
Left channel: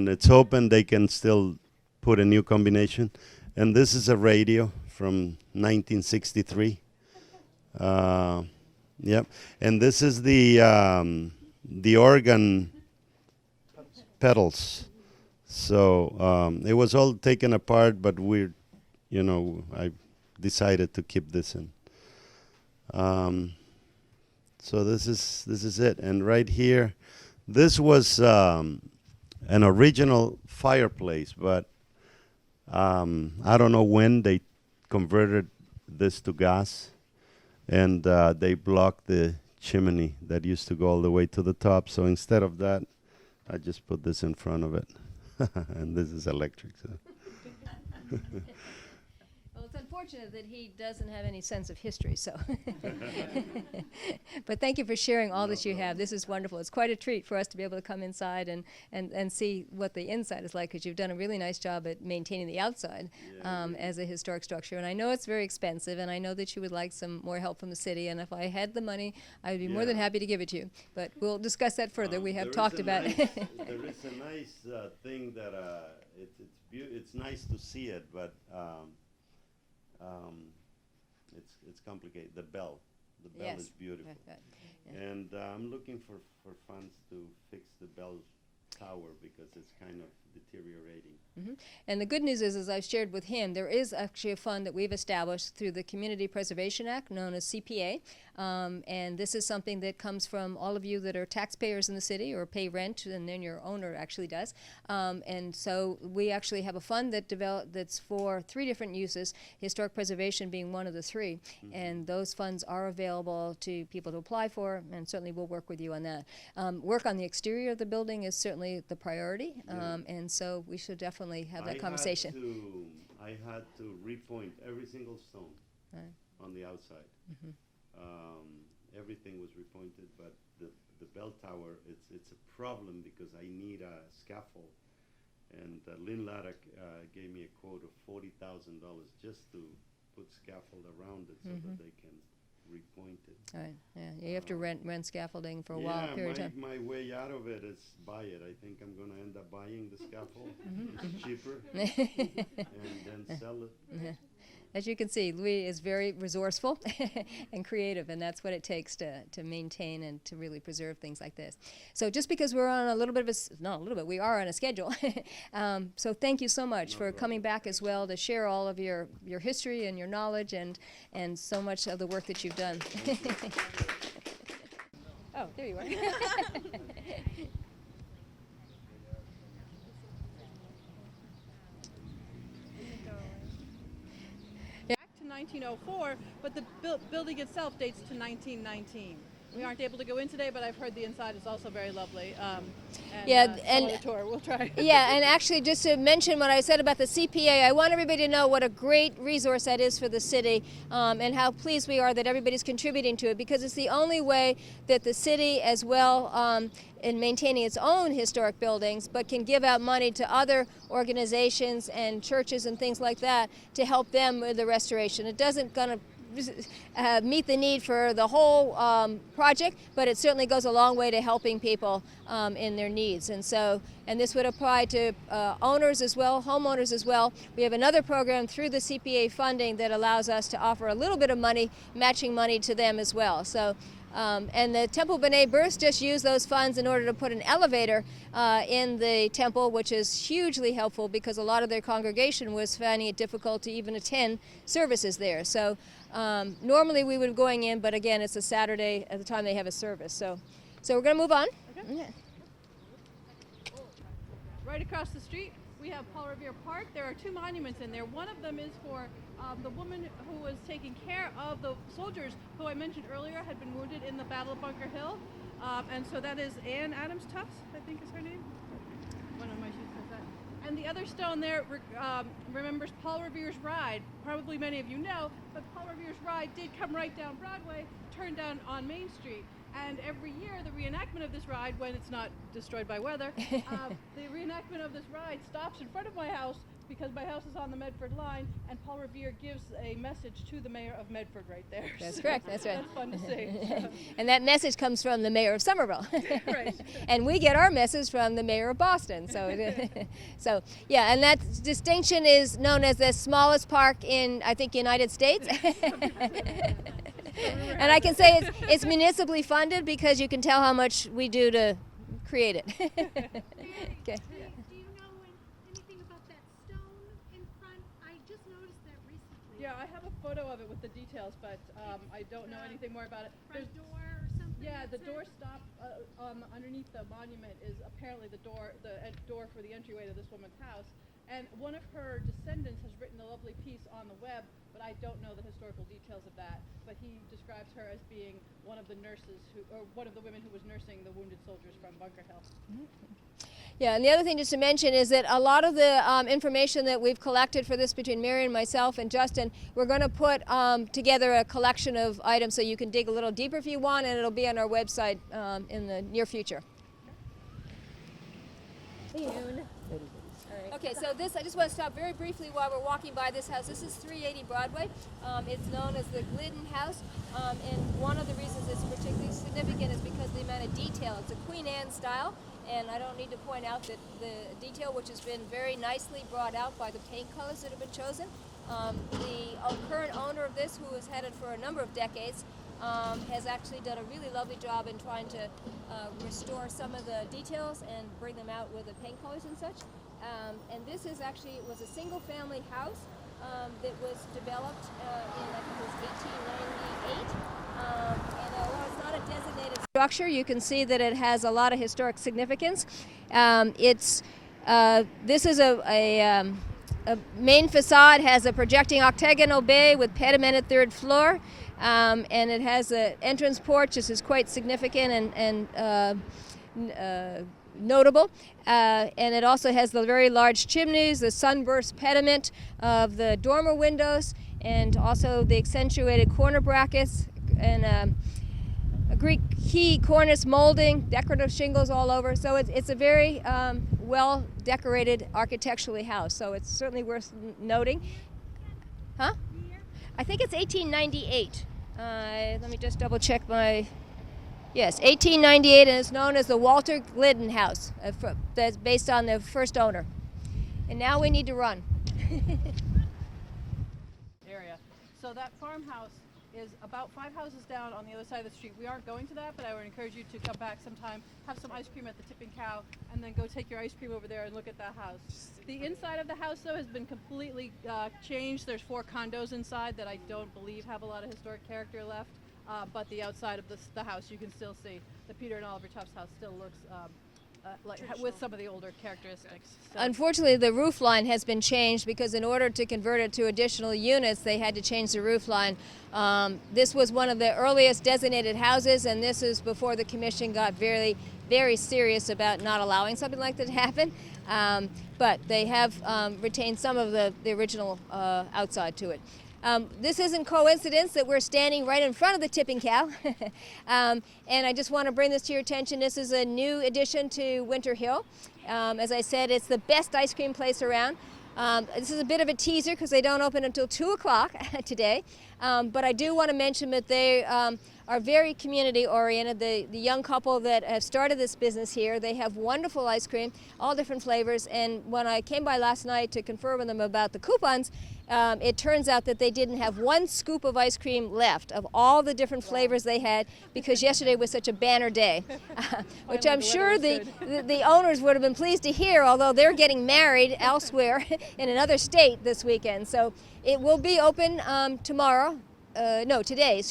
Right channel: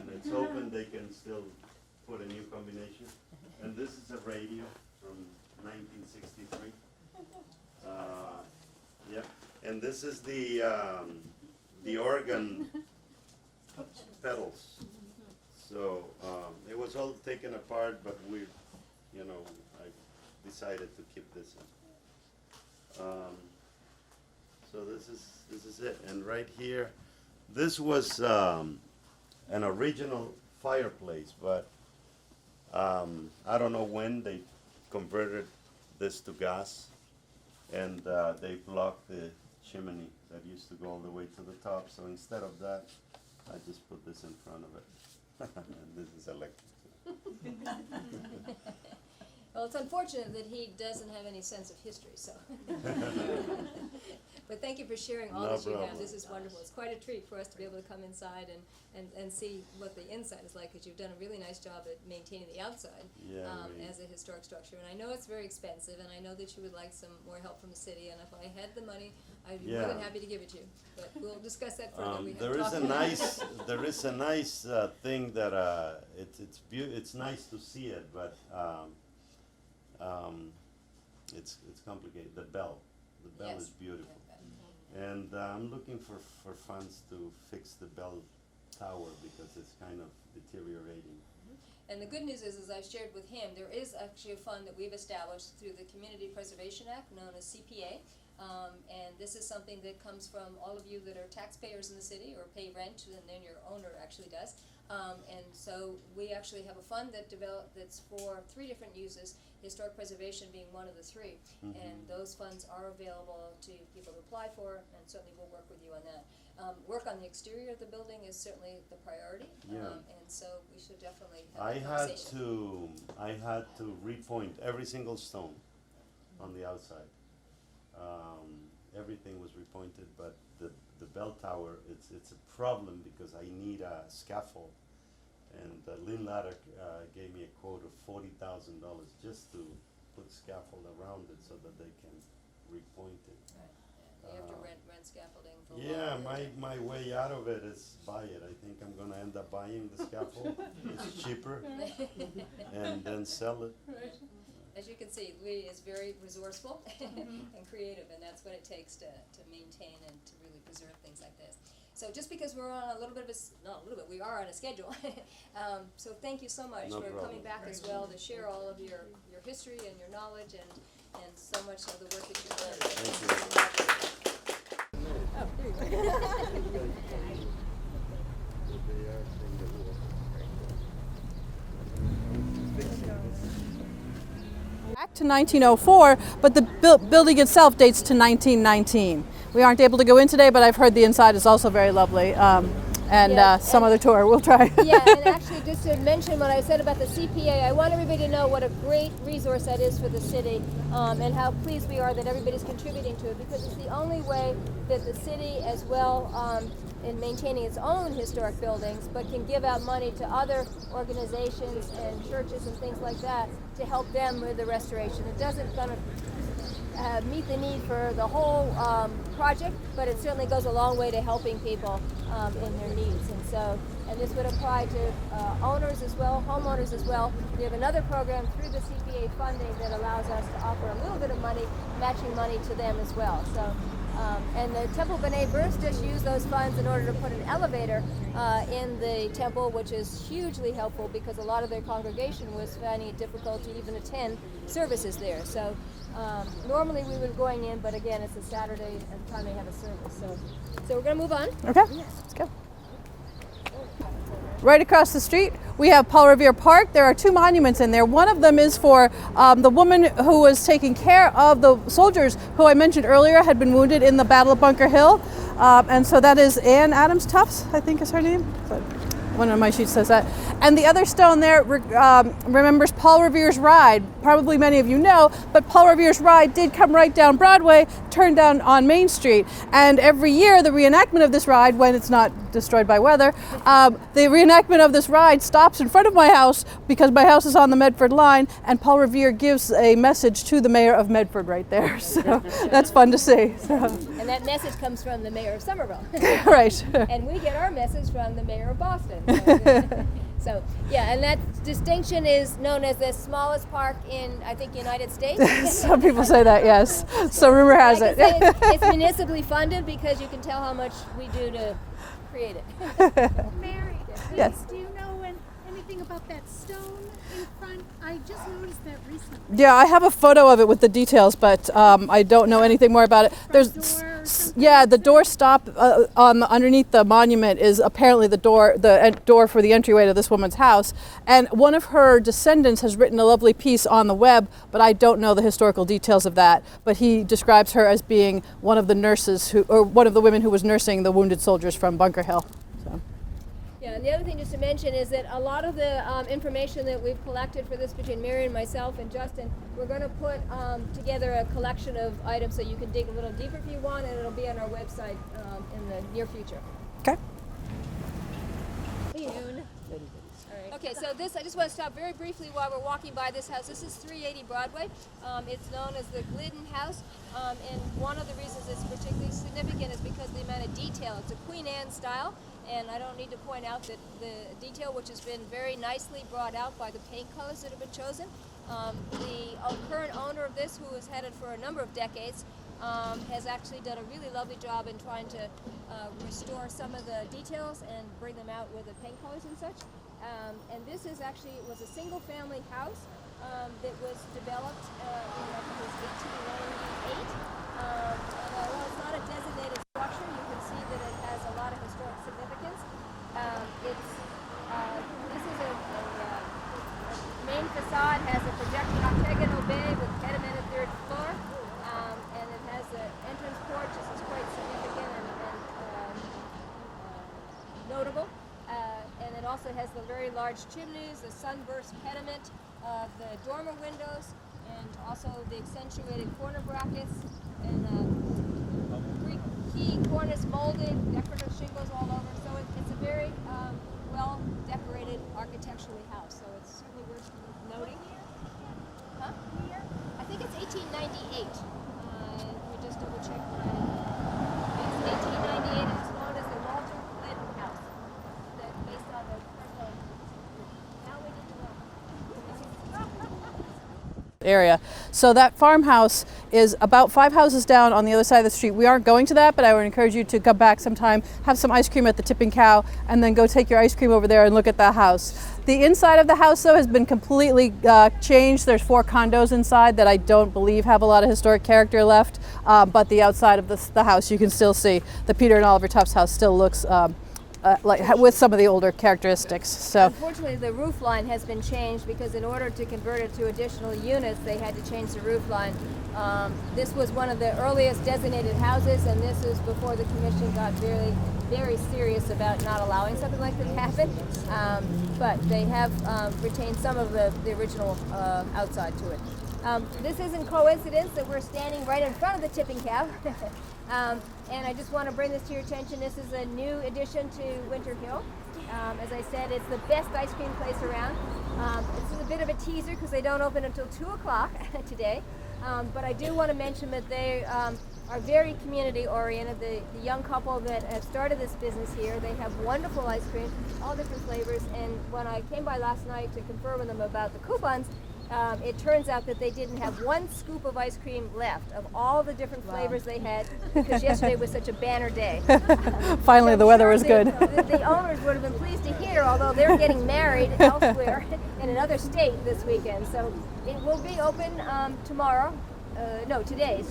it's open, they can still put a new combination. And this is a radio from 1963. Yep. And this is the organ pedals. So it was all taken apart, but I decided to keep this in. So this is it. And right here, this was an original fireplace, but I don't know when they converted this to gas, and they blocked the chimney that used to go all the way to the top. So instead of that, I just put this in front of it. And this is electric. So. Well, it's unfortunate that he doesn't have any sense of history, so. But thank you for sharing all that you have. This is wonderful. It's quite a treat for us to be able to come inside and see what the inside is like, because you've done a really nice job at maintaining the outside as a historic structure. And I know it's very expensive, and I know that you would like some more help from the city, and if I had the money, I would be more than happy to give it to you. But we'll discuss that further. We have talked about it. There is a nice thing that it's nice to see it, but it's complicated. The bell Yes. is beautiful, and I'm looking for funds to fix the bell tower because it's kind of deteriorating. Mm-hmm. And the good news is, as I've shared with him, there is actually a fund that we've established through the Community Preservation Act, known as CPA. And this is something that comes from all of you that are taxpayers in the city or pay rent, and then your owner actually does. And so we actually have a fund that's for 3 different uses, historic preservation being one of the 3. Mm-hmm. And those funds are available to people to apply for, and certainly we'll work with you on that. Work on the exterior of the building is certainly the priority, and so we should definitely have that conversation. I had to repoint every single stone on the outside. Mm-hmm. Everything was repointed, but the bell tower, it's a problem because I need a scaffold. And Lynn Ladder gave me a quote of $40,000 just to put scaffold around it so that they can repoint it. Right, yeah, you have to rent scaffolding for a while. Yeah, my way out of it is buy it. I think I'm going to end up buying the scaffold. It's cheaper. And then sell it. Yeah. As you can see, Louis is very resourceful and creative, and that's what it takes to maintain and to really preserve things like this. So just because we're on we are on a schedule. So thank you so much for coming back as well to share all of your history and your knowledge and so much of the work that you've done. Oh, there you are. Back to 1904, but the building itself dates to 1919. We aren't able to go in today, but I've heard the inside is also very lovely. Some other tour we'll try. Yeah, and actually just to mention what I said about the CPA, I want everybody to know what a great resource that is for the city, and how pleased we are that everybody's contributing to it, because it's the only way that the city, as well in maintaining its own historic buildings, but can give out money to other organizations and churches and things like that to help them with the restoration. It doesn't gonna meet the need for the whole project, but it certainly goes a long way to helping people in their needs. And this would apply to owners as well, homeowners as well. We have another program through the CPA funding that allows us to offer a little bit of money, matching money to them as well. So, and the Temple B'nai B'rith just used those funds in order to put an elevator in the temple, which is hugely helpful because a lot of their congregation was finding it difficult to even attend services there. So normally we would be going in, but again, it's a Saturday at the time they have a service. So we're going to move on. Okay, let's go. Right across the street, we have Paul Revere Park. There are 2 monuments in there. One of them is for the woman who was taking care of the soldiers who I mentioned earlier had been wounded in the Battle of Bunker Hill. And so that is Ann Adams Tufts, I think is her name. So One of my sheets says that. And the other stone there remembers Paul Revere's ride. Probably many of you know, but Paul Revere's ride did come right down Broadway, turn down on Main Street. And every year, the reenactment of this ride, when it's not destroyed by weather, the reenactment of this ride stops in front of my house because my house is on the Medford line, and Paul Revere gives a message to the mayor of Medford right there. So that's fun to see. So. And that message comes from the mayor of Somerville. Right. And we get our message from the mayor of Boston. So yeah, and that distinction is known as the smallest park in, I think, United States. Some people say that, yes. So rumor has and I it. can say it's municipally funded because you can tell how much we do to create it. Mary, Okay. Yes. do you know anything about that stone in front? I just noticed that recently. Yeah, I have a photo of it with the details, but I don't know anything more about it. Yeah, the door stop underneath the monument is apparently the door for the entryway to this woman's house. And one of her descendants has written a lovely piece on the web, but I don't know the historical details of that. But he describes her as being one of the nurses or one of the women who was nursing the wounded soldiers from Bunker Hill. Yeah, and the other thing just to mention is that a lot of the information that we've collected for this between Mary and myself and Justin, we're going to put together a collection of items so you can dig a little deeper if you want, and it'll be on our website in the near future. Okay. Okay, so this, I just want to stop very briefly while we're walking by this house. This is 380 Broadway. It's known as the Glidden House, and one of the reasons it's particularly significant is because of the amount of detail. It's a Queen Anne style, and I don't need to point out that the detail, which has been very nicely brought out by the paint colors that have been chosen. The current owner of this, who has had it for a number of decades, has actually done a really lovely job in trying to restore some of the details and bring them out with the paint colors and such. And this is actually, it was a single family house that was developed in, I think it was 1898. And although it's not a designated structure, you can see that it has a lot of historic significance. This is a main facade, has a projecting octagonal bay with pedimented third floor. And it has an entrance porch. This is quite significant and notable. And it also has the very large chimneys, the sunburst pediment of the dormer windows, and also the accentuated corner brackets, and a Greek key cornice molding, decorative shingles all over. So it's a very well decorated architecturally house. So it's certainly worth noting. Huh? I think it's 1898. Let me just double check my. Yes, 1898, and it's known as the Walter Glidden House. That's based on the first owner. And now we need to run. Area. So that farmhouse is about 5 houses down on the other side of the street. We aren't going to that, but I would encourage you to come back sometime, have some ice cream at the Tipping Cow, and then go take your ice cream over there and look at the house. The inside of the house, though, has been completely changed. There's 4 condos inside that I don't believe have a lot of historic character left, but the outside of the house, you can still see the Peter and Oliver Tufts house still looks like with some of the older characteristics. So unfortunately, the roof line has been changed because in order to convert it to additional units, they had to change the roof line. This was one of the earliest designated houses, and this is before the commission got very, very serious about not allowing something like this to happen. But they have retained some of the original outside to it. This isn't coincidence that we're standing right in front of the Tipping Cow. And I just want to bring this to your attention. This is a new addition to Winter Hill. As I said, it's the best ice cream place around. This is a bit of a teaser because they don't open until 2 o'clock today. But I do want to mention that they are very community oriented. The young couple that have started this business here, they have wonderful ice cream, all different flavors. And when I came by last night to confer with them about the coupons, it turns out that they didn't have 1 scoop of ice cream left of all the different flavors they had because yesterday was such a banner day. Finally, the weather was good. The owners would have been pleased to hear, although they're getting married elsewhere in another state this weekend. So it will be open today,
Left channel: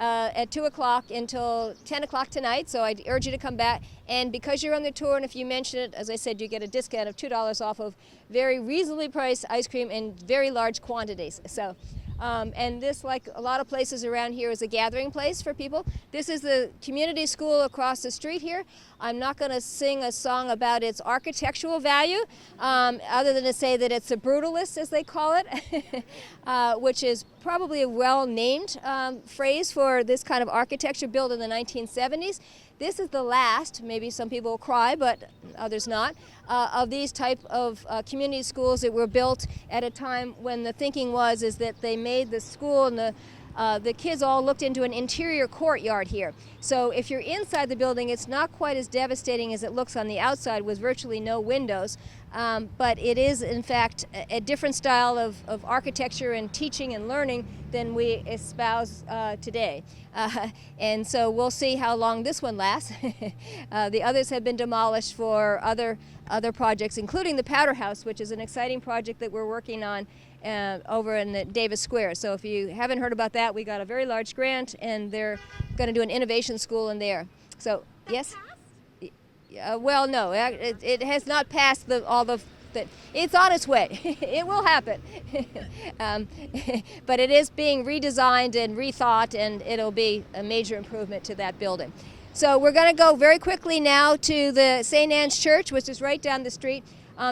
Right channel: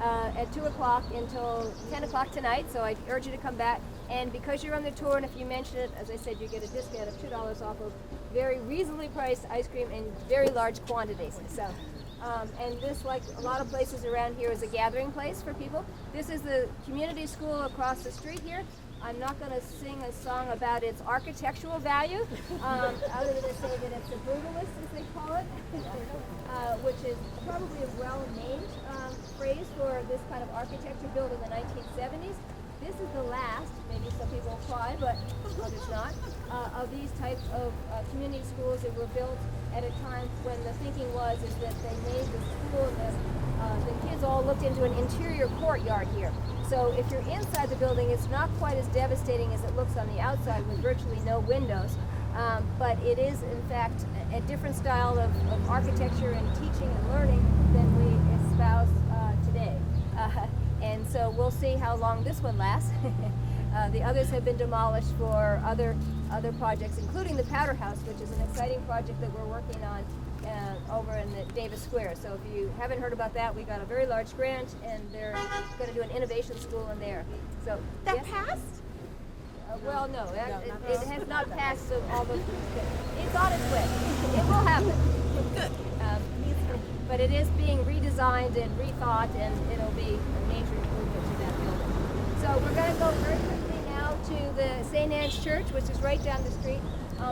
at 2 o'clock until 10 o'clock tonight. So I'd urge you to come back. And because you're on the tour, and if you mention it, as I said, you get a discount of $2 off of very reasonably priced ice cream in very large quantities. So And this, like a lot of places around here, is a gathering place for people. This is the community school across the street here. I'm not going to sing a song about its architectural value, other than to say that it's a brutalist, as they call it, which is probably a well-named phrase for this kind of architecture built in the 1970s. This is the last, maybe some people will cry, but others not, of these type of community schools that were built at a time when the thinking was is that they made the school and the kids all looked into an interior courtyard here. So if you're inside the building, it's not quite as devastating as it looks on the outside with virtually no windows. But it is, in fact, a different style of architecture and teaching and learning than we espouse today. And so we'll see how long this one lasts. The others have been demolished for other projects, including the Powder House, which is an exciting project that we're working on over in the Davis Square. So if you haven't heard about that, we got a very large grant, and they're going to do an innovation school in there. So That yes. passed? Well, no, it has not passed all the. It's on its way. It will happen. But it is being redesigned and rethought, and it'll be a major improvement to that building. So we're going to go very quickly now to the St. Anne's Church, which is right down the street.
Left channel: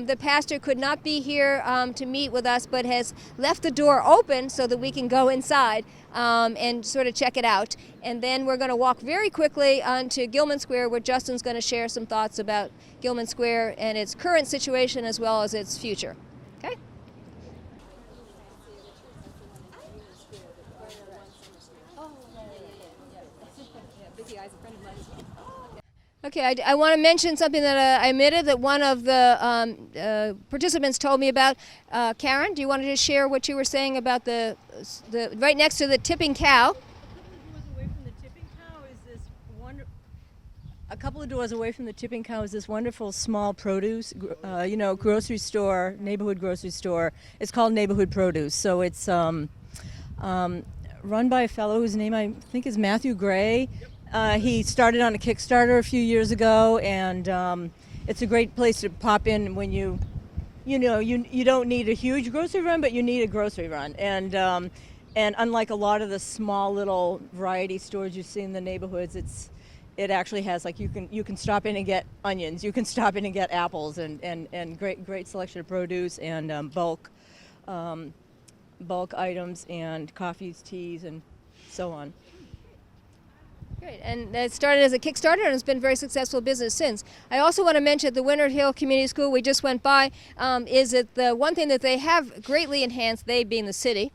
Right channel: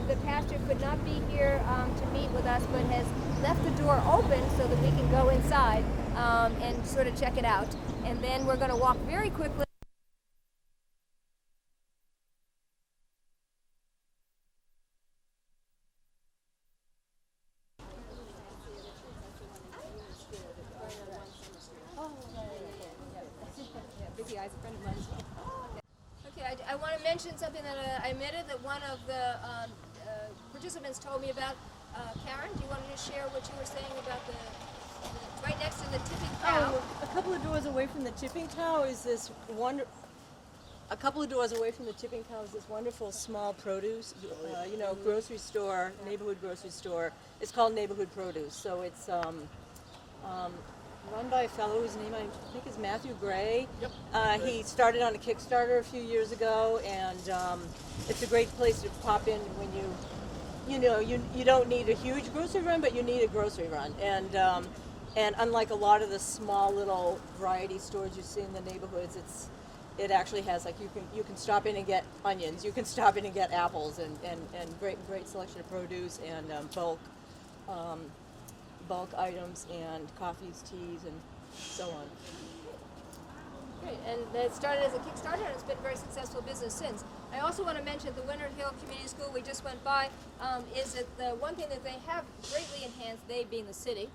The pastor could not be here to meet with us, but has left the door open so that we can go inside and sort of check it out. And then we're going to walk very quickly onto Gilman Square, where Justin's going to share some thoughts about Gilman Square and its current situation as well as its future. Okay? Okay, I want to mention something that I omitted that one of the participants told me about. Karen, do you want to just share what you were saying about the right next to the tipping cow? A couple of doors away from the tipping cow is this A couple of doors away from the tipping cow is this wonderful small produce, grocery store, neighborhood grocery store. It's called Neighborhood Produce. So it's run by a fellow whose name I think is Matthew Gray. He started on a Kickstarter a few years ago, and it's a great place to pop in when you don't need a huge grocery run, but you need a grocery run. And unlike a lot of the small little variety stores you see in the neighborhoods, it actually has, like, you can stop in and get onions, you can stop in and get apples, and great selection of produce and bulk items and coffees, teas, and so on. Great. And it started as a Kickstarter, and it's been a very successful business since. I also want to mention at the Winter Hill Community School we just went by is that the one thing that they have greatly enhanced, they being the city,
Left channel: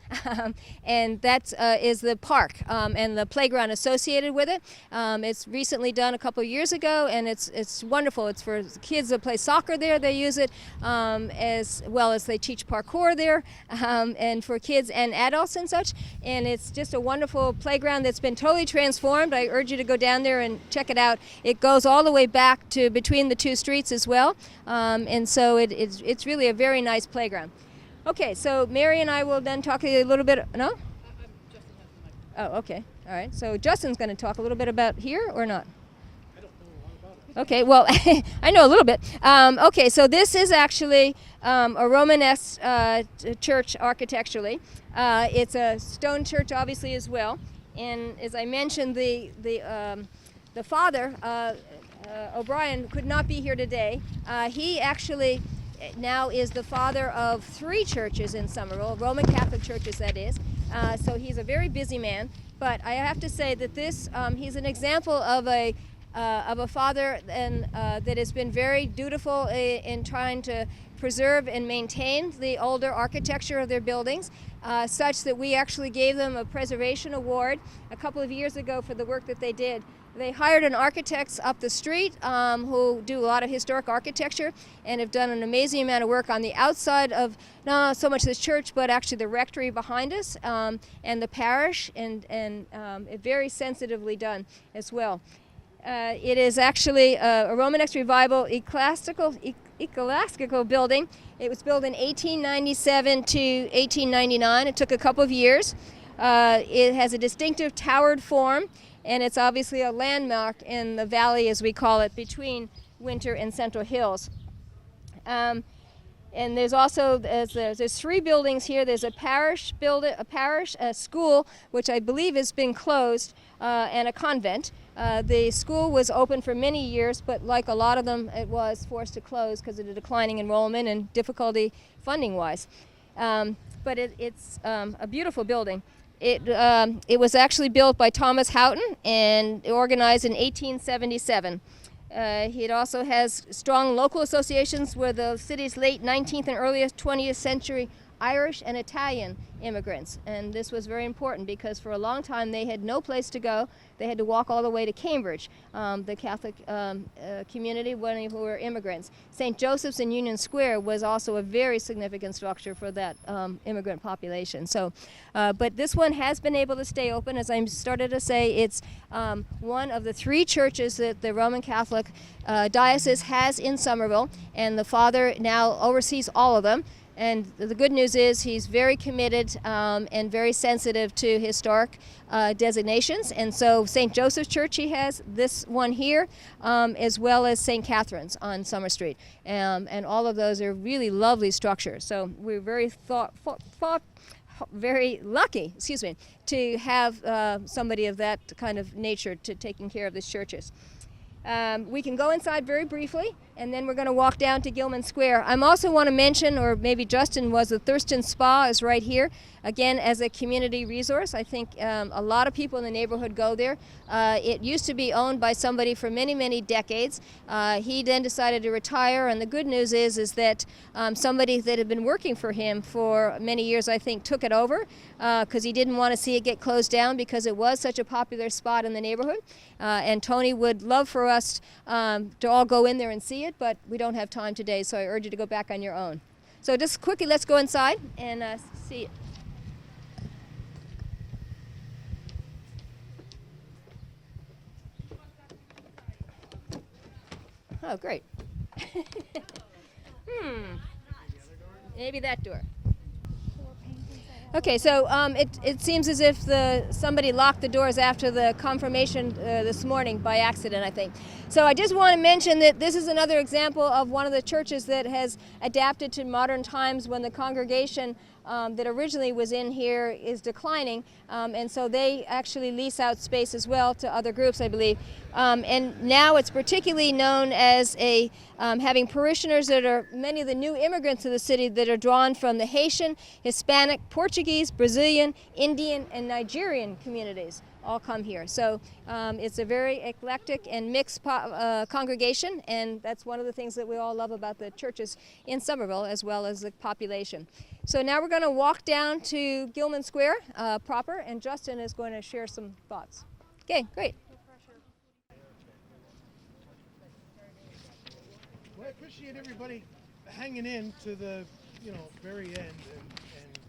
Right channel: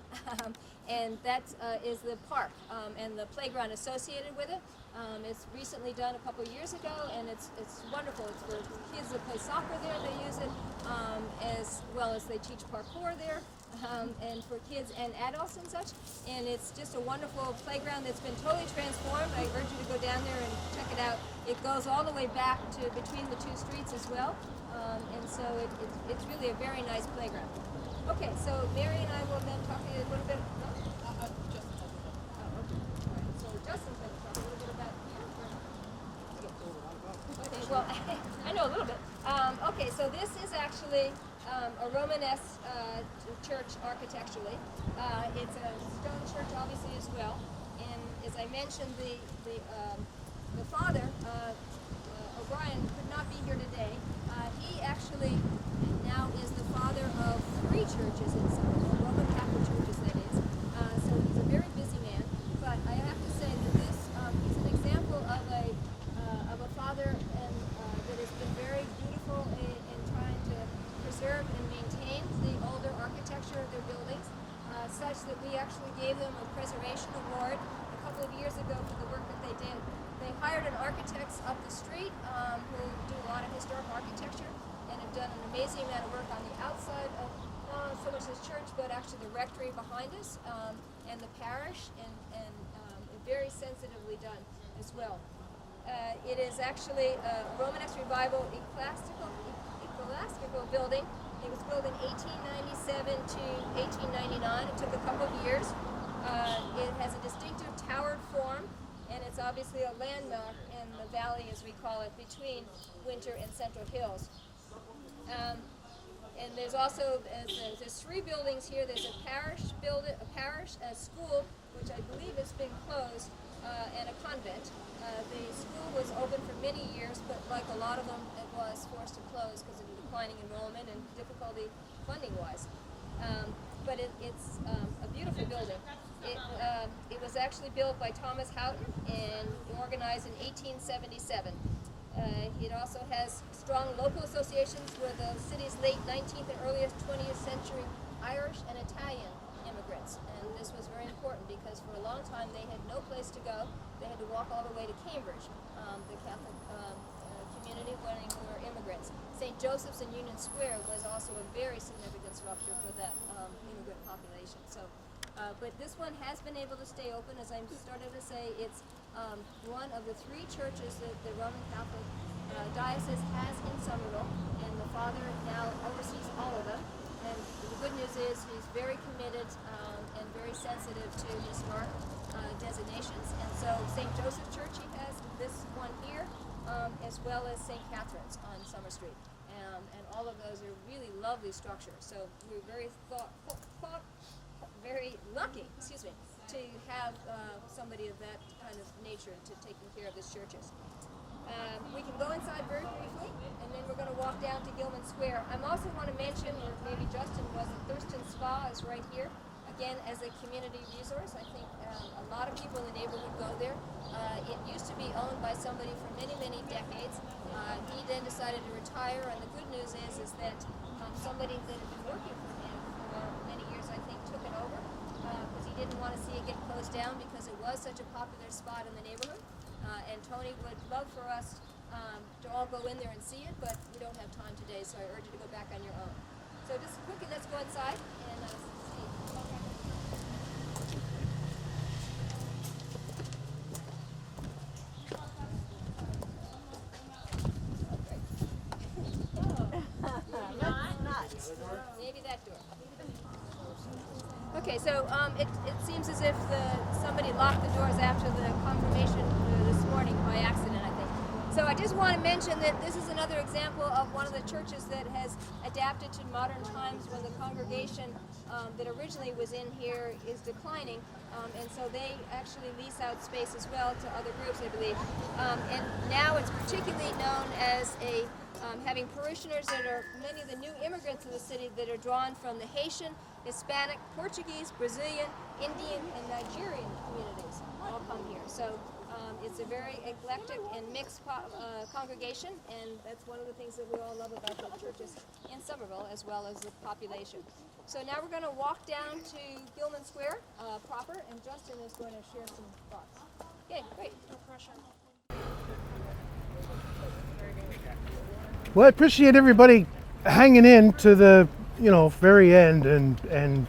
and that is the park and the playground associated with it. It's recently done a couple of years ago, and it's wonderful. It's for kids that play soccer there. They use it as well as they teach parkour there, and for kids and adults and such. And it's just a wonderful playground that's been totally transformed. I urge you to go down there and check it out. It goes all the way back to between the two streets as well, and so it's really a very nice playground. Okay, so Mary and I will then talk a little bit. No? Oh, okay. All right. So Justin's going to talk a little bit about here or not? Okay. Well, I know a little bit. Okay. So this is actually a Romanesque church architecturally. It's a stone church, obviously, as well. And as I mentioned, the father, O'Brien, could not be here today. He actually now is the father of 3 churches in Somerville, Roman Catholic churches, that is. So he's a very busy man. But I have to say that this, he's an example of a father and that has been very dutiful in trying to preserve and maintain the older architecture of their buildings, such that we actually gave them a preservation award a couple of years ago for the work that they did. They hired an architect up the street who do a lot of historic architecture and have done an amazing amount of work on the outside of not so much this church, but actually the rectory behind us and the parish, and very sensitively done as well. It is actually a Romanesque Revival ecclesiastical building. It was built in 1897 to 1899. It took a couple of years. It has a distinctive towered form, and it's obviously a landmark in the valley, as we call it, between Winter and Central Hills. And there's also there's 3 buildings here. There's a parish building, a school, which I believe has been closed, and a convent. The school was open for many years, but like a lot of them, it was forced to close because of the declining enrollment and difficulty funding-wise. But it's a beautiful building. It was actually built by Thomas Houghton and organized in 1877. It also has strong local associations with the city's late 19th and earliest 20th century Irish and Italian immigrants. And this was very important because for a long time they had no place to go. They had to walk all the way to Cambridge, the Catholic community who were immigrants. St. Joseph's in Union Square was also a very significant structure for that immigrant population. So, but this one has been able to stay open. As I started to say, it's one of the 3 churches that the Roman Catholic diocese has in Somerville, and the father now oversees all of them. And the good news is he's very committed and very sensitive to historic designations. And so St. Joseph's Church, he has this one here, as well as St. Catherine's on Summer Street. And all of those are really lovely structures. So we're very very lucky, to have somebody of that kind of nature to taking care of these churches. We can go inside very briefly, and then we're going to walk down to Gilman Square. I also want to mention, or maybe Justin was, the Thurston Spa is right here, again as a community resource. I think a lot of people in the neighborhood go there. It used to be owned by somebody for many, many decades. He then decided to retire, and the good news is that somebody that had been working for him for many years, I think, took it over because he didn't want to see it get closed down because it was such a popular spot in the neighborhood. And Tony would love for us to all go in there and see it, but we don't have time today, so I urge you to go back on your own. So just quickly, let's go inside and see it. Oh, great. Maybe that door. Okay, so it seems as if somebody locked the doors after the confirmation this morning by accident, I think. So I just want to mention that this is another example of one of the churches that has adapted to modern times when the congregation that originally was in here is declining, and so they actually lease out space as well to other groups, I believe. And now it's particularly known as having parishioners that are many of the new immigrants to the city that are drawn from the Haitian, Hispanic, Portuguese, Brazilian, Indian, and Nigerian communities all come here. So it's a very eclectic and mixed congregation, and that's one of the things that we all love about the churches in Somerville as well as the population. So now we're going to walk down to Gilman Square proper, and Justin is going to share some thoughts. Okay, great. Well, I appreciate everybody hanging in to the, very end and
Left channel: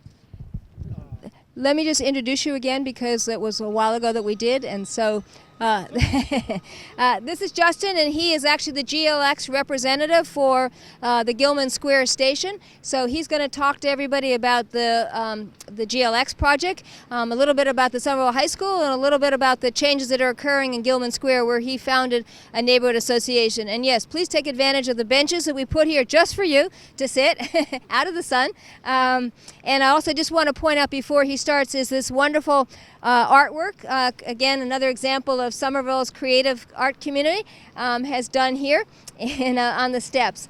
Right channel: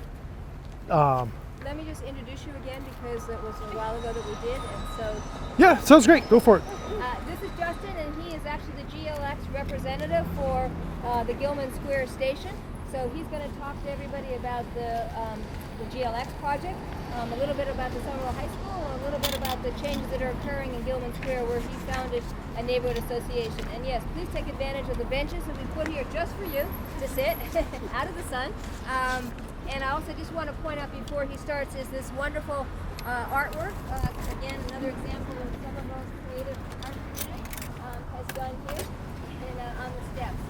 Let me just introduce you again because it was a while ago that we did, and so... Yeah, sounds great. Go for it. This is Justin, and he is actually the GLX representative for the Gilman Square station. So he's going to talk to everybody about the GLX project, a little bit about the Somerville High School, and a little bit about the changes that are occurring in Gilman Square, where he founded a neighborhood association. And yes, please take advantage of the benches that we put here just for you to sit out of the sun. And I also just want to point out before he starts is this wonderful artwork. Again, another example of Somerville's creative art community has done here and on the steps.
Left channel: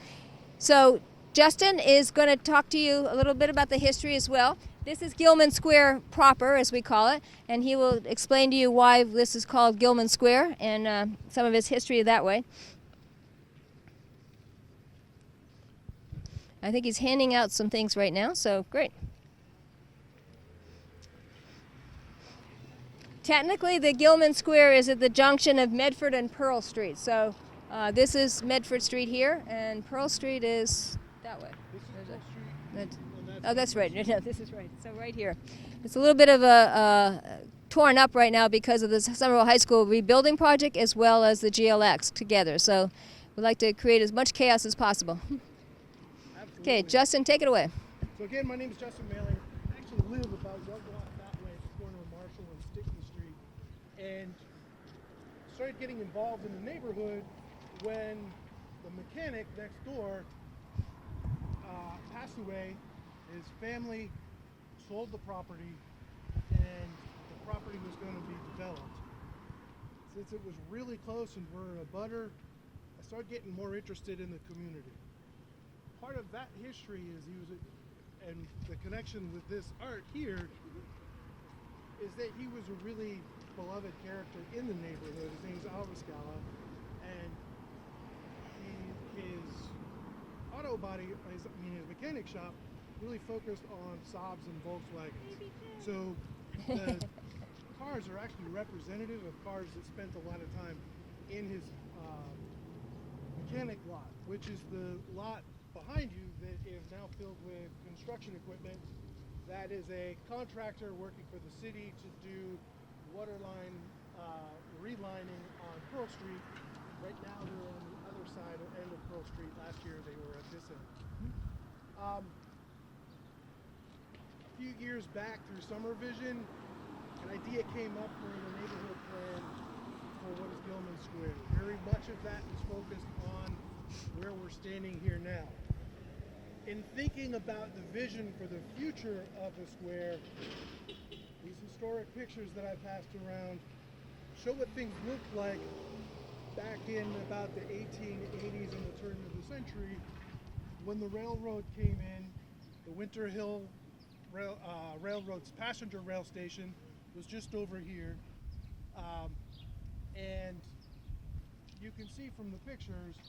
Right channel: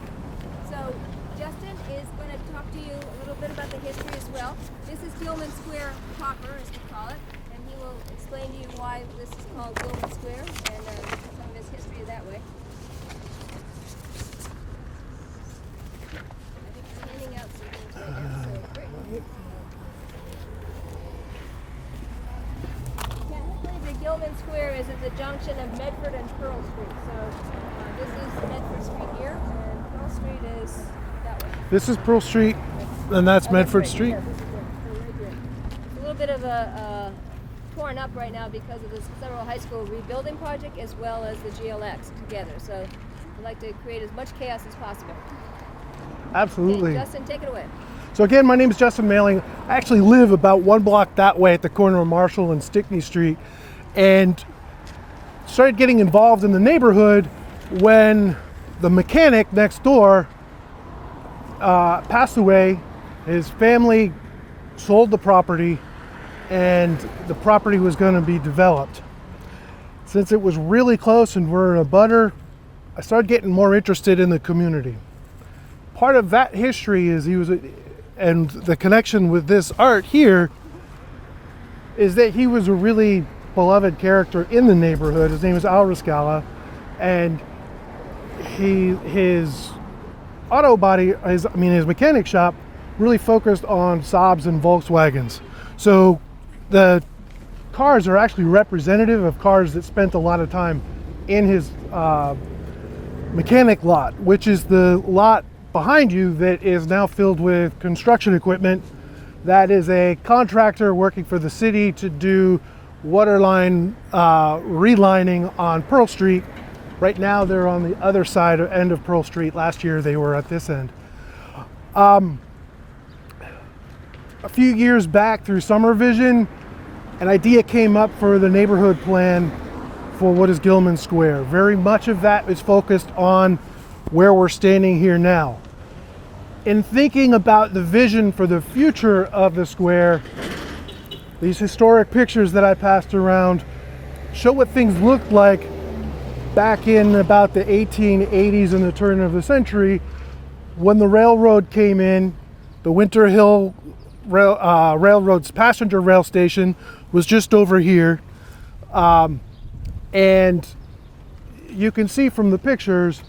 So Justin is going to talk to you a little bit about the history as well. This is Gilman Square proper, as we call it, and he will explain to you why this is called Gilman Square and some of its history that way. I think he's handing out some things right now, so great. Technically, the Gilman Square is at the junction of Medford and Pearl Street. So this is Medford Street here, and Pearl Street is that way. This is Pearl Street, and that's Medford right. Street. Yeah, this is right. So right here. It's a little bit of a torn up right now because of the Somerville High School rebuilding project as well as the GLX together. So we'd like to create as much chaos as possible. Absolutely. Okay, Justin, take it away. So again, my name is Justin Mailing. I actually live about 1 block that way at the corner of Marshall and Stickney Street, and started getting involved in the neighborhood when the mechanic next door passed away. His family sold the property, and the property was going to be developed. Since it was really close and we're in a butter, I started getting more interested in the community. Part of that history is and the connection with this art here is that he was a really beloved character in the neighborhood. His name is Al Riscala, and his auto body, his mechanic shop really focused on Saabs and Volkswagens. So the cars are actually representative of cars that spent a lot of time in his mechanic lot, which is the lot behind you that is now filled with construction equipment. That is a contractor working for the city to do waterline relining on Pearl Street. Right now they're on the other side end of Pearl Street. Last year they were at this end. A few years back through Somervision, an idea came up for the neighborhood plan for what is Gilman Square. Very much of that is focused on where we're standing here now. In thinking about the vision for the future of the square, these historic pictures that I passed around show what things looked like back in about the 1880s and the turn of the century when the railroad came in. The Winter Hill Railroad's passenger rail station was just over here. And you can see from the pictures,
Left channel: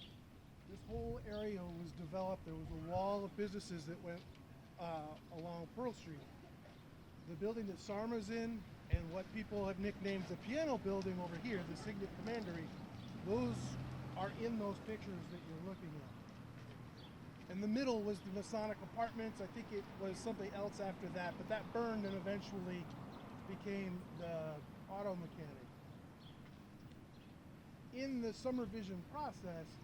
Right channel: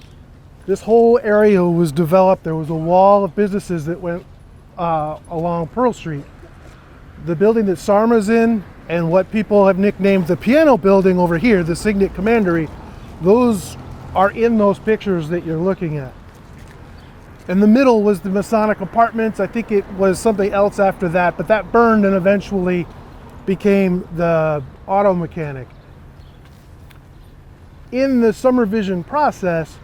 this whole area was developed. There was a wall of businesses that went along Pearl Street. The building that Sarma's in and what people have nicknamed the piano building over here, the Signet Commandery, those are in those pictures that you're looking at. In the middle was the Masonic Apartments. I think it was something else after that, but that burned and eventually became the auto mechanic. In the Somervision process,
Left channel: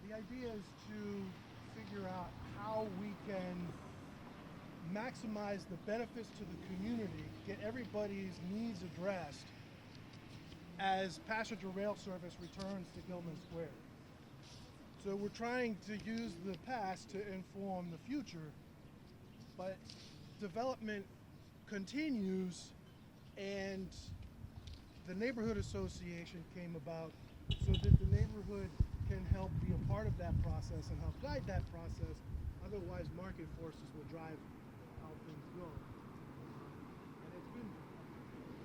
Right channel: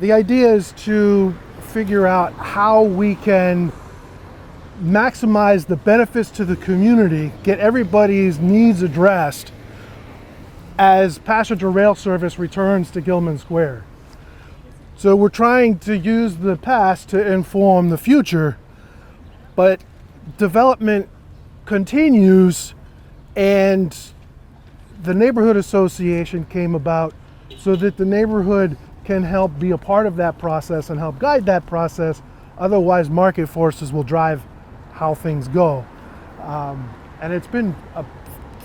the idea is to figure out how we can maximize the benefits to the community, get everybody's needs addressed as passenger rail service returns to Gilman Square. So we're trying to use the past to inform the future, but development continues, and the neighborhood association came about so that the neighborhood can help be a part of that process and help guide that process. Otherwise, market forces will drive how things go. And it's been a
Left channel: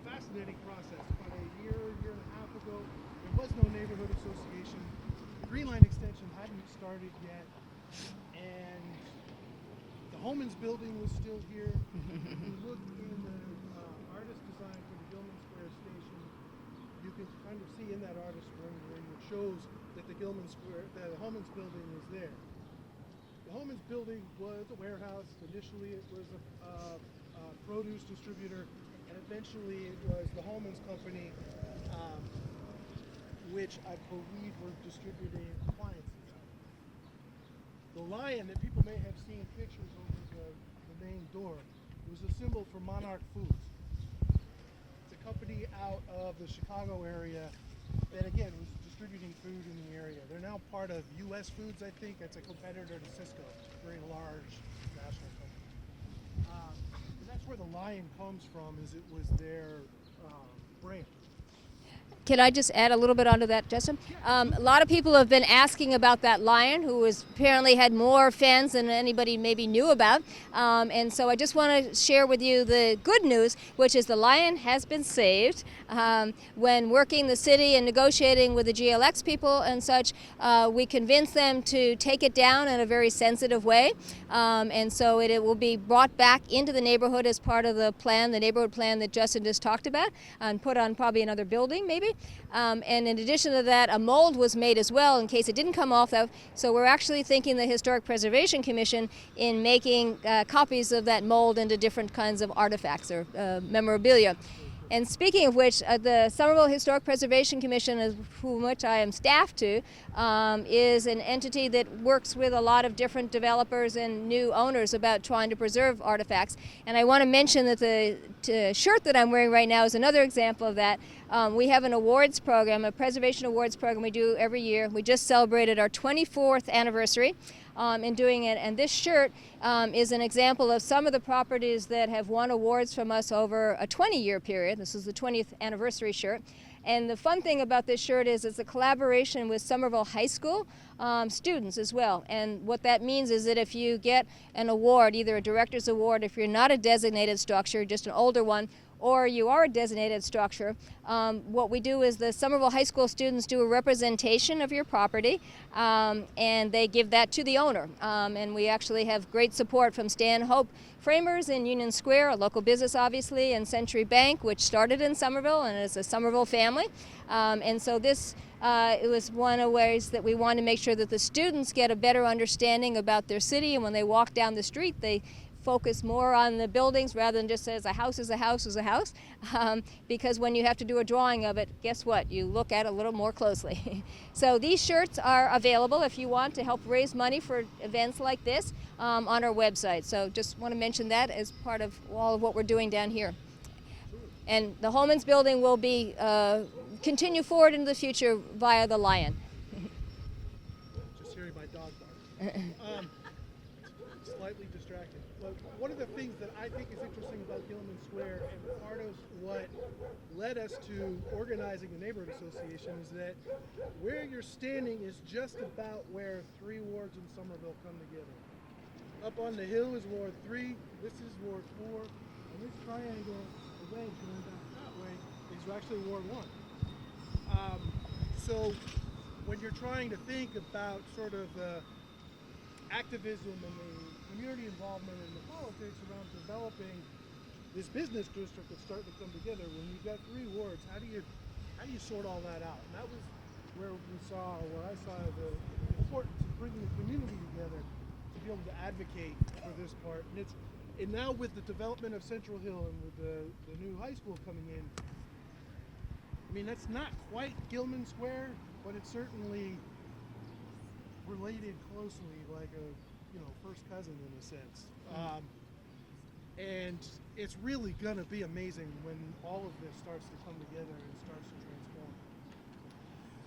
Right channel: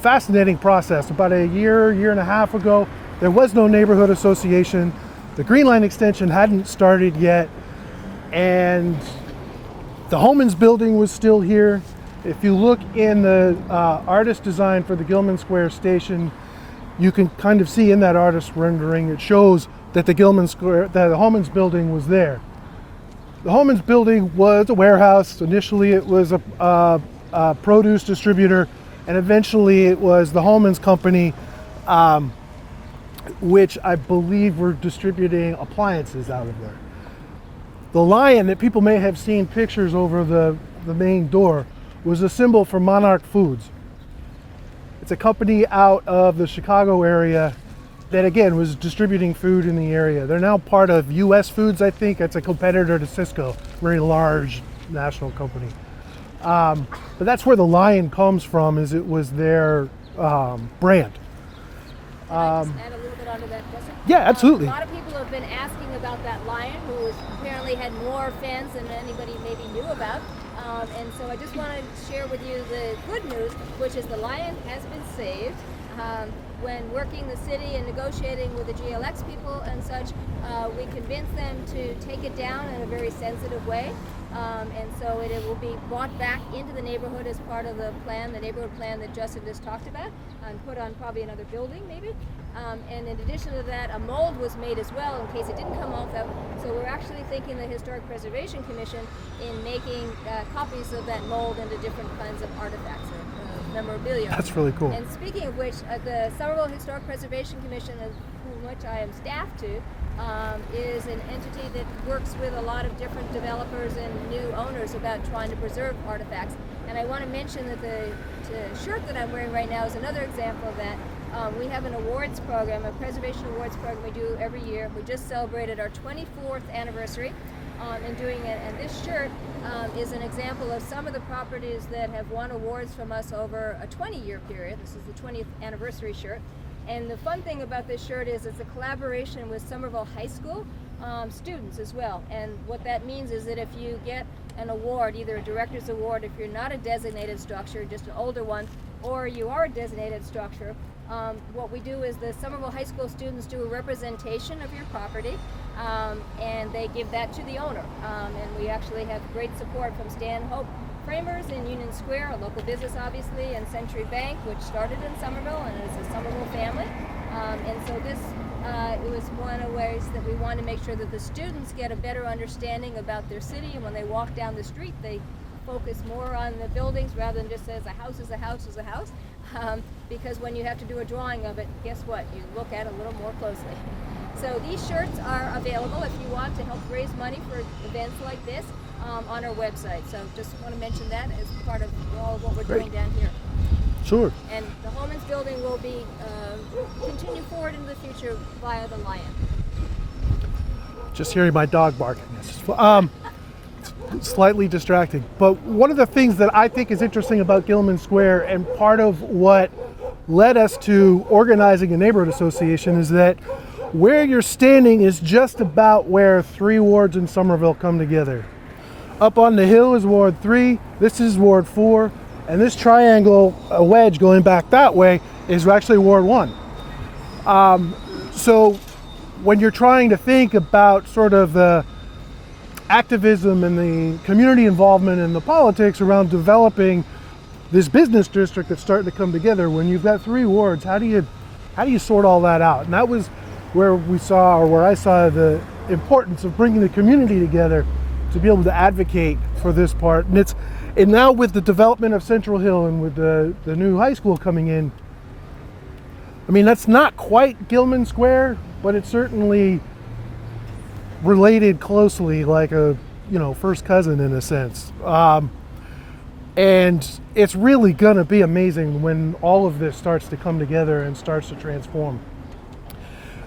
fascinating process. About a year and a half ago, there was no neighborhood association. The Green Line extension hadn't started yet, and the Homans building was still here. If you look in the artist design for the Gilman Square station, you can kind of see in that artist rendering, it shows that the Homans building was there. The Homans building was a warehouse. Initially it was a produce distributor, and eventually it was the Homans Company, which I believe were distributing appliances out of there. The lion that people may have seen pictures over the main door was a symbol for Monarch Foods. It's a company out of the Chicago area that, again, was distributing food in the area. They're now part of US Foods, I think. It's a competitor to Cisco, very large national company. But that's where the lion comes from, is it was their brand. Can I just add a little bit onto that, Justin? Yeah, absolutely. A lot of people have been asking about that lion, who apparently had more fans than anybody maybe knew about. And so I just want to share with you the good news, which is the lion has been saved. When working the city and negotiating with the GLX people and such, we convinced them to take it down in a very sensitive way. And so it will be brought back into the neighborhood as part of the plan, the neighborhood plan that Justin just talked about, and put on probably another building maybe. And in addition to that, a mold was made as well in case it didn't come off that. So we're actually thanking the Historic Preservation Commission in making copies of that mold into different kinds of artifacts or memorabilia. That's really cool. And speaking of which, the Somerville Historic Preservation Commission, of which I am staff to, is an entity that works with a lot of different developers and new owners about trying to preserve artifacts. And I want to mention that the shirt that I'm wearing right now is another example of that. We have an awards program, a preservation awards program we do every year. We just celebrated our 24th anniversary. in doing it. And this shirt is an example of some of the properties that have won awards from us over a 20-year period. This is the 20th anniversary shirt. And the fun thing about this shirt is it's a collaboration with Somerville High School students as well. And what that means is that if you get an award, either a director's award, if you're not a designated structure, just an older one, or you are a designated structure, what we do is the Somerville High School students do a representation of your property, and they give that to the owner. And we actually have great support from Stan Hope Framers in Union Square, a local business obviously, and Century Bank, which started in Somerville and is a Somerville family. And so this it was one of the ways that we want to make sure that the students get a better understanding about their city, and when they walk down the street, they focus more on the buildings rather than just as a house is a house is a house. Because when you have to do a drawing of it, guess what? You look at it a little more closely. So these shirts are available if you want to help raise money for events like this on our website. So just want to mention that as part of all of what we're doing down here. Sure. And the Holman's building will be continue forward into the future via the Lion. Just hearing my dog barking. Slightly distracting. But one of the things that I think is interesting about Gilman Square, and part of what led us to organizing a neighborhood association, is that where you're standing is just about where 3 wards in Somerville come together. Up on the hill is Ward 3, this is Ward 4, and this triangle, a wedge going back that way, is actually Ward 1. So when you're trying to think about sort of the activism and the community involvement and the politics around developing this business district that's starting to come together, when you've got 3 wards, how do you sort all that out? And that was where I saw the importance of bringing the community together to be able to advocate for this part. And now with the development of Central Hill and with the new high school coming in, I mean, that's not quite Gilman Square, but it's certainly related closely, like a first cousin in a sense. And it's really gonna be amazing when all of this starts to come together and starts to transform.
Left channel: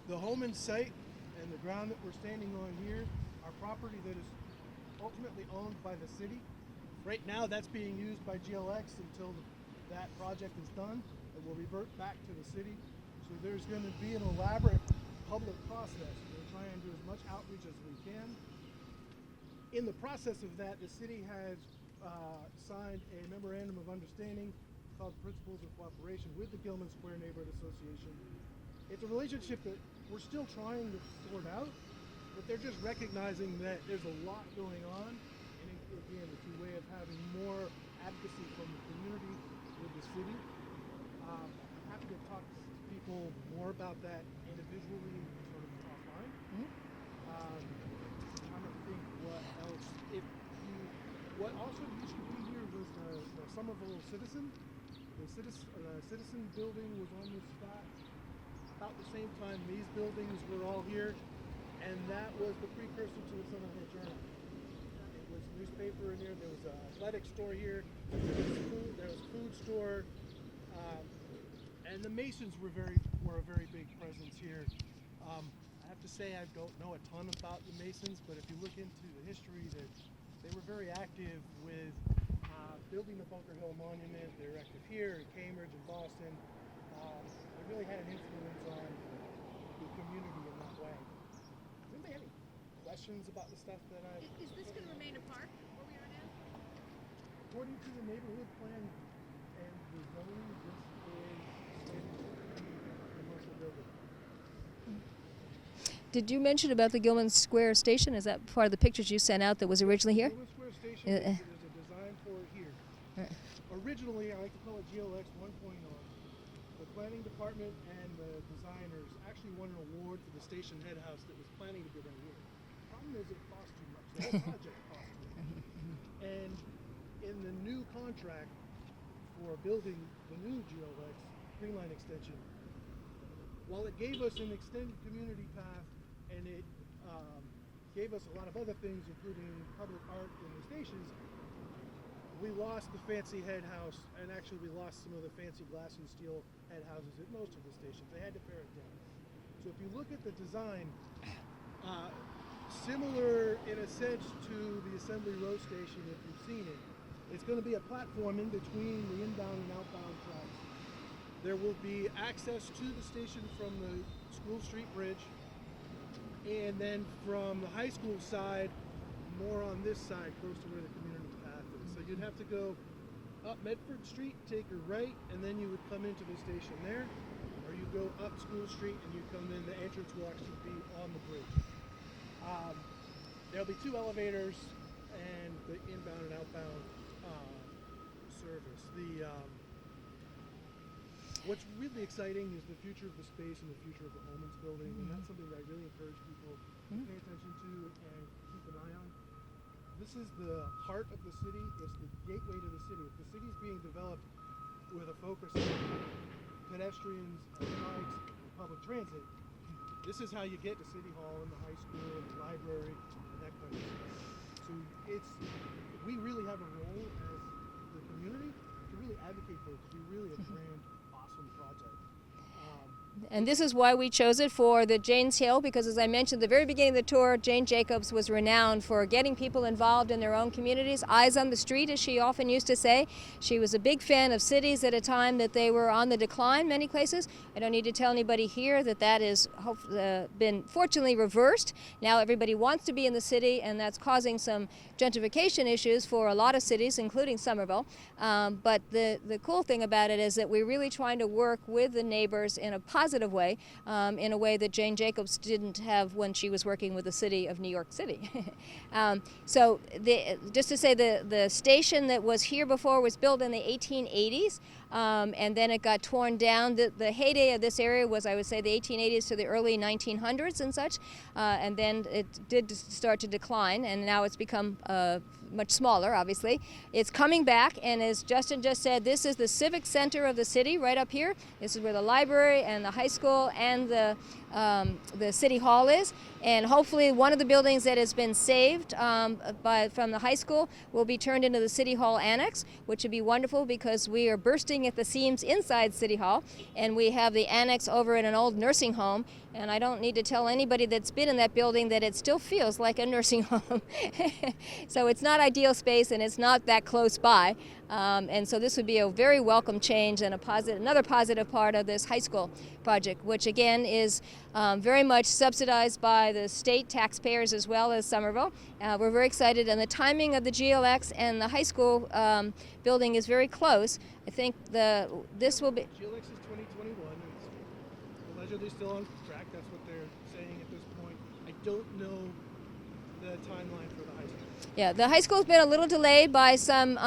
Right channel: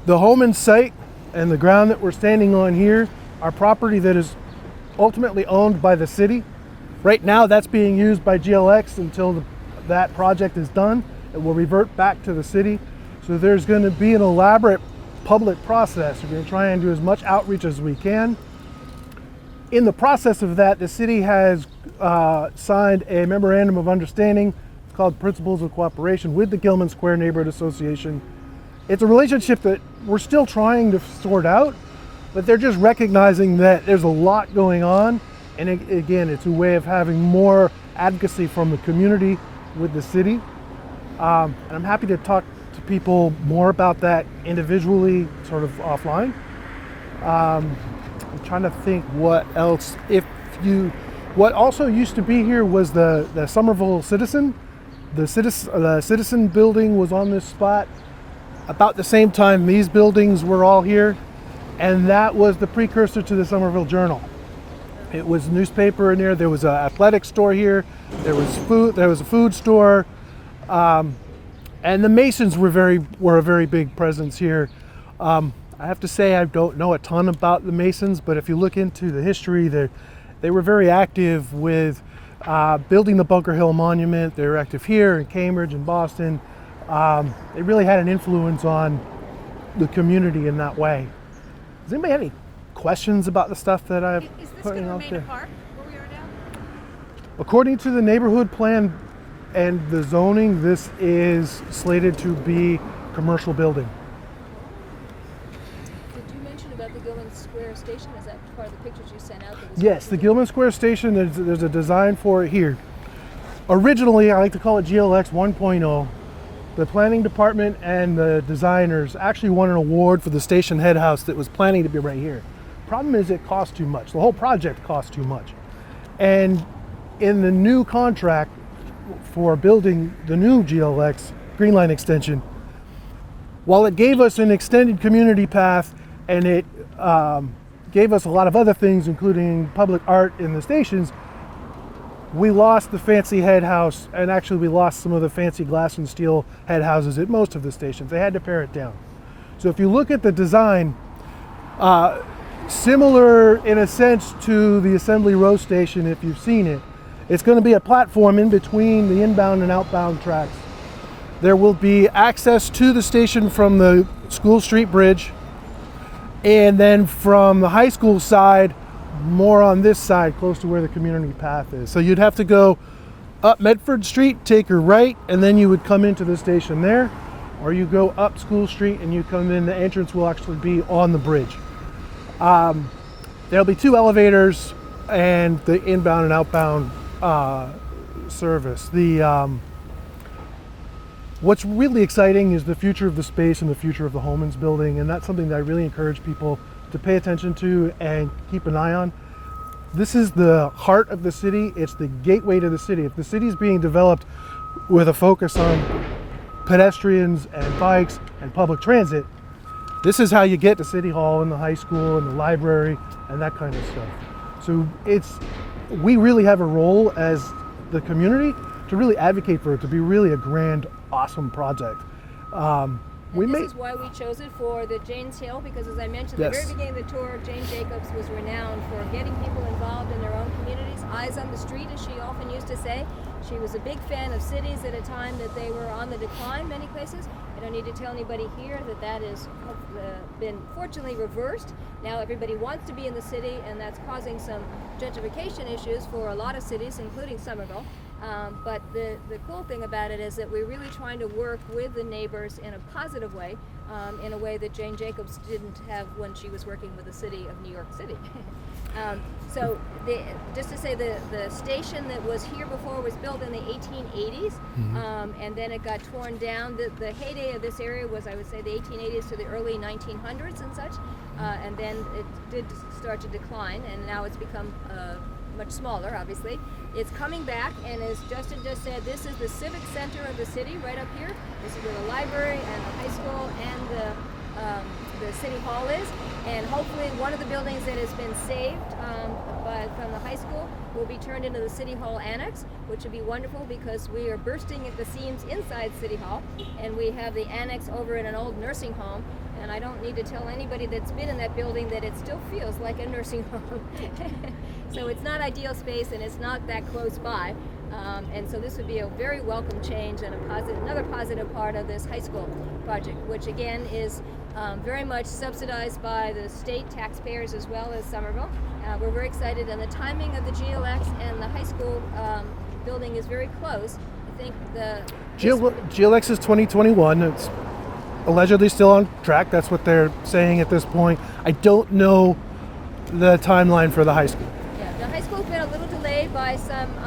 The Holman site and the ground that we're standing on here are property that is ultimately owned by the city. Right now that's being used by GLX until that project is done. It will revert back to the city. So there's going to be an elaborate public process. We're going to try and do as much outreach as we can. In the process of that, the city has signed a memorandum of understanding. It's called Principles of Cooperation with the Gilman Square Neighborhood Association. It's a relationship that we're still trying to sort out, but they're just recognizing that there's a lot going on. And again, it's a way of having more advocacy from the community with the city. And I'm happy to talk to people more about that individually, sort of offline. I'm trying to think what else. What also used to be here was the Somerville Citizen. The Citizen building was on this spot about the same time these buildings were all here, and that was the precursor to the Somerville Journal. It was a newspaper in there. There was an athletic store here. There was food. There was a food store, and the Masons were a very big presence here. I have to say I don't know a ton about the Masons, but if you look into the history, they were very active with building the Bunker Hill Monument. They were active here in Cambridge and Boston. They really had an influence on the community in that way. Does anybody have any questions about the stuff that I've put out there? Park where we are now? According to the neighborhood plan and the zoning, this is slated to be commercial building. Did you mention about the Gilman Square station? Is that part of the pictures you sent out that was Yes, originally the here? Gilman Square station, there's a design for it here. Originally, I like to call it GLX 1.0. The planning department and the designers actually won an award for the station head house that was planning to be right here. Problem is it cost too much. The whole project cost too much. And in the new contract for building the new GLX Green Line extension, while it gave us an extended community path and it gave us a lot of other things, including public art in the stations, we lost the fancy head house, and actually we lost some of the fancy glass and steel head houses at most of the stations. They had to pare it down. So if you look at the design, similar in a sense to the Assembly Row station if you've seen it. It's going to be a platform in between the inbound and outbound tracks. There will be access to the station from the School Street Bridge, and then from the high school side, more on this side, close to where the community path is. So you'd have to go up Medford Street, take a right, and then you would come into the station there, or you go up School Street and you come in, the entrance will actually be on the bridge. There'll be 2 elevators and the inbound and outbound service. What's really exciting is the future of the space and the future of the Holman's building, and that's something that I really encourage people to pay attention to and keep an eye on. This is the heart of the city. It's the gateway to the city. If the city is being developed with a focus on pedestrians and bikes and public transit, this is how you get to City Hall and the high school and the library and that kind of stuff. So we really have a role as the community to really advocate for it to be really a grand, awesome project. And this is why we chose it for the Jane's Hill, because as I mentioned at the very beginning of the tour, Jane Jacobs was renowned for getting people involved in their own communities, eyes on the street, as she often used to say. She was a big fan of cities at a time that they were on the decline many places. I don't need to tell anybody here that that has been fortunately reversed. Now everybody wants to be in the city, and that's causing some gentrification issues for a lot of cities, including Somerville. But the cool thing about it is that we're really trying to work with the neighbors in a positive way, in a way that Jane Jacobs didn't have when she was working with the city of New York City. Just to say, the station that was here before was built in the 1880s, and then it got torn down. The heyday of this area was, I would say, the 1880s to the early 1900s and such, and then it did start to decline, and now it's become much smaller, obviously. It's coming back, and as Justin just said, this is the civic center of the city right up here. This is where the library and the high school and the city hall is, and hopefully one of the buildings that has been saved from the high school will be turned into the city hall annex, which would be wonderful because we are bursting at the seams inside city hall, and we have the annex over at an old nursing home, and I don't need to tell anybody that's been in that building that it still feels like a nursing home. So it's not ideal space, and it's not that close by. And so this would be a very welcome change and another positive part of this high school project, which again is very much subsidized by the state taxpayers as well as Somerville. We're very excited, and the timing of the GLX and the high school building is very close. I think GLX is 2021. It's allegedly still on track. That's what they're saying at this point. I don't know the timeline for the high school. Yeah, the high school's been a little delayed by some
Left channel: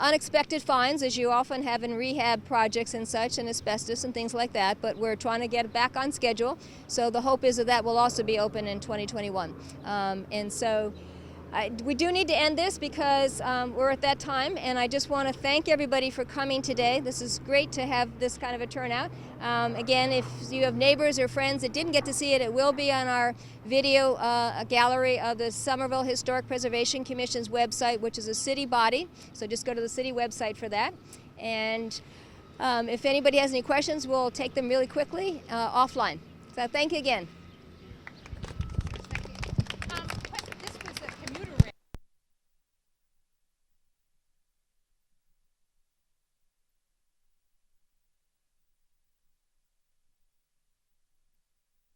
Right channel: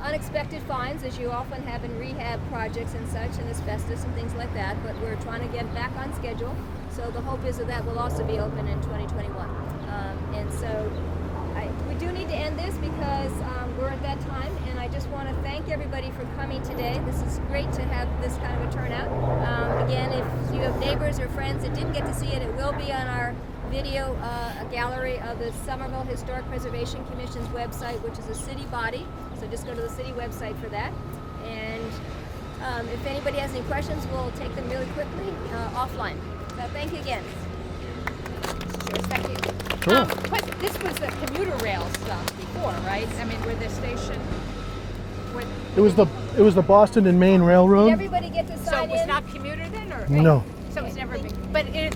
unexpected finds, as you often have in rehab projects and such, and asbestos and things like that, but we're trying to get back on schedule. So the hope is that will also be open in 2021. And so we do need to end this because we're at that time, and I just want to thank everybody for coming today. This is great to have this kind of a turnout. Again, if you have neighbors or friends that didn't get to see it, it will be on our video gallery of the Somerville Historic Preservation Commission's website, which is a city body. So just go to the city website for that. And if anybody has any questions, we'll take them really quickly offline. So thank you again. Cheers, thank you. Cool. This was the commuter rail stuff before, right? I mean, where the station. It was the Boston and Maine Railroad. Did everybody get to sign So it was in? not commuter then, or No. So it's never been. But it.